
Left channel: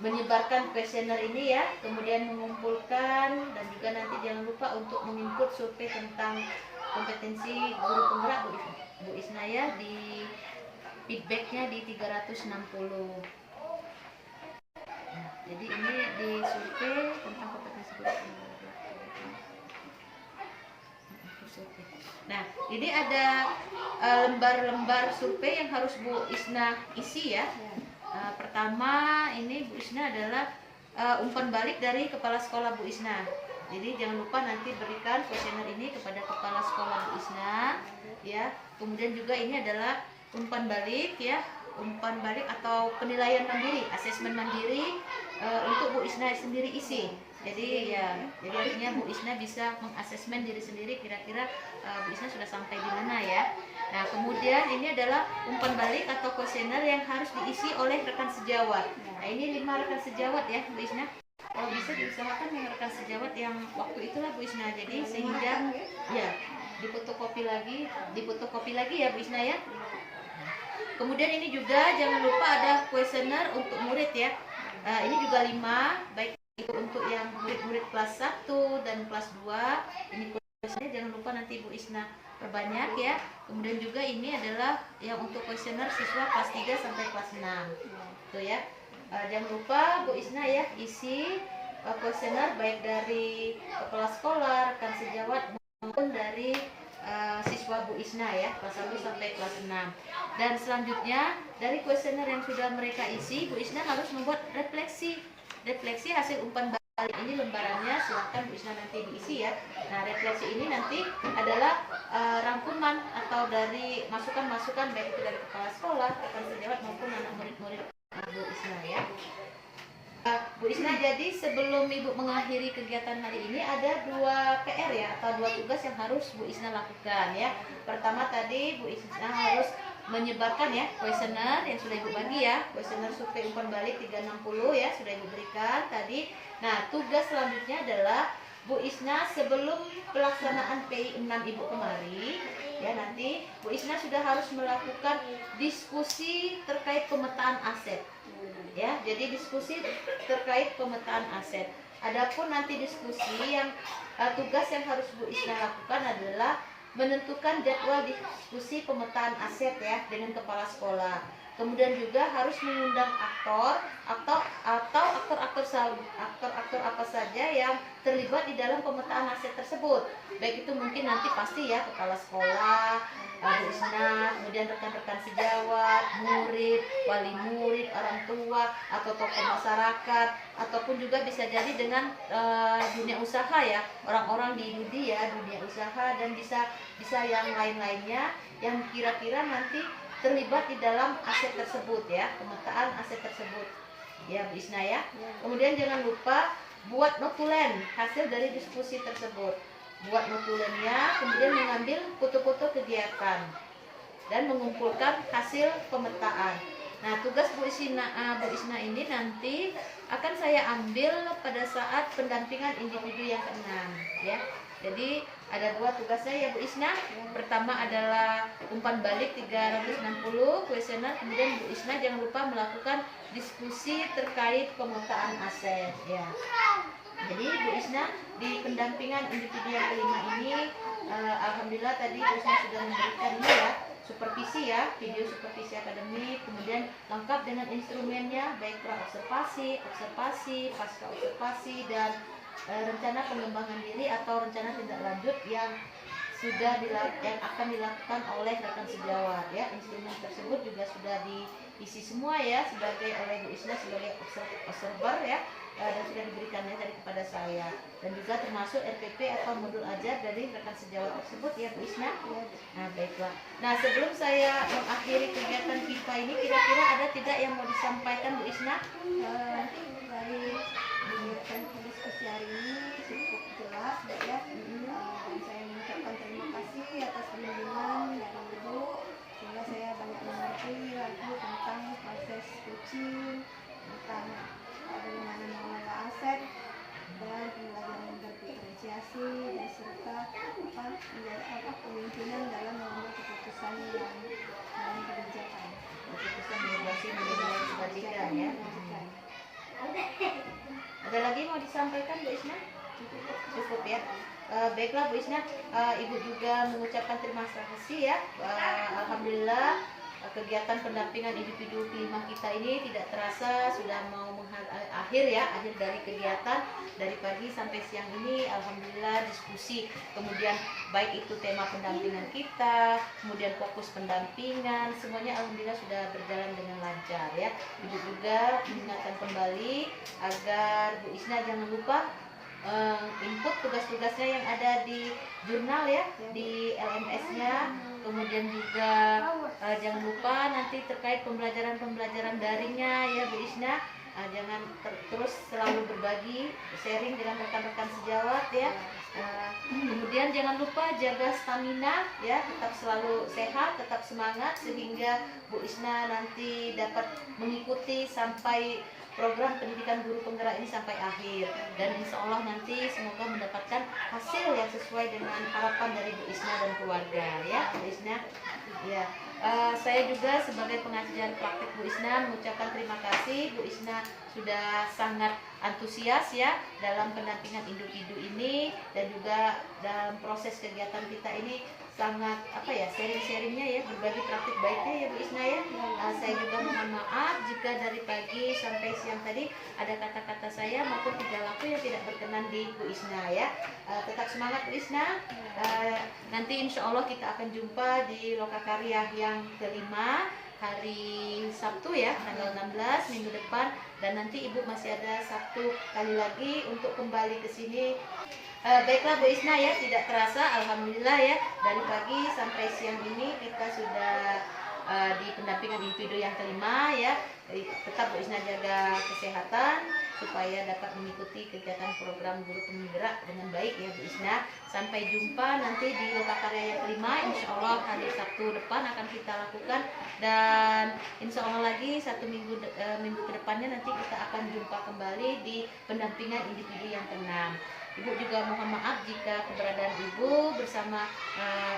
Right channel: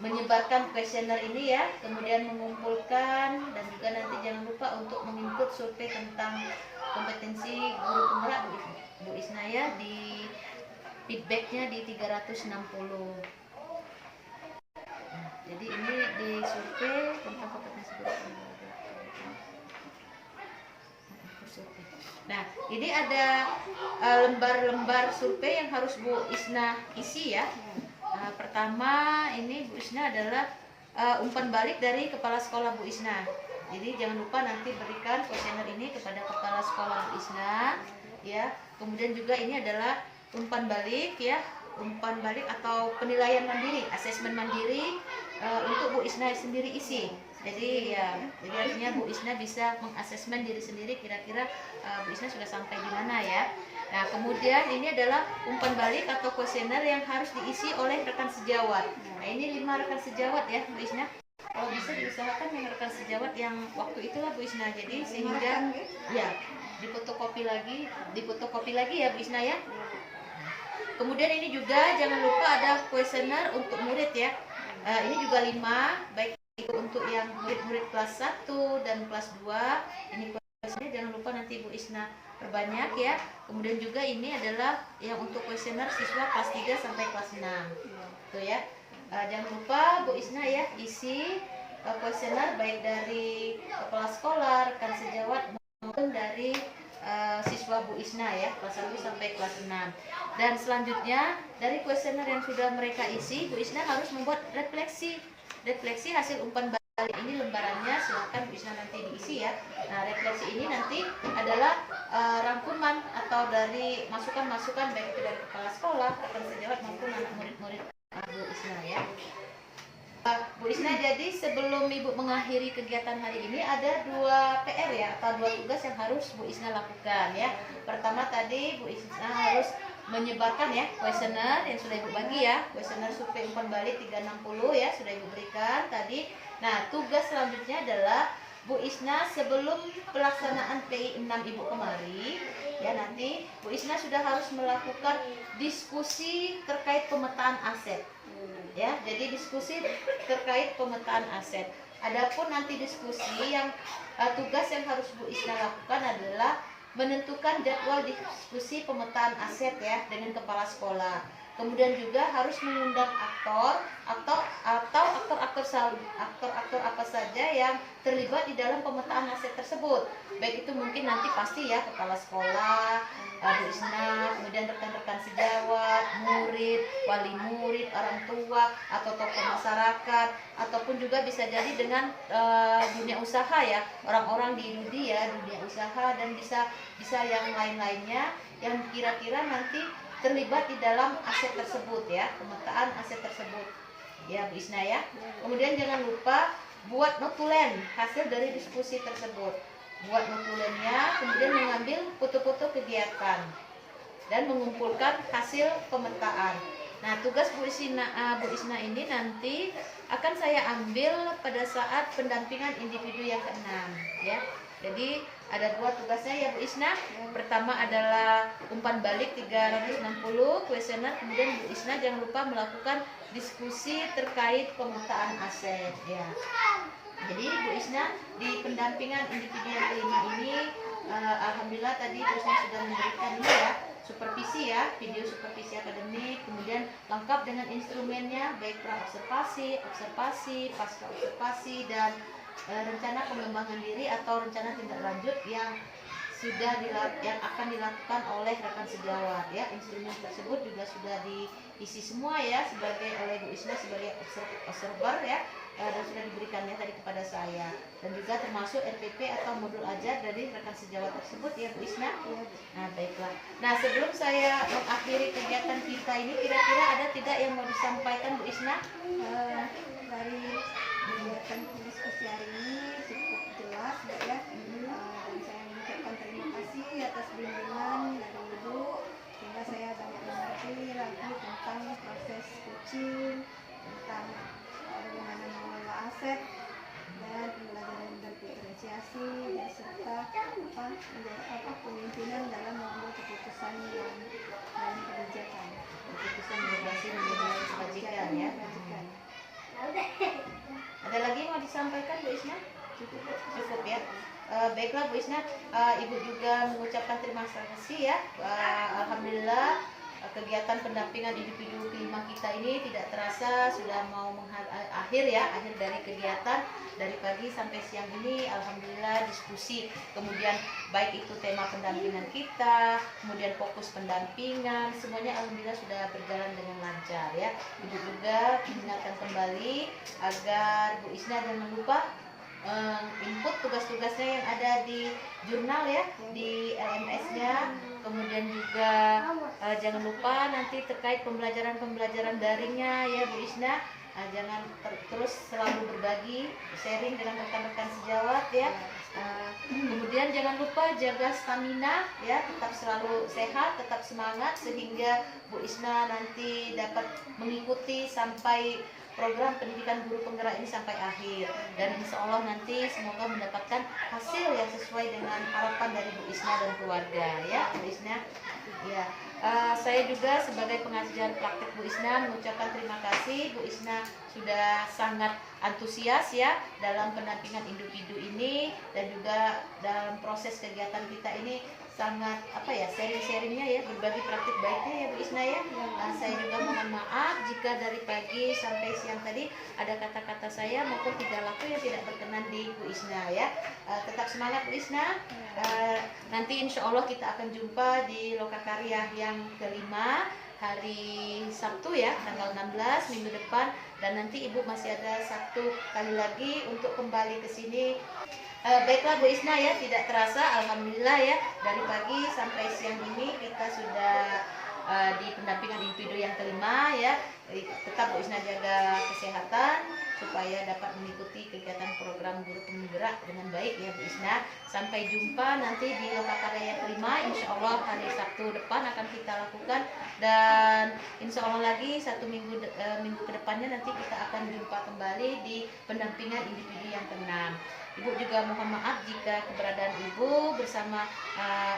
menyebarkan kuesioner ini ya, kemudian mengumpulkan, dan juga nanti jangan lupa untuk menginput survei tentang kompetensi guru penggerak Bu Isna ya, di feedbacknya di 360. Nah, jadi ini di survei tentang kompetensi guru penggerak. Nah, ini ada lembar-lembar survei yang harus Bu Isna isi ya. Pertama ini Bu Isna adalah umpan balik dari kepala sekolah Bu Isna. Jadi jangan lupa nanti berikan kuesioner ini kepada kepala sekolah Bu Isna ya. Kemudian juga ini adalah umpan balik ya, umpan balik atau penilaian mandiri, asesmen mandiri untuk Bu Isna sendiri isi. Jadi jadi artinya Bu Isna bisa mengasesmen diri sendiri kira-kira Bu Isna sudah sampai di mana ya. Nah, kemudian ini adalah umpan balik atau kuesioner yang harus diisi oleh rekan sejawat. Nah, ini 5 rekan sejawat ya Bu Isna. Kalau bisa diusahakan yang rekan sejawat yang waktu itulah Bu Isna. Jadi sehingga ya difotokopi lagi ya Bu Isna ya. Kemudian ini juga jangan lupa ada kuesioner untuk murid ya. Ini juga 5, baik itu untuk yang murid-murid kelas 1 dan kelas 2. Ini kuesioner jangan lupa nanti Bu Isna perbanyak ya. Kemudian juga ini adalah yang untuk kuesioner siswa kelas 3 sampai kelas 6. Tuh ya. Jangan lupa Bu Isna ya isi kuesioner baik dari kepala sekolah, rekan sejawat maupun dari siswa Bu Isna ya kelas 1 sampai kelas 6. Dan selanjutnya dari kuesioner yang sudah mereka isi, Bu Isna harus membuat refleksi hasil umpan balik. Ini lembarannya, silahkan Bu Isna nanti diisi ya. Nah, refleksi ini nanti adalah rangkuman atau dari masukan-masukan baik itu dari kepala sekolah, rekan sejawat maupun anak murid-murid Bu Isna ya. Bu Isna, jadi sebelum Ibu mengakhiri kegiatan hari ini ada 2 PR ya atau 2 tugas yang harus Bu Isna lakukan ya. Pertama tadi Bu Isna harus menyebarkan ya kuesioner yang sudah Ibu bagi ya, kuesioner survei umpan balik 360 ya sudah Ibu berikan tadi. Nah, tugas selanjutnya adalah Bu Isna sebelum pelaksanaan PI 6 Ibu kemari ya, nanti Bu Isna sudah harus melakukan diskusi terkait pemetaan aset. Ya, jadi diskusi terkait pemetaan aset. Adapun nanti diskusi yang tugas yang harus Bu Isna lakukan adalah menentukan jadwal diskusi pemetaan aset ya dengan kepala sekolah. Kemudian juga harus mengundang aktor atau aktor apa saja yang terlibat di dalam pemetaan aset tersebut. Baik itu mungkin nanti pasti ya kepala sekolah, Bu Isna, kemudian rekan-rekan sejawat, murid, wali murid, orang tua atau tokoh masyarakat, ataupun juga bisa jadi dengan dunia usaha ya, orang-orang di dunia usaha, dan bisa yang lain-lainnya yang kira-kira nanti terlibat di dalam aset tersebut ya, pemetaan aset tersebut ya Bu Isna ya. Kemudian jangan lupa buat notulen hasil dari diskusi tersebut. Buat notulennya, kemudian mengambil foto-foto kegiatan dan mengumpulkan hasil pemetaan. Nah, tugas Bu Isna ini nanti akan saya ambil pada saat pendampingan individu yang ke-6 ya. Jadi ada 2 tugasnya ya Bu Isna. Pertama adalah umpan balik 360 kuesioner, kemudian Bu Isna jangan lupa melakukan diskusi terkait pemetaan aset ya. Jadi Bu Isna di pendampingan individu yang ke-5 ini alhamdulillah tadi Bu Isna sudah memberikan ini ya, supervisi ya, video supervisi akademik, kemudian lengkap dengan instrumennya baik pra-observasi, observasi, pasca observasi, dan rencana pengembangan diri atau rencana tindak lanjut yang yang akan dilakukan oleh rekan sejawat ya. Instrumen tersebut juga sudah diisi semua ya oleh Bu Isna sebagai observer ya, dan sudah diberikannya tadi kepada saya, dan juga termasuk RPP atau modul ajar dari rekan sejawat tersebut ya Bu Isna. Nah, baiklah. Nah, sebelum saya mengakhiri kegiatan kita ini, kira-kira ada tidak yang mau disampaikan Bu Isna? Dari kegiatan diskusi hari ini cukup jelas ya, dan saya mengucapkan terima kasih atas bimbingan dari Ibu sehingga saya banyak mengerti lagi tentang proses coaching, tentang bagaimana mengelola aset dan pembelajaran berdiferensiasi, dan serta pemimpinan dalam mengambil keputusan yang dalam kebijakan, Keputusan berbasis nilai kebajikan ya. Ada lagi mau disampaikan Bu Isna? Cukup ya. Baiklah Bu Isna, Ibu juga mengucapkan terima kasih ya. Alhamdulillah kegiatan pendampingan individu ke-5 kita ini tidak terasa sudah mau akhir dari kegiatan dari pagi sampai siang ini. Alhamdulillah diskusi, kemudian baik itu tema pendampingan kita, kemudian fokus pendampingan, semuanya alhamdulillah sudah berjalan dengan lancar ya. Ibu juga mengingatkan kembali agar Bu Isna jangan lupa input tugas-tugasnya yang ada di jurnal ya, di LMS-nya. Kemudian juga jangan lupa nanti terkait pembelajaran daringnya ya Bu Isna, Jangan terus selalu berbagi, sharing dengan rekan-rekan sejawat ya. Kemudian jangan lupa jaga stamina ya, tetap selalu sehat, tetap semangat sehingga Bu Isna nanti dapat mengikuti sampai program pendidikan guru penggerak ini sampai akhir, dan insya Allah nanti semoga mendapatkan hasil yang sesuai dengan harapan dari Bu Isna dan keluarga ya Bu Isna ya. Saya juga sebagai pengajar praktek Bu Isna mengucapkan terima kasih. Bu Isna sudah sangat antusias ya dalam pendampingan individu ini, dan juga dalam proses kegiatan kita ini sangat sharing-sharingnya ya, berbagi praktik baiknya ya Bu Isna ya. Saya juga mohon maaf jika dari pagi sampai siang tadi ada kata-kata saya maupun tingkah laku yang tidak berkenan di Bu Isna ya. Tetap semangat Bu Isna. Nanti insya Allah kita akan jumpa di Lokakarya yang kelima hari Sabtu ya, tanggal 16 minggu depan, dan nanti Ibu masih ada satu kali lagi untuk kembali ke sini. Baiklah Bu Isna ya, tidak terasa alhamdulillah ya, dari pagi sampai siang ini kita sudah di pendampingan individu yang kelima ya. Tetap Bu Isna jaga kesehatan supaya dapat mengikuti kegiatan program guru penggerak dengan baik ya Bu Isna. Sampai jumpa nanti di Lokakarya yang kelima, insya Allah hari Sabtu depan akan kita lakukan, dan insya Allah lagi satu minggu ke depannya nanti kita akan jumpa kembali di pendampingan individu yang keenam. Ibu juga mohon maaf jika keberadaan Ibu bersama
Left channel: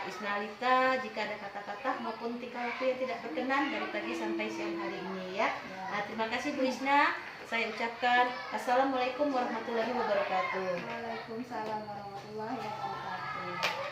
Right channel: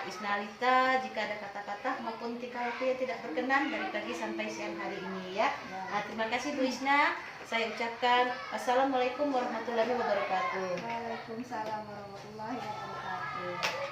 Isnalita jika ada kata-kata maupun tingkah laku yang tidak berkenan dari pagi sampai siang hari ini ya. Terima kasih Bu Isna. Saya ucapkan Assalamualaikum warahmatullahi wabarakatuh. Waalaikumsalam warahmatullahi wabarakatuh.